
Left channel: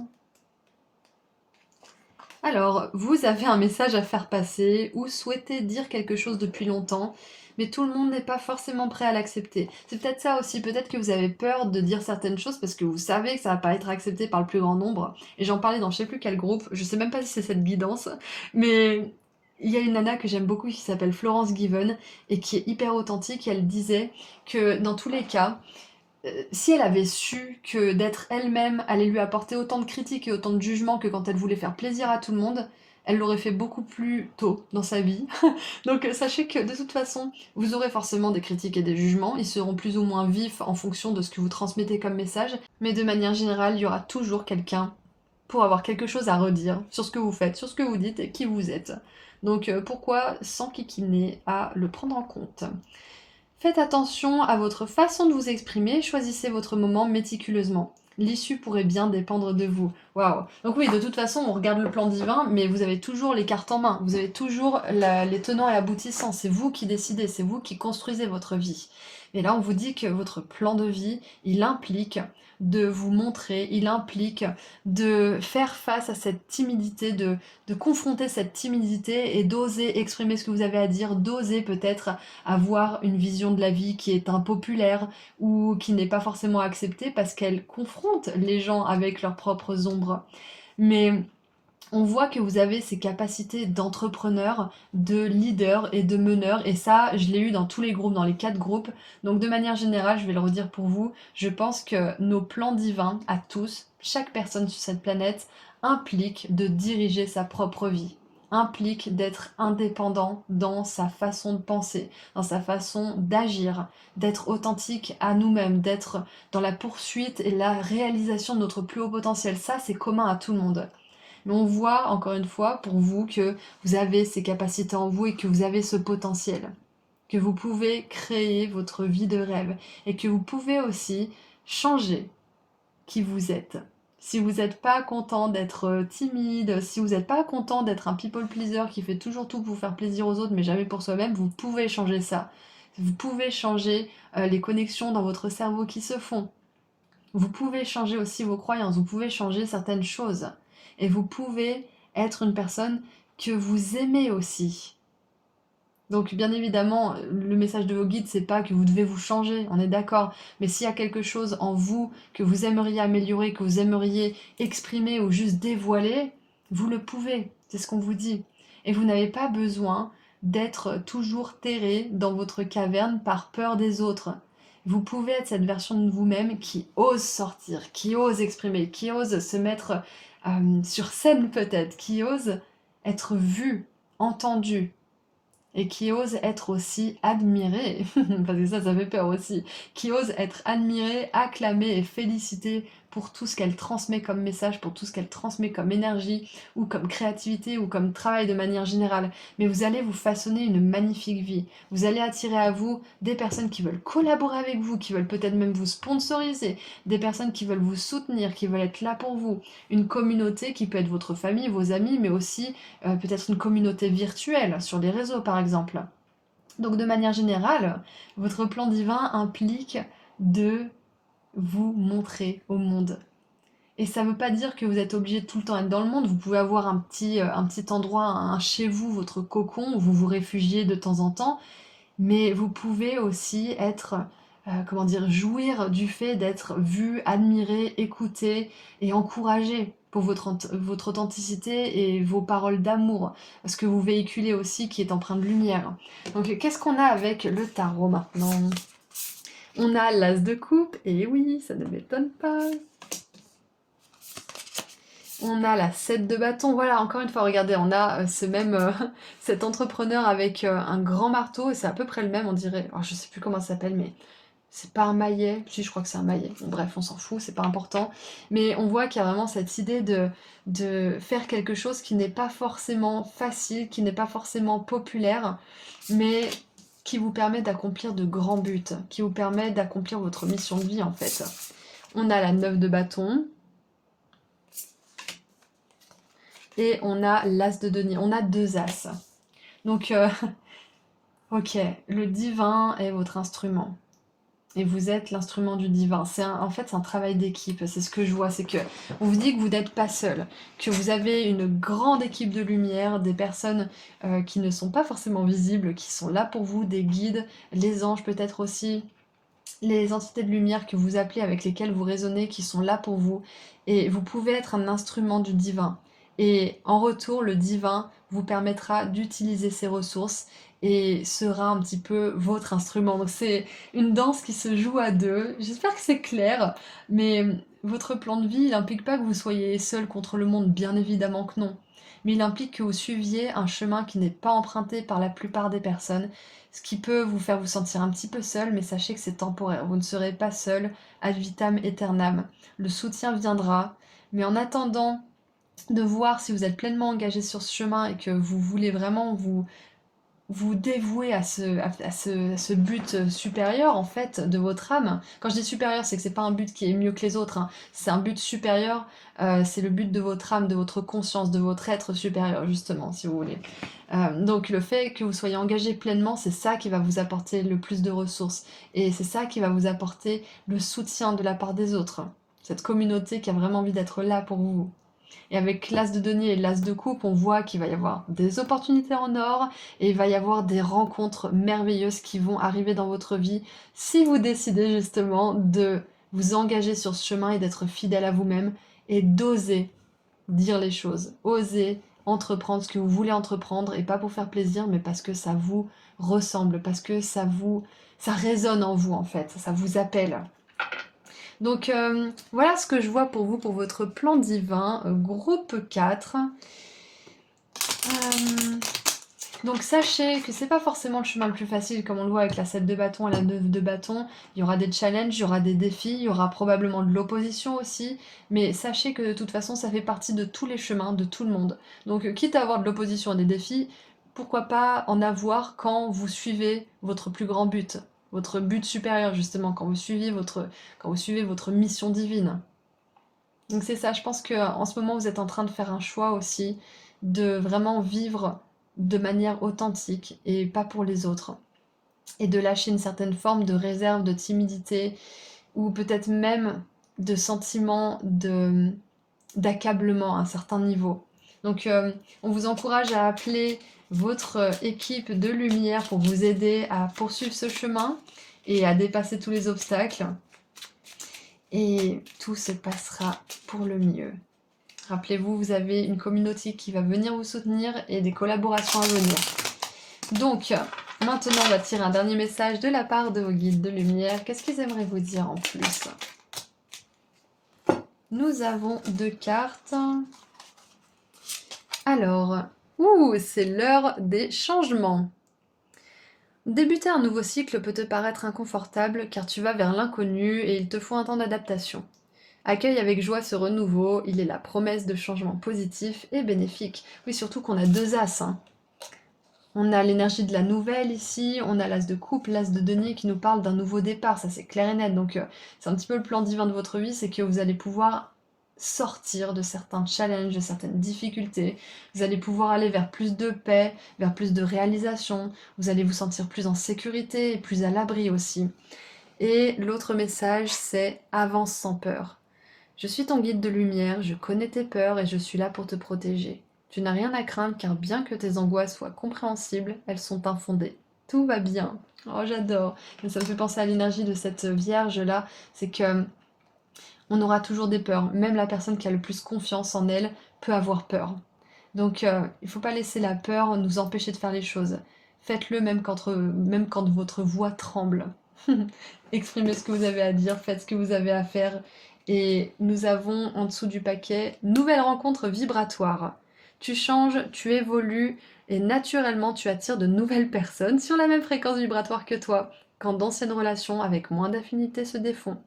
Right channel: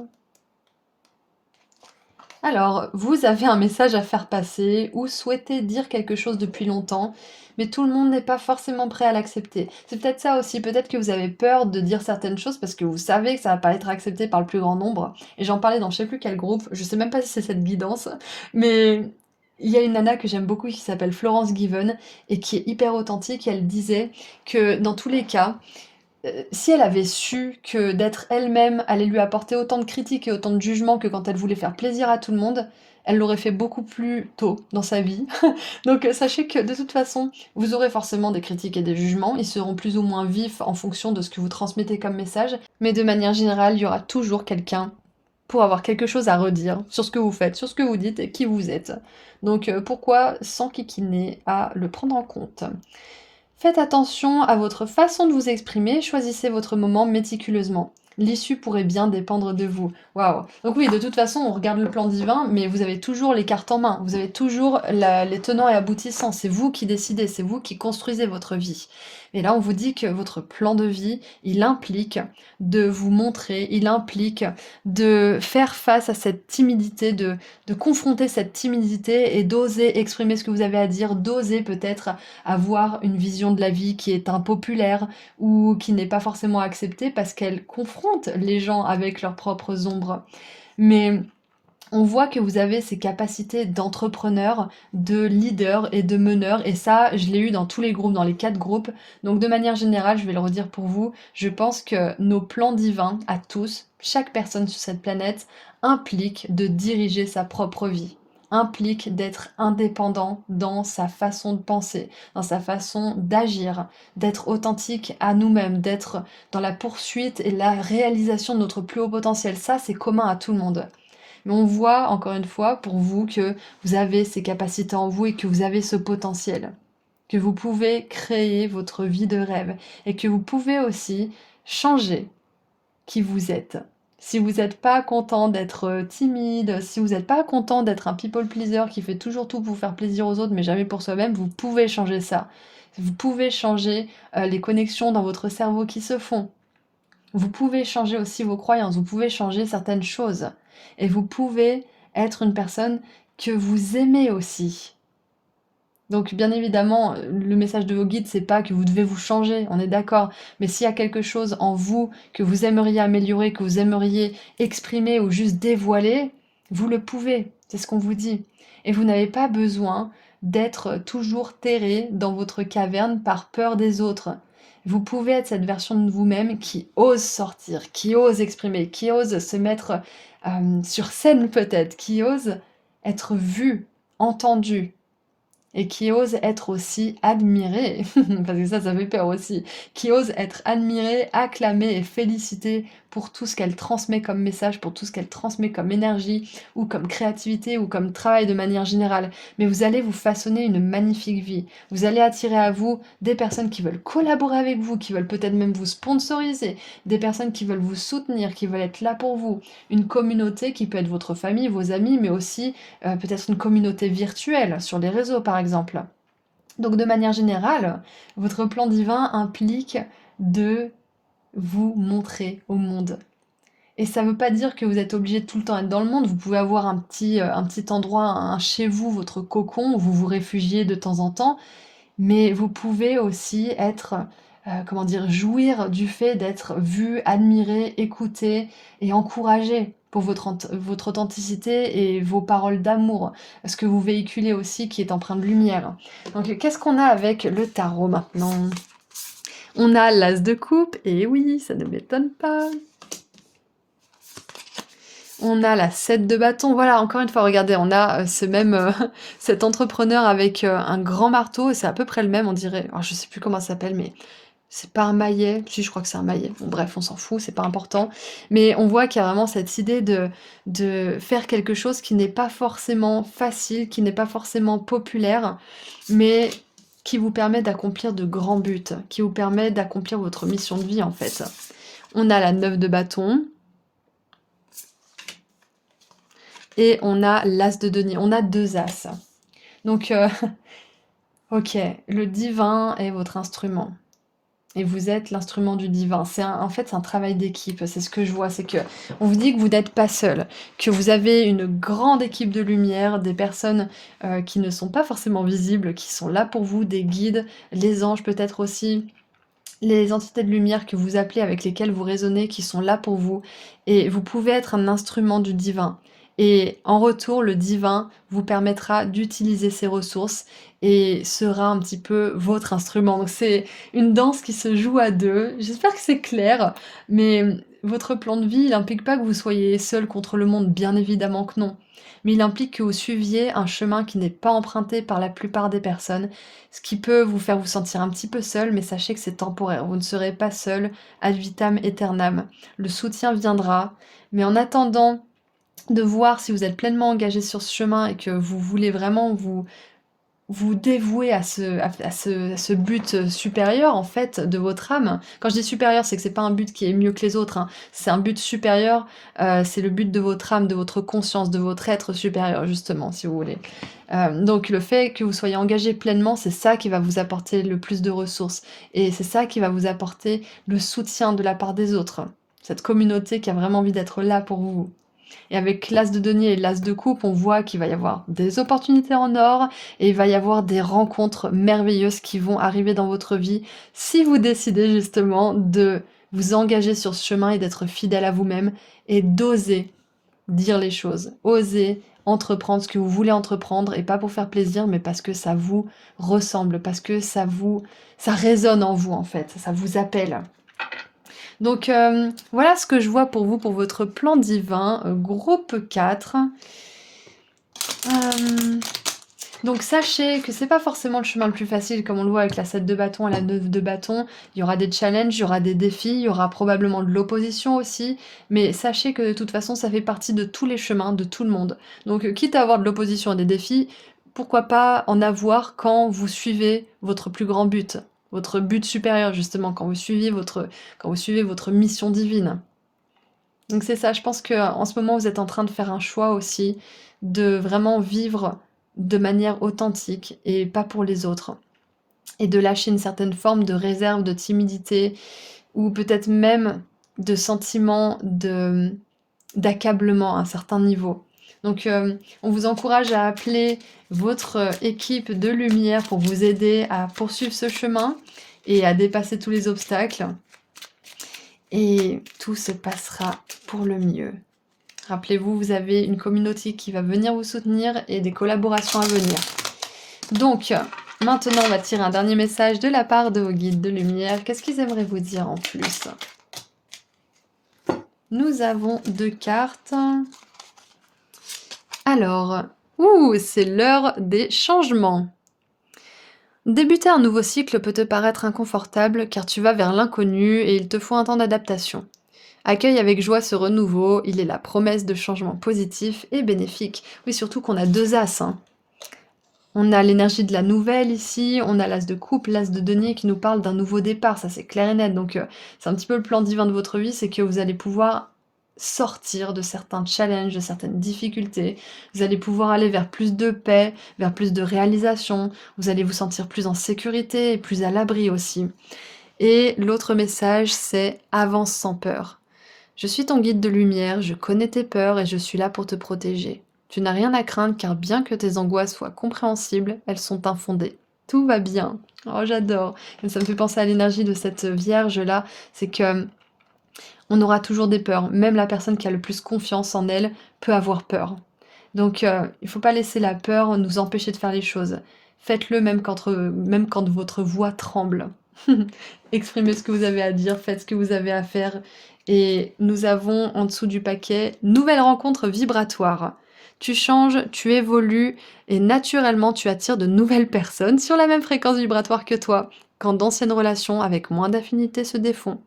Alors, vous avez un message à faire passer ou souhaitez dire quelque chose depuis longtemps, mais tout le monde n'est pas forcément prêt à l'accepter. C'est peut-être ça aussi, peut-être que vous avez peur de dire certaines choses parce que vous savez que ça va pas être accepté par le plus grand nombre. Et j'en parlais dans je sais plus quel groupe, je sais même pas si c'est cette guidance, mais il y a une nana que j'aime beaucoup qui s'appelle Florence Given et qui est hyper authentique. Elle disait que dans tous les cas, si elle avait su que d'être elle-même allait lui apporter autant de critiques et autant de jugements que quand elle voulait faire plaisir à tout le monde, elle l'aurait fait beaucoup plus tôt dans sa vie. Donc sachez que de toute façon, vous aurez forcément des critiques et des jugements, ils seront plus ou moins vifs en fonction de ce que vous transmettez comme message, mais de manière générale, il y aura toujours quelqu'un pour avoir quelque chose à redire sur ce que vous faites, sur ce que vous dites et qui vous êtes. Donc pourquoi s'enquiquiner à le prendre en compte? Faites attention à votre façon de vous exprimer, choisissez votre moment méticuleusement. L'issue pourrait bien dépendre de vous. Waouh! Donc oui, de toute façon, on regarde le plan divin, mais vous avez toujours les cartes en main. Vous avez toujours les tenants et aboutissants. C'est vous qui décidez, c'est vous qui construisez votre vie. Et là, on vous dit que votre plan de vie, il implique de vous montrer, il implique de faire face à cette timidité, de confronter cette timidité et d'oser exprimer ce que vous avez à dire, d'oser peut-être avoir une vision de la vie qui est impopulaire ou qui n'est pas forcément acceptée parce qu'elle confronte les gens avec leurs propres ombres. Mais on voit que vous avez ces capacités d'entrepreneur, de leader et de meneur, et ça, je l'ai eu dans tous les groupes, dans les 4 groupes. Donc de manière générale, je vais le redire pour vous, je pense que nos plans divins, à tous, chaque personne sur cette planète, implique de diriger sa propre vie, implique d'être indépendant dans sa façon de penser, dans sa façon d'agir, d'être authentique à nous-mêmes, d'être dans la poursuite et la réalisation de notre plus haut potentiel. Ça, c'est commun à tout le monde. Mais on voit encore une fois pour vous que vous avez ces capacités en vous et que vous avez ce potentiel, que vous pouvez créer votre vie de rêve et que vous pouvez aussi changer qui vous êtes. Si vous n'êtes pas content d'être timide, si vous n'êtes pas content d'être un people pleaser qui fait toujours tout pour faire plaisir aux autres mais jamais pour soi-même, vous pouvez changer ça. Vous pouvez changer les connexions dans votre cerveau qui se font. Vous pouvez changer aussi vos croyances, vous pouvez changer certaines choses. Et vous pouvez être une personne que vous aimez aussi. Donc bien évidemment, le message de vos guides, c'est pas que vous devez vous changer, on est d'accord. Mais s'il y a quelque chose en vous que vous aimeriez améliorer, que vous aimeriez exprimer ou juste dévoiler, vous le pouvez, c'est ce qu'on vous dit. Et vous n'avez pas besoin d'être toujours terré dans votre caverne par peur des autres. Vous pouvez être cette version de vous-même qui ose sortir, qui ose exprimer, qui ose se mettre sur scène peut-être, qui ose être vu, entendu, et qui ose être aussi admiré, parce que ça fait peur aussi, qui ose être admiré, acclamé et félicité pour tout ce qu'elle transmet comme message, pour tout ce qu'elle transmet comme énergie, ou comme créativité, ou comme travail de manière générale. Mais vous allez vous façonner une magnifique vie. Vous allez attirer à vous des personnes qui veulent collaborer avec vous, qui veulent peut-être même vous sponsoriser, des personnes qui veulent vous soutenir, qui veulent être là pour vous. Une communauté qui peut être votre famille, vos amis, mais aussi peut-être une communauté virtuelle sur les réseaux par exemple. Donc de manière générale, votre plan divin implique de vous montrer au monde. Et ça ne veut pas dire que vous êtes obligé de tout le temps être dans le monde. Vous pouvez avoir un petit endroit, un chez vous, votre cocon, où vous vous réfugiez de temps en temps. Mais vous pouvez aussi être, comment dire, jouir du fait d'être vu, admiré, écouté et encouragé pour votre authenticité et vos paroles d'amour, ce que vous véhiculez aussi qui est empreint de lumière. Donc qu'est-ce qu'on a avec le tarot maintenant? On a l'as de coupe, et oui, ça ne m'étonne pas. On a la 7 de bâton, voilà, encore une fois, regardez, on a cet entrepreneur avec un grand marteau, et c'est à peu près le même, on dirait. Alors, je sais plus comment ça s'appelle, mais c'est pas un maillet. Si, je crois que c'est un maillet. Bon, bref, on s'en fout, c'est pas important. Mais on voit qu'il y a vraiment cette idée de faire quelque chose qui n'est pas forcément facile, qui n'est pas forcément populaire, mais qui vous permet d'accomplir de grands buts, qui vous permet d'accomplir votre mission de vie, en fait. On a la 9 de bâton. Et on a l'as de denier, on a 2 as. Donc, ok, le divin est votre instrument. Et vous êtes l'instrument du divin. En fait, c'est un travail d'équipe, c'est ce que je vois. C'est que on vous dit que vous n'êtes pas seul, que vous avez une grande équipe de lumière, des personnes qui ne sont pas forcément visibles, qui sont là pour vous, des guides, les anges peut-être aussi, les entités de lumière que vous appelez, avec lesquelles vous raisonnez, qui sont là pour vous. Et vous pouvez être un instrument du divin. Et en retour, le divin vous permettra d'utiliser ces ressources et sera un petit peu votre instrument. Donc c'est une danse qui se joue à deux. J'espère que c'est clair, mais votre plan de vie, il n'implique pas que vous soyez seul contre le monde, bien évidemment que non. Mais il implique que vous suiviez un chemin qui n'est pas emprunté par la plupart des personnes, ce qui peut vous faire vous sentir un petit peu seul, mais sachez que c'est temporaire. Vous ne serez pas seul ad vitam aeternam. Le soutien viendra, mais en attendant de voir si vous êtes pleinement engagé sur ce chemin et que vous voulez vraiment vous dévouer à ce but supérieur, en fait, de votre âme. Quand je dis supérieur, c'est que c'est pas un but qui est mieux que les autres, hein. C'est un but supérieur, c'est le but de votre âme, de votre conscience, de votre être supérieur, justement, si vous voulez. Donc le fait que vous soyez engagé pleinement, c'est ça qui va vous apporter le plus de ressources. Et c'est ça qui va vous apporter le soutien de la part des autres. Cette communauté qui a vraiment envie d'être là pour vous. Et avec l'as de denier et l'as de coupe, on voit qu'il va y avoir des opportunités en or et il va y avoir des rencontres merveilleuses qui vont arriver dans votre vie si vous décidez justement de vous engager sur ce chemin et d'être fidèle à vous-même et d'oser dire les choses, oser entreprendre ce que vous voulez entreprendre et pas pour faire plaisir mais parce que ça vous ressemble, parce que ça résonne en vous en fait, ça vous appelle. Donc voilà ce que je vois pour vous, pour votre plan divin, groupe 4. Donc sachez que c'est pas forcément le chemin le plus facile, comme on le voit avec la 7 de bâton et la 9 de bâton. Il y aura des challenges, il y aura des défis, il y aura probablement de l'opposition aussi. Mais sachez que de toute façon, ça fait partie de tous les chemins, de tout le monde. Donc quitte à avoir de l'opposition et des défis, pourquoi pas en avoir quand vous suivez votre plus grand but, votre but supérieur justement, quand vous suivez votre mission divine. Donc c'est ça, je pense qu'en ce moment, vous êtes en train de faire un choix aussi, de vraiment vivre de manière authentique et pas pour les autres. Et de lâcher une certaine forme de réserve, de timidité, ou peut-être même de sentiment d'accablement à un certain niveau. Donc on vous encourage à appeler votre équipe de lumière pour vous aider à poursuivre ce chemin et à dépasser tous les obstacles. Et tout se passera pour le mieux. Rappelez-vous, vous avez une communauté qui va venir vous soutenir et des collaborations à venir. Donc, maintenant, on va tirer un dernier message de la part de vos guides de lumière. Qu'est-ce qu'ils aimeraient vous dire en plus? Nous avons 2 cartes. Alors, c'est l'heure des changements. Débuter un nouveau cycle peut te paraître inconfortable car tu vas vers l'inconnu et il te faut un temps d'adaptation. Accueille avec joie ce renouveau, il est la promesse de changements positifs et bénéfiques. Oui, surtout qu'on a 2 as, hein. On a l'énergie de la nouvelle ici, on a l'as de coupe, l'as de denier qui nous parle d'un nouveau départ, ça c'est clair et net. Donc c'est un petit peu le plan divin de votre vie, c'est que vous allez pouvoir sortir de certains challenges, de certaines difficultés. Vous allez pouvoir aller vers plus de paix, vers plus de réalisation. Vous allez vous sentir plus en sécurité et plus à l'abri aussi. Et l'autre message, c'est avance sans peur. Je suis ton guide de lumière, je connais tes peurs et je suis là pour te protéger. Tu n'as rien à craindre car bien que tes angoisses soient compréhensibles, elles sont infondées. Tout va bien. Oh, j'adore. Et ça me fait penser à l'énergie de cette vierge-là. C'est que on aura toujours des peurs. Même la personne qui a le plus confiance en elle peut avoir peur. Donc il ne faut pas laisser la peur nous empêcher de faire les choses. Faites-le même quand votre voix tremble. Exprimez ce que vous avez à dire, faites ce que vous avez à faire. Et nous avons en dessous du paquet, nouvelle rencontre vibratoire. Tu changes, tu évolues et naturellement tu attires de nouvelles personnes sur la même fréquence vibratoire que toi, quand d'anciennes relations avec moins d'affinité se défont.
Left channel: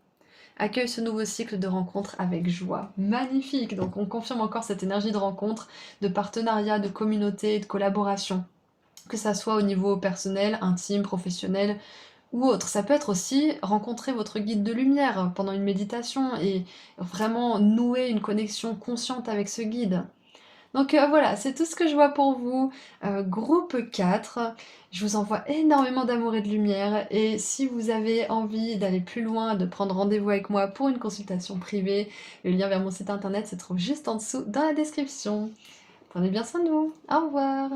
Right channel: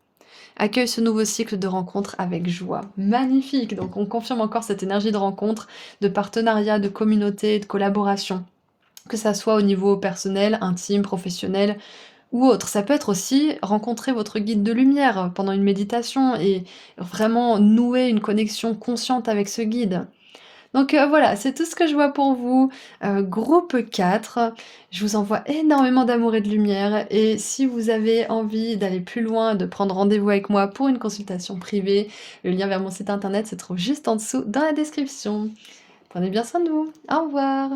Accueille ce nouveau cycle de rencontres avec joie. Magnifique! Donc on confirme encore cette énergie de rencontre, de partenariat, de communauté, de collaboration. Que ça soit au niveau personnel, intime, professionnel ou autre. Ça peut être aussi rencontrer votre guide de lumière pendant une méditation et vraiment nouer une connexion consciente avec ce guide. Donc voilà, c'est tout ce que je vois pour vous. Groupe 4, je vous envoie énormément d'amour et de lumière et si vous avez envie d'aller plus loin, de prendre rendez-vous avec moi pour une consultation privée, le lien vers mon site internet se trouve juste en dessous dans la description. Prenez bien soin de vous. Au revoir.